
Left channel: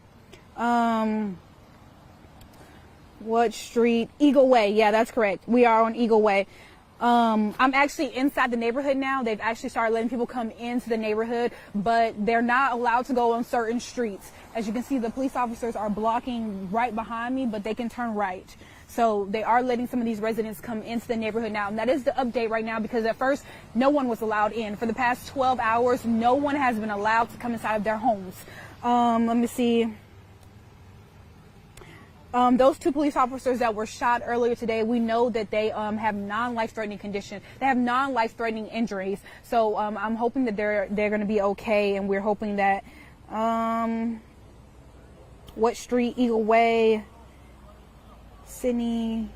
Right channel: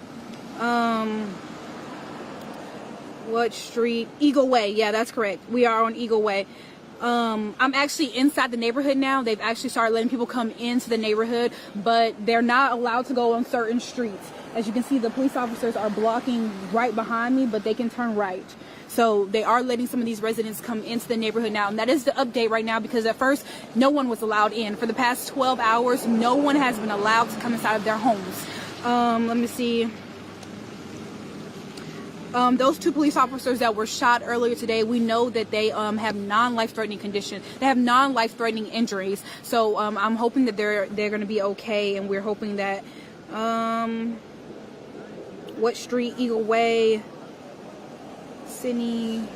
What street? Eagle Way. Yeah, that's correct. We are on Eagle Way. I'm actually inside the neighborhood now. They've actually started letting people come into the neighborhood, but they're not allowed to go on certain streets. As you can see, the police officers are blocking right behind me, but they can turn right. So they are letting some of these residents come into the neighborhood now. And that is the update right now, because at first no one was allowed in. For the past 12 hours, no one has been allowed to come inside of their homes. Let me see. Those 2 police officers that were shot earlier today, we know that they have non-life-threatening condition. They have non-life-threatening injuries. So I'm hoping that they're going to be okay, and we're hoping that what street? Eagle Way, Sydney.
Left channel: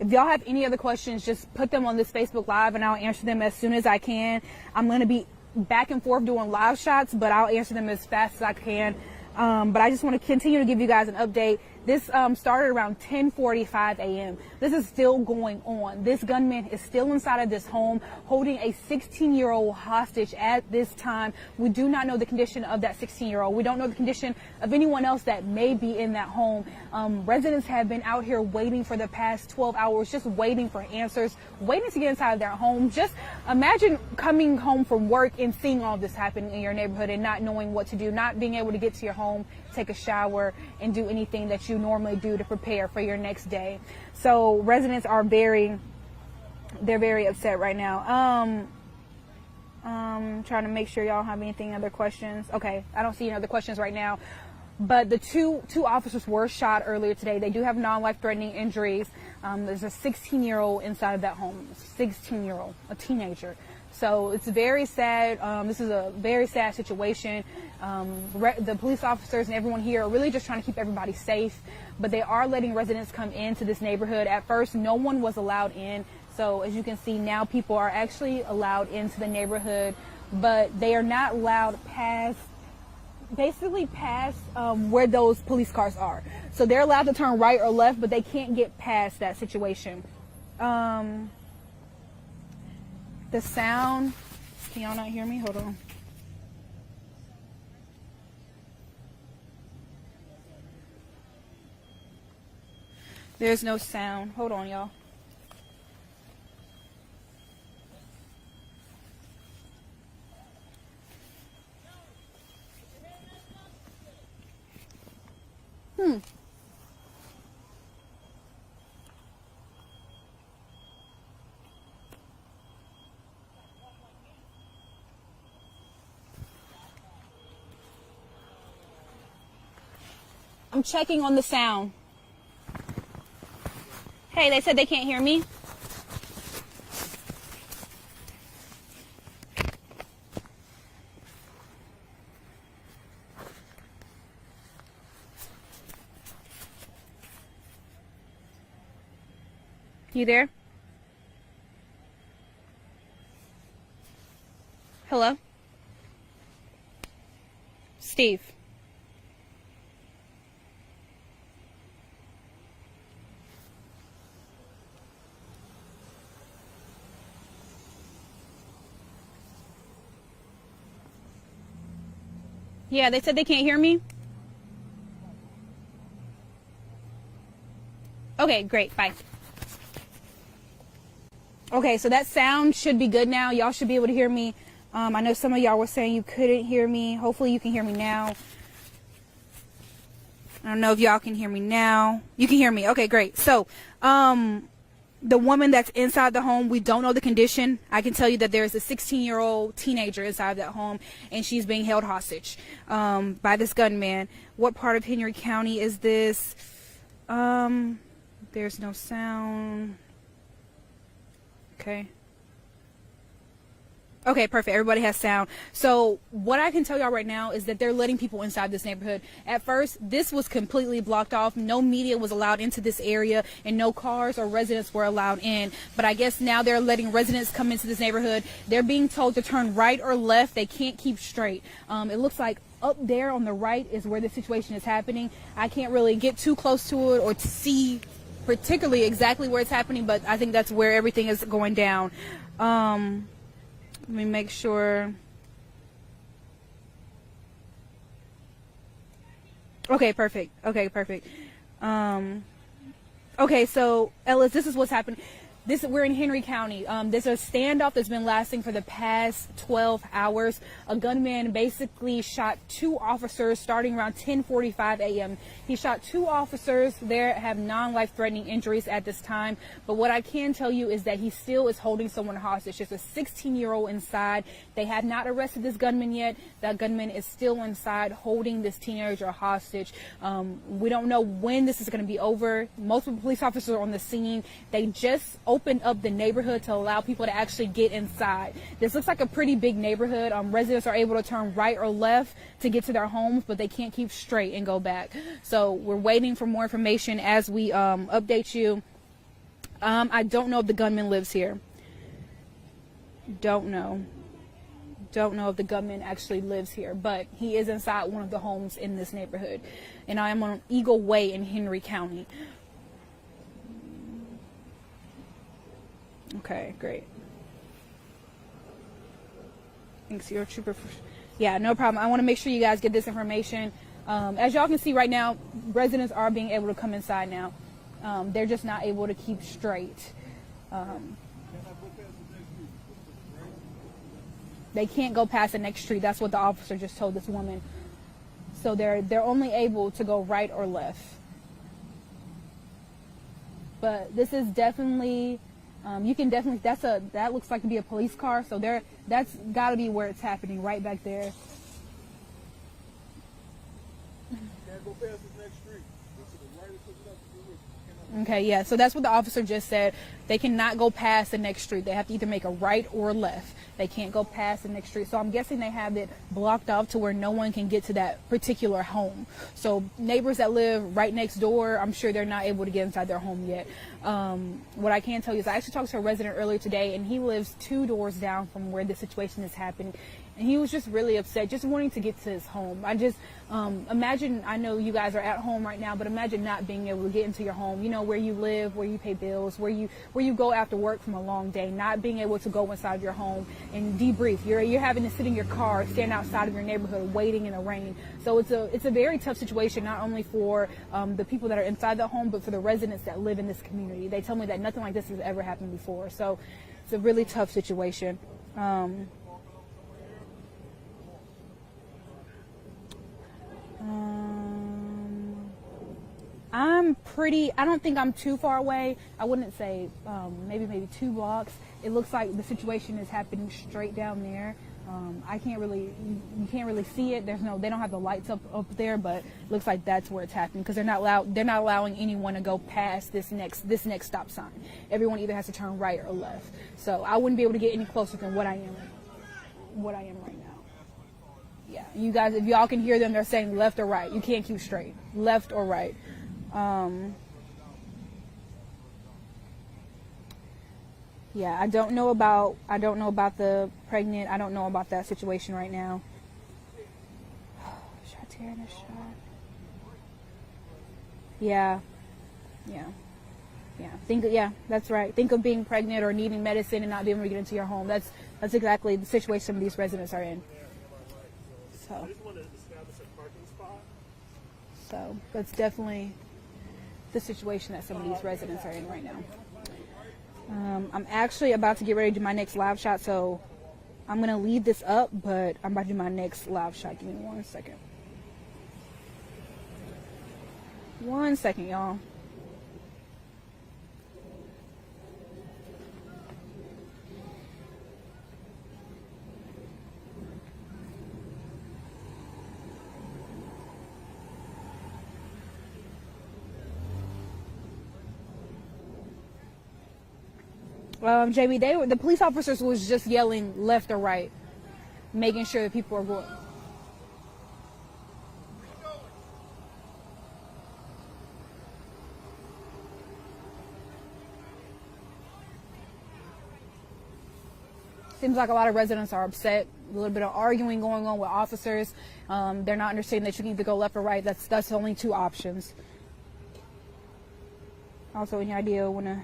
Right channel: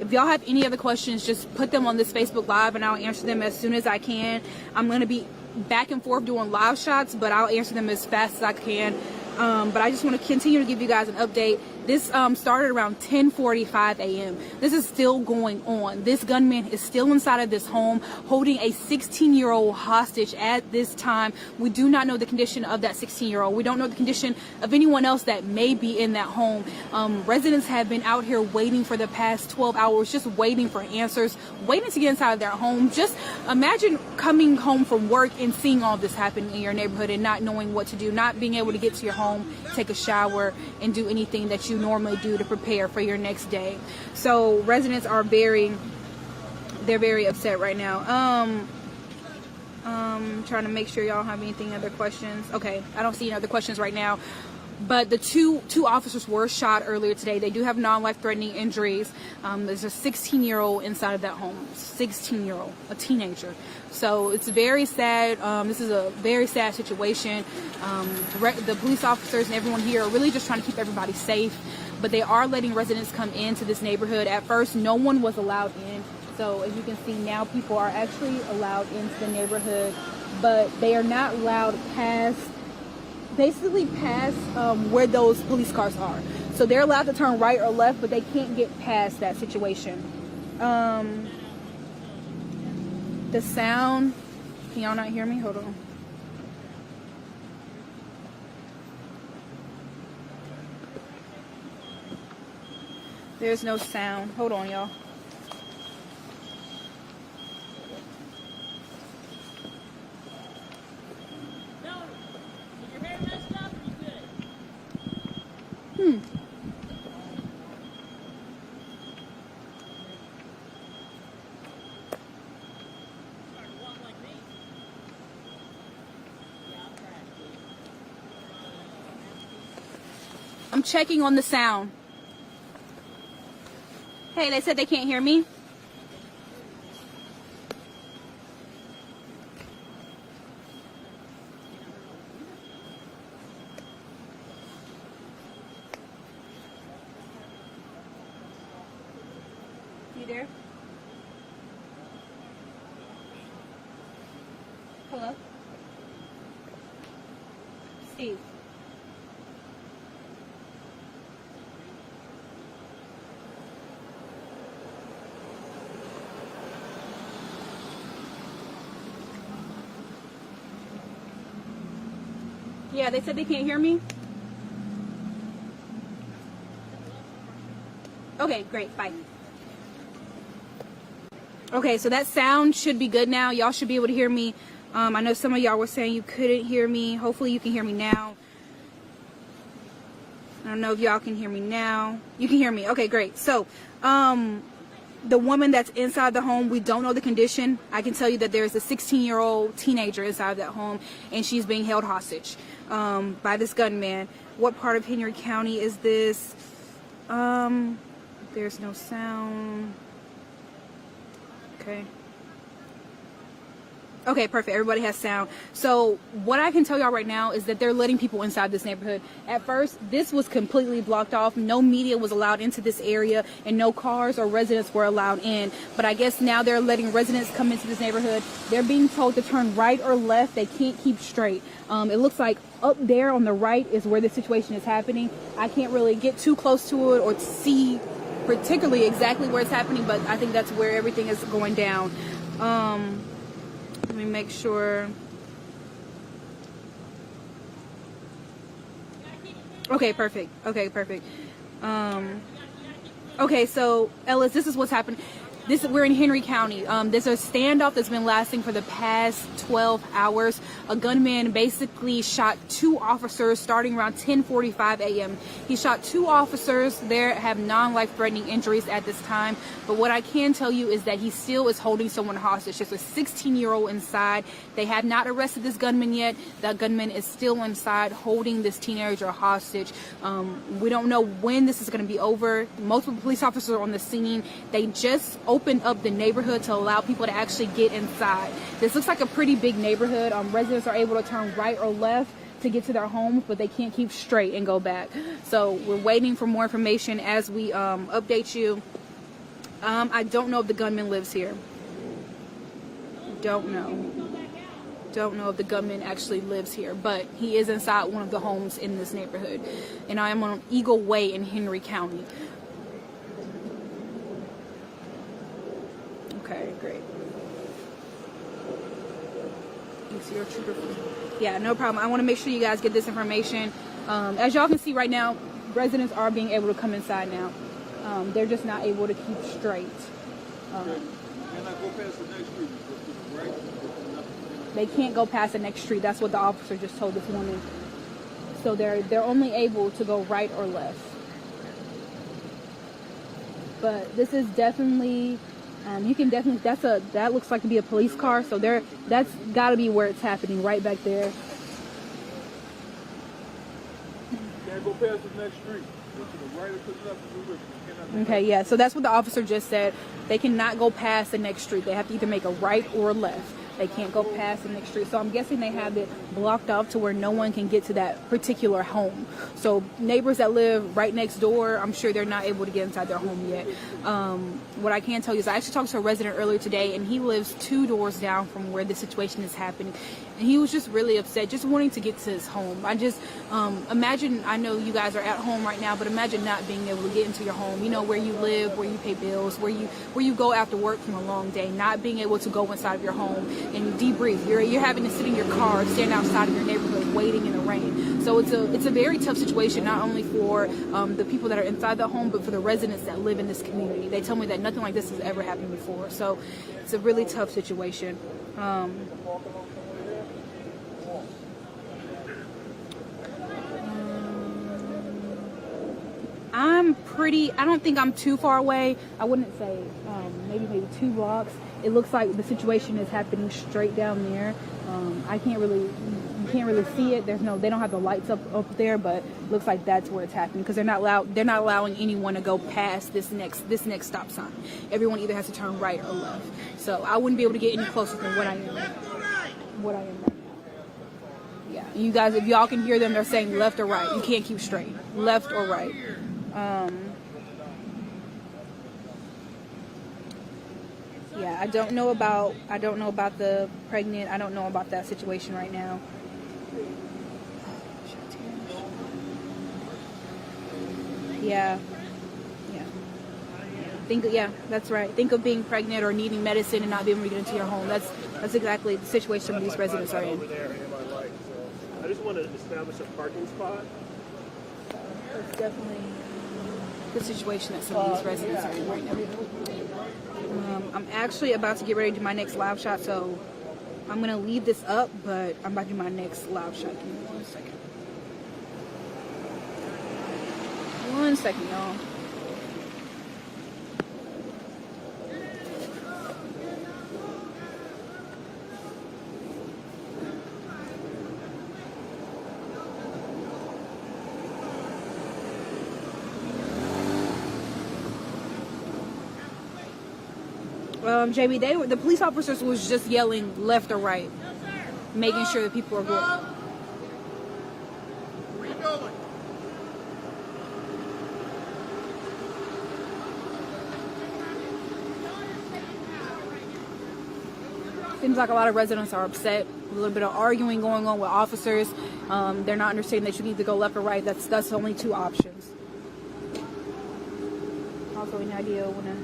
If y'all have any other questions, just put them on this Facebook Live and I'll answer them as soon as I can. I'm going to be back and forth doing live shots, but I'll answer them as fast as I can. But I just want to continue to give you guys an update. This started around 10:45 a.m. This is still going on. This gunman is still inside of this home holding a 16-year-old hostage at this time. We do not know the condition of that 16-year-old. We don't know the condition of anyone else that may be in that home. Residents have been out here waiting for the past 12 hours, just waiting for answers, waiting to get inside of their home. Just imagine coming home from work and seeing all this happen in your neighborhood and not knowing what to do, not being able to get to your home, take a shower, and do anything that you normally do to prepare for your next day. So residents are very upset right now. Trying to make sure y'all don't have anything other questions. Okay, I don't see any other questions right now. But the two officers were shot earlier today. They do have non-life-threatening injuries. There's a 16-year-old inside of that home. 16-year-old, a teenager. So it's very sad. This is a very sad situation. The police officers and everyone here are really just trying to keep everybody safe. But they are letting residents come into this neighborhood. At first, no one was allowed in. So as you can see now, people are actually allowed into the neighborhood. But they are not allowed past where those police cars are. So they're allowed to turn right or left, but they can't get past that situation. The sound, can y'all not hear me? Hold on. There's no sound. Hold on, y'all. I'm checking on the sound. Hey, they said they can't hear me. You there? Hello? Steve. Yeah, they said they can't hear me. Okay, great. Bye. Okay, so that sound should be good now. Y'all should be able to hear me. I know some of y'all were saying you couldn't hear me. Hopefully you can hear me now. I don't know if y'all can hear me now. You can hear me. Okay, great. So, the woman that's inside the home, we don't know the condition. I can tell you that there's a 16-year-old teenager inside that home, and she's being held hostage by this gunman. What part of Henry County is this? There's no sound. Okay. Okay, perfect. Everybody has sound. So what I can tell y'all right now is that they're letting people inside this neighborhood. At first, this was completely blocked off. No media was allowed into this area, and no cars or residents were allowed in. But I guess now they're letting residents come into this neighborhood. They're being told to turn right or left. They can't keep straight. It looks like up there on the right is where the situation is happening. I can't really get too close to it or to see particularly exactly where it's happening, but I think that's where everything is going down. Let me make sure. Okay, perfect. Okay, perfect. Okay, so Ellis, this is what's happened. We're in Henry County. There's a standoff that's been lasting for the past 12 hours. A gunman basically shot 2 officers starting around 10:45 a.m. He shot 2 officers. They have non-life-threatening injuries at this time. But what I can tell you is that he still is holding someone hostage. There's a 16-year-old inside. They have not arrested this gunman yet. The gunman is still inside holding this teenager hostage. We don't know when this is going to be over. Multiple police officers are on the scene. They just opened up the neighborhood to allow people to actually get inside. This looks like a pretty big neighborhood. Residents are able to turn right or left to get to their homes, but they can't keep straight and go back. So we're waiting for more information as we update you. I don't know if the gunman lives here. Don't know if the gunman actually lives here, but he is inside one of the homes in this neighborhood. And I am on Eagle Way in Henry County. Okay, great. Thanks, your trooper. Yeah, no problem. I want to make sure you guys get this information. As y'all can see right now, residents are being able to come inside now. They're just not able to keep straight. They can't go past the next street. That's what the officer just told this woman. So they're only able to go right or left. But this is definitely, you can definitely, that looks like to be a police car. So that's got to be where it's happening, right back there. Can't go past the next street. Go to the right or to the left. Okay, yeah. So that's what the officer just said. They cannot go past the next street. They have to either make a right or a left. They can't go past the next street. So I'm guessing they have it blocked off to where no one can get to that particular home. So neighbors that live right next door, I'm sure they're not able to get inside their home yet. What I can tell you is I actually talked to a resident earlier today, and he lives 2 doors down from where the situation is happening. And he was just really upset, just wanting to get to his home. I just imagine, I know you guys are at home right now, but imagine not being able to get into your home, you know, where you live, where you pay bills, where you go after work from a long day, not being able to go inside of your home and debrief. You're having to sit in your car, stand outside of your neighborhood, waiting in the rain. So it's a very tough situation, not only for the people that are inside the home, but for the residents that live in this community. They tell me that nothing like this has ever happened before. So it's a really tough situation. I don't think I'm too far away. I wouldn't say maybe 2 blocks. It looks like the situation is happening straight down there. You can't really see it. They don't have the lights up there, but it looks like that's where it's happening because they're not allowing anyone to go past this next stop sign. Everyone either has to turn right or left. So I wouldn't be able to get any closer than what I am right now. Yeah, you guys, if y'all can hear them, they're saying left or right. You can't keep straight. Left or right. Yeah, I don't know about the pregnant. I don't know about that situation right now. Yeah. That's right. Think of being pregnant or needing medicine and not being able to get into your home. That's exactly the situation some of these residents are in. I just want to establish a parking spot. So that's definitely the situation that some of these residents are in right now. I'm actually about to get ready to do my next live shot, so I'm going to leave this up, but I'm about to do my next live shot. Give me 1 second. 1 second, y'all. JB, the police officers was just yelling left or right, making sure that people are going. Where you going? Seems like a lot of residents are upset. A little bit of arguing going on with officers. They're not understanding they should either go left or right. That's only 2 options. Also, any idea when to...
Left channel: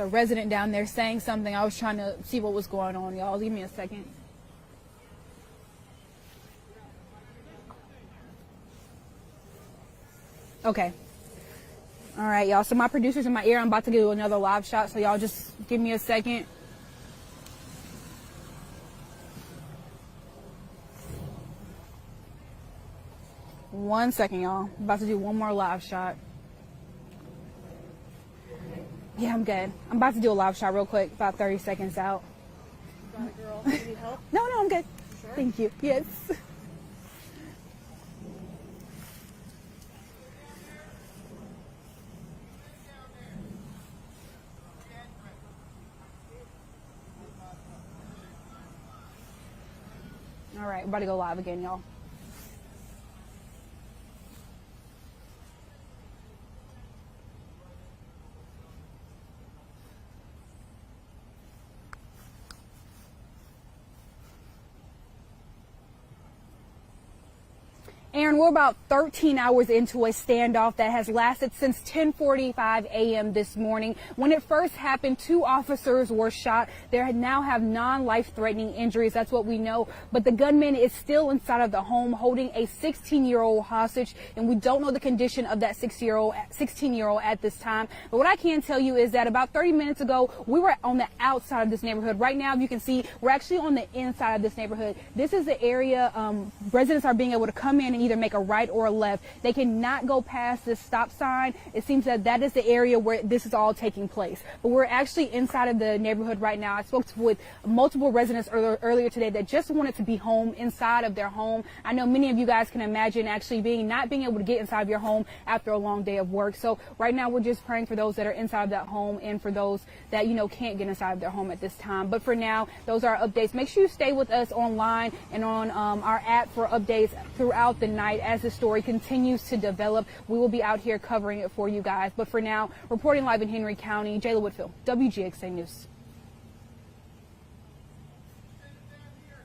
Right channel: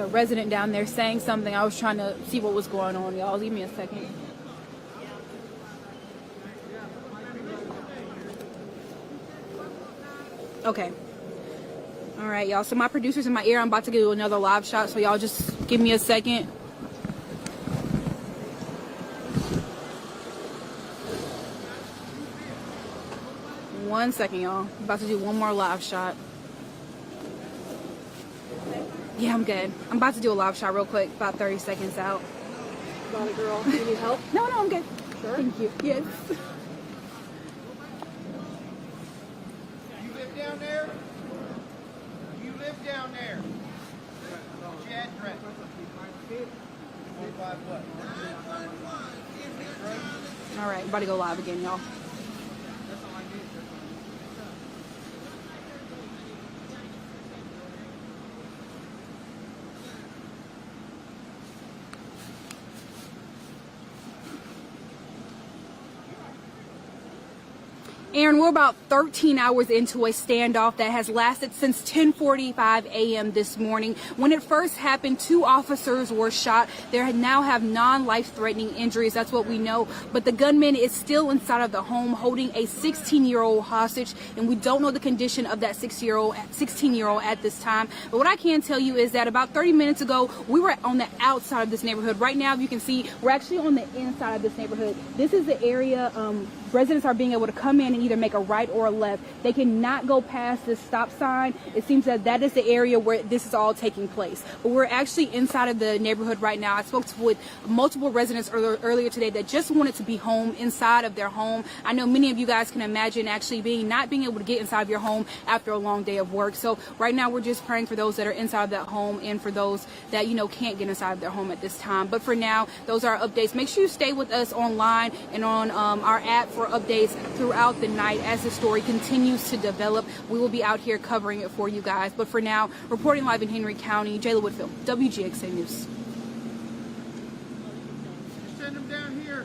a resident down there saying something. I was trying to see what was going on, y'all. Give me a second. Okay. All right, y'all. So my producer's in my ear. I'm about to do another live shot, so y'all just give me a second. One second, y'all. I'm about to do one more live shot. Yeah, I'm good. I'm about to do a live shot real quick, about 30 seconds out. Got it, girl. You need help? No, I'm good. Sure. Thank you. Yes. You live down there? You live down there? What's your address? What? All right, I'm about to go live again, y'all. Aaron, we're about 13 hours into a standoff that has lasted since 10:45 a.m. this morning. When it first happened, 2 officers were shot. They now have non-life-threatening injuries. That's what we know. But the gunman is still inside of the home holding a 16-year-old hostage, and we don't know the condition of that 16-year-old at this time. But what I can tell you is that about 30 minutes ago, we were on the outside of this neighborhood. Right now, you can see we're actually on the inside of this neighborhood. This is the area residents are being able to come in and either make a right or a left. They cannot go past this stop sign. It seems that is the area where this is all taking place. But we're actually inside of the neighborhood right now. I spoke with multiple residents earlier today that just wanted to be home, inside of their home. I know many of you guys can imagine actually not being able to get inside of your home after a long day of work. So right now we're just praying for those that are inside of that home and for those that, can't get inside of their home at this time. But for now, those are our updates. Make sure you stay with us online and on our app for updates throughout the night as the story continues to develop. We will be out here covering it for you guys. But for now, reporting live in Henry County, Jayla Whitfield, WGXA News. Send them down here.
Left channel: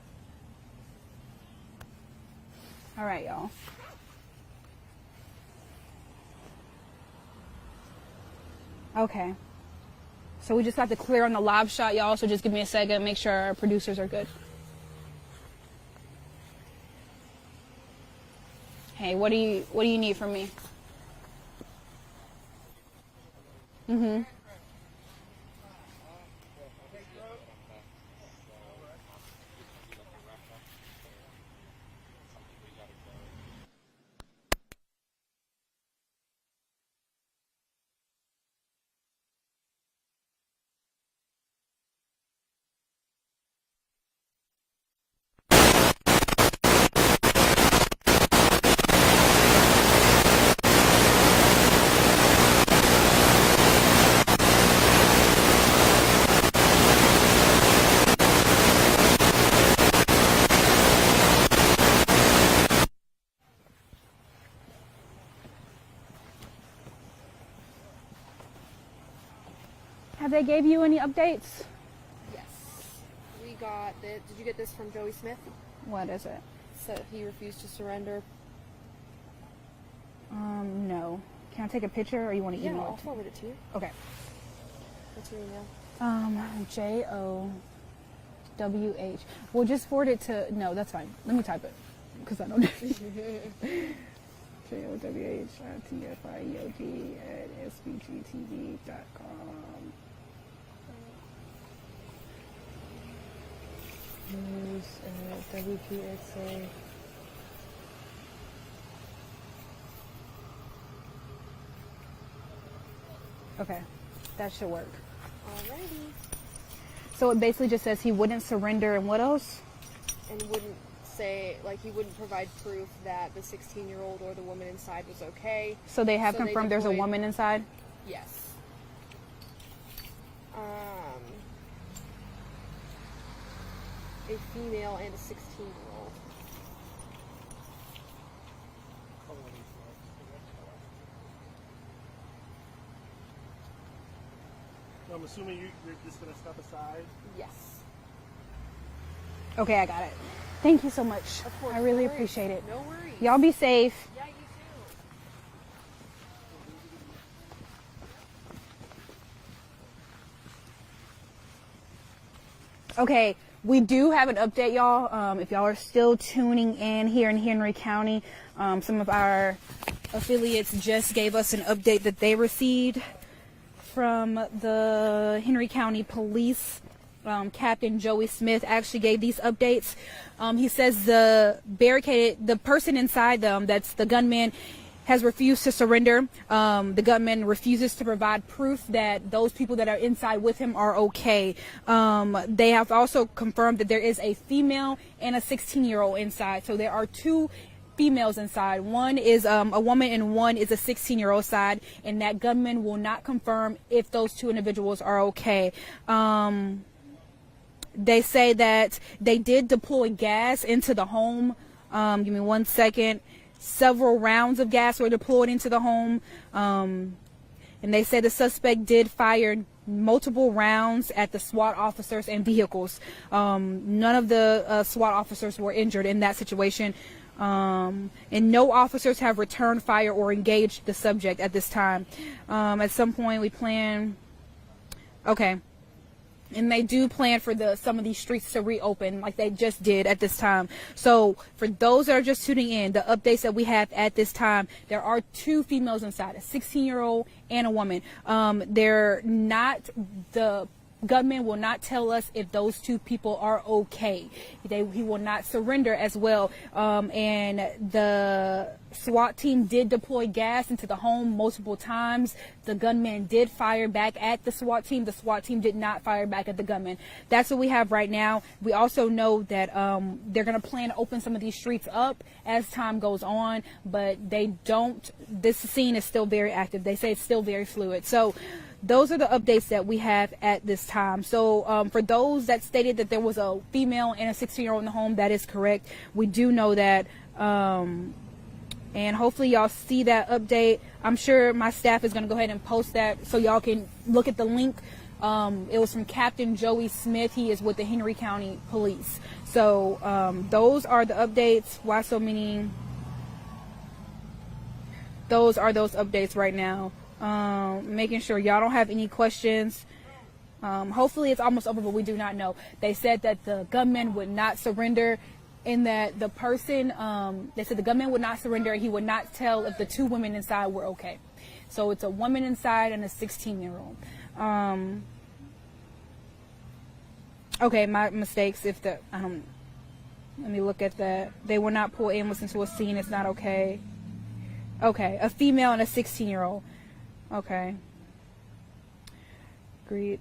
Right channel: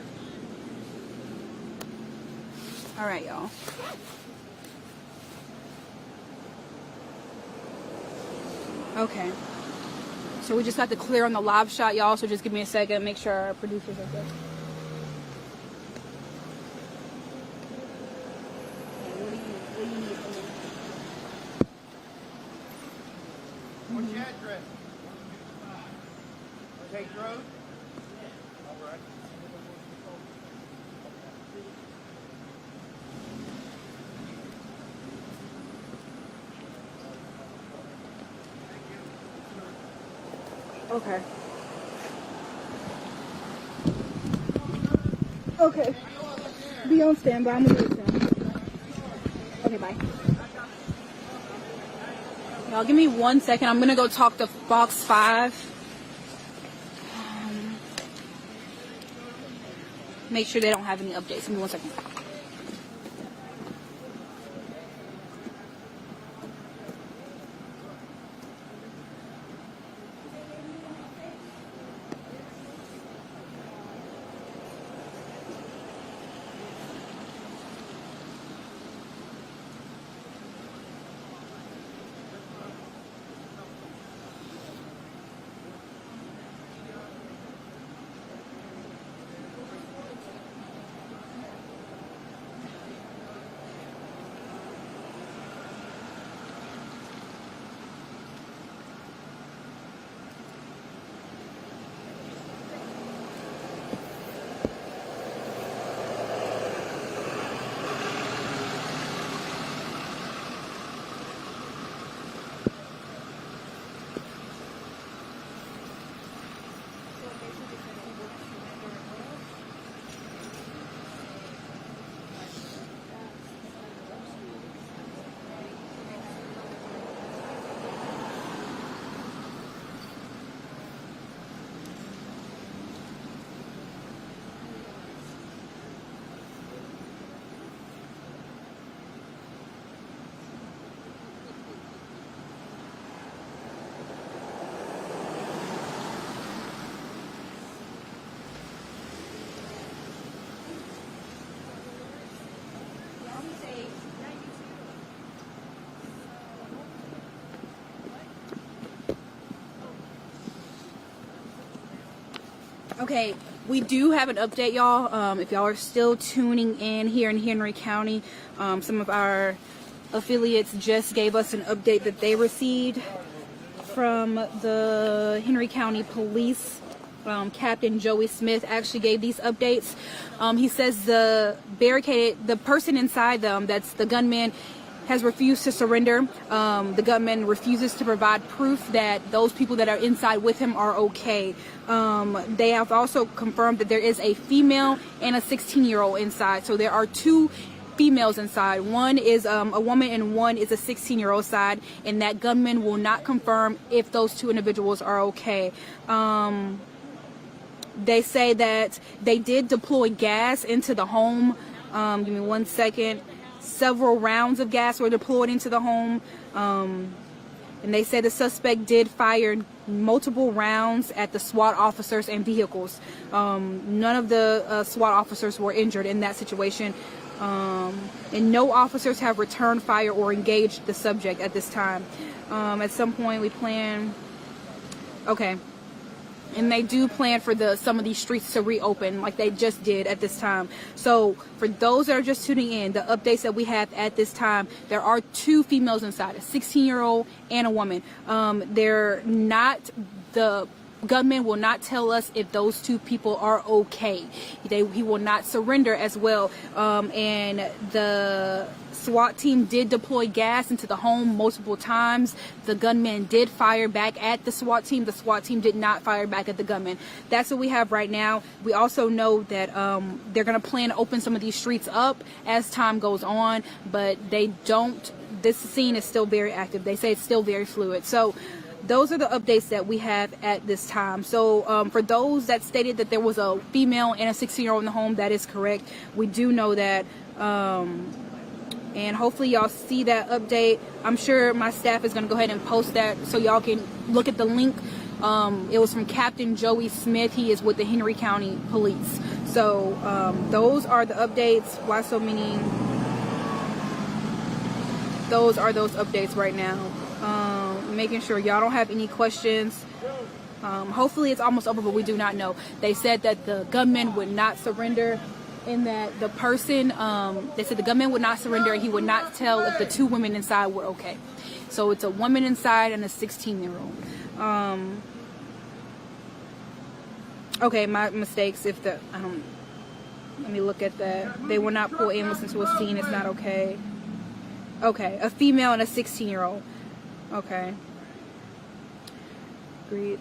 All right, y'all. Okay. So we just got to clear on the live shot, y'all. So just give me a second, make sure our producers are good. Hey, what do you need from me? What's your address? Tate Road? All right. Okay. Be on standby. Give me 1 second. I'm gonna go talk to box 5. Make sure that. Have they gave you any updates? Yes. We got it. Did you get this from Joey Smith? What is it? So he refused to surrender. No. Can I take a picture or you want to Yeah, email? I'll forward it to you. Okay. What's your email? JOWH. Well, just forward it to. No, that's fine. Let me type it because I don't know. Okay, that should work. So it basically just says he wouldn't surrender, and what else? And he wouldn't say, he wouldn't provide proof that the 16-year-old or the woman inside was okay. So they have confirmed there's a woman inside? Yes. A female and a 16-year-old. Okay, I got it. Thank you so much. I really appreciate it. No worries. Y'all be safe. Okay, we do have an update, y'all. If y'all are still tuning in here in Henry County, some of our affiliates just gave us an update that they received from the Henry County Police. Captain Joey Smith actually gave these updates. He says the person inside them, that's the gunman, has refused to surrender. The gunman refuses to provide proof that those people that are inside with him are okay. They have also confirmed that there is a female and a 16-year-old inside. So there are two females inside. One is a woman and one is a 16-year-old side, and that gunman will not confirm if those two individuals are okay. They say that they did deploy gas into the home. Give me 1 second. Several rounds of gas were deployed into the home. And they say the suspect did fire multiple rounds at the SWAT officers and vehicles. None of the SWAT officers were injured in that situation. And no officers have returned fire or engaged the subject at this time. At some point we plan... Okay. And they do plan for some of these streets to reopen like they just did at this time. So for those that are just tuning in, the updates that we have at this time, there are two females inside, a 16-year-old and a woman. The gunman will not tell us if those two people are okay. He will not surrender as well. And the SWAT team did deploy gas into the home multiple times. The gunman did fire back at the SWAT team. The SWAT team did not fire back at the gunman. That's what we have right now. We also know that they're going to plan to open some of these streets up as time goes on, but they don't. This scene is still very active. They say it's still very fluid. So those are the updates that we have at this time. So for those that stated that there was a female and a 16-year-old in the home, that is correct. We do know that. And hopefully y'all see that update. I'm sure my staff is going to go ahead and post that so y'all can look at the link. It was from Captain Joey Smith. He is with the Henry County Police. So those are the updates. Why so many? Those are those updates right now. Making sure y'all don't have any questions. Hopefully it's almost over, but we do not know. They said that the gunman would not surrender, and that the person, they said the gunman would not surrender, and he would not tell if the two women inside were okay. So it's a woman inside and a 16-year-old. Okay, my mistakes. Let me look at that. They will not pull ambulance into a scene. It's not okay. Okay, a female and a 16-year-old. Okay. Agreed.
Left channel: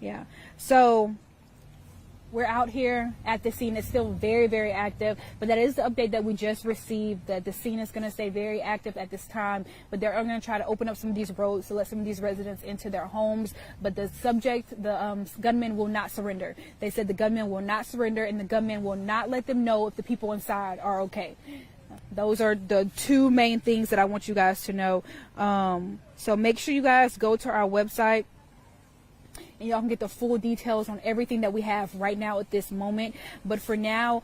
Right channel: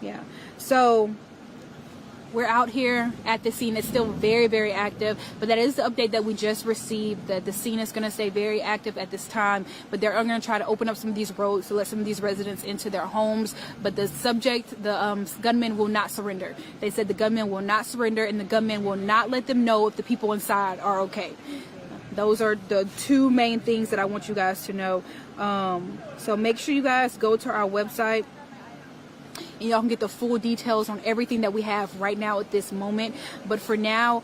Yeah. So we're out here at the scene. It's still very, very active, but that is the update that we just received, that the scene is going to stay very active at this time, but they're going to try to open up some of these roads to let some of these residents into their homes. But the subject, the gunman, will not surrender. They said the gunman will not surrender, and the gunman will not let them know if the people inside are okay. Those are the two main things that I want you guys to know. So make sure you guys go to our website, and y'all can get the full details on everything that we have right now at this moment. But for now,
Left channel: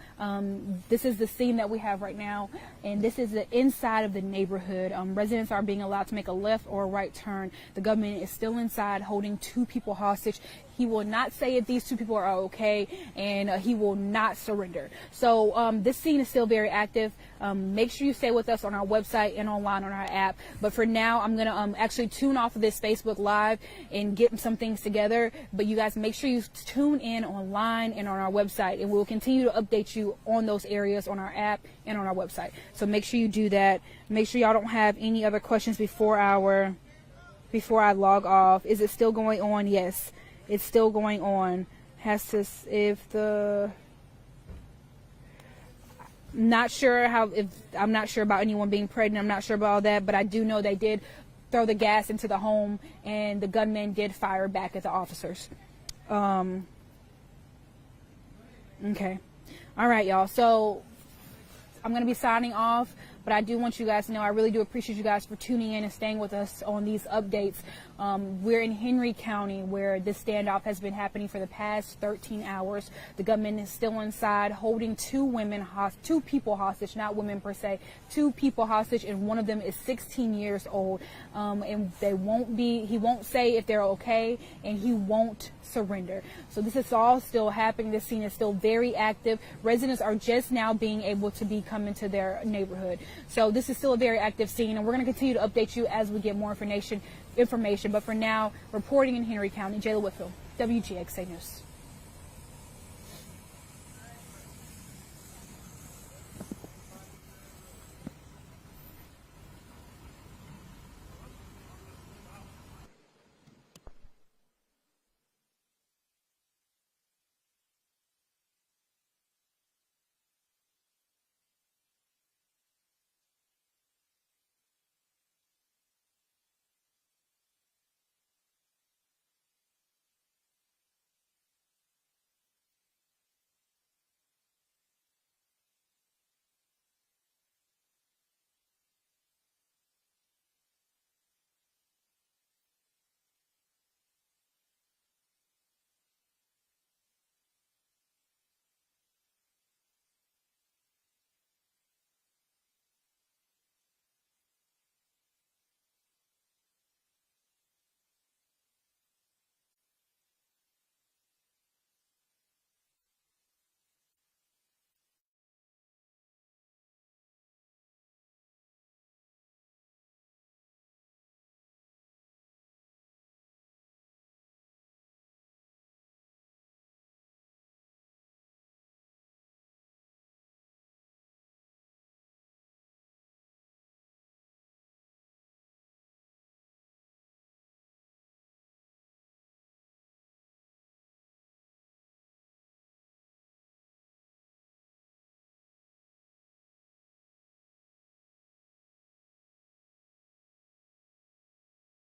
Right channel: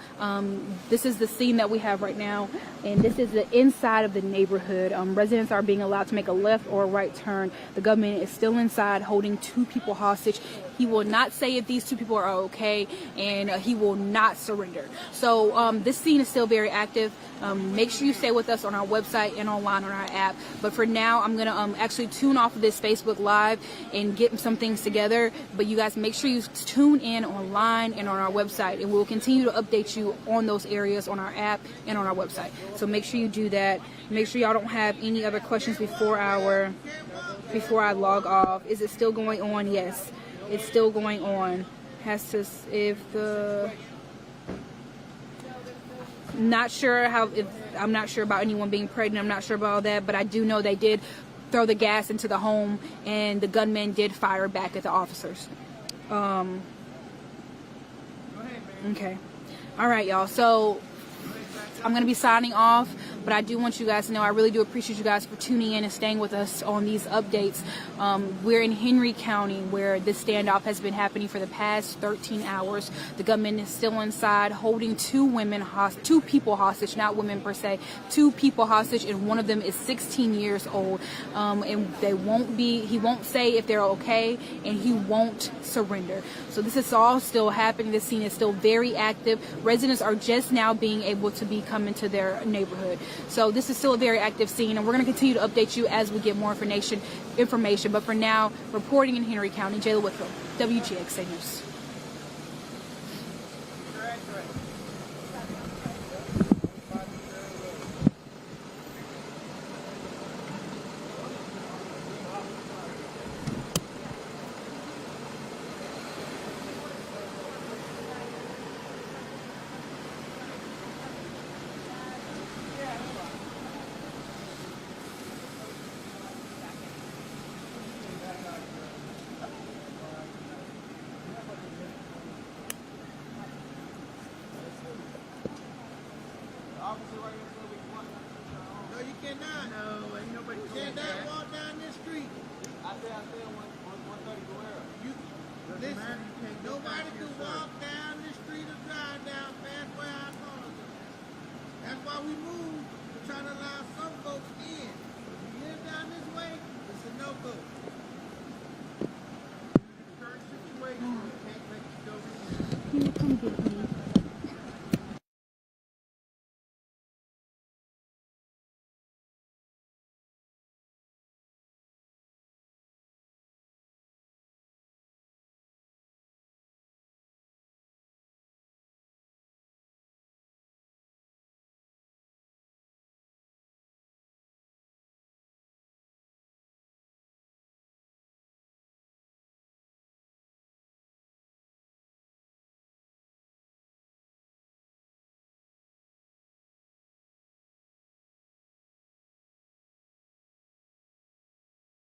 this is the scene that we have right now, and this is the inside of the neighborhood. Residents are being allowed to make a left or a right turn. The government is still inside holding two people hostage. He will not say if these two people are okay, and he will not surrender. So this scene is still very active. Make sure you stay with us on our website and online on our app. But for now, I'm going to actually tune off of this Facebook Live and get some things together. But you guys make sure you tune in online and on our website, and we'll continue to update you on those areas on our app and on our website. So make sure you do that. Make sure y'all don't have any other questions before I log off. Is it still going on? Yes. It's still going on. I'm not sure about anyone being pregnant. I'm not sure about all that, but I do know they did throw the gas into the home, and the gunman did fire back at the officers. Okay. All right, y'all. So I'm going to be signing off. But I do want you guys to know I really do appreciate you guys for tuning in and staying with us on these updates. We're in Henry County where this standoff has been happening for the past 13 hours. The gunman is still inside holding two people hostage, not women per se, two people hostage, and one of them is 16 years old. And he won't say if they're okay, and he won't surrender. So this is all still happening. This scene is still very active. Residents are just now being able to come into their neighborhood. So this is still a very active scene, and we're going to continue to update you as we get more information. But for now, reporting in Henry County, Jayla Whitfield, WGXA News. No, you cannot. No, ain't nobody. You cannot walk down this street. I said 130 Guerrero. Listen, nobody can walk down this street or drive down past where our cars are. That's why we moved to try to allow some folks in. If you live down this way, it's a no-go. Current situation, we can't let you go in. Can you come get me?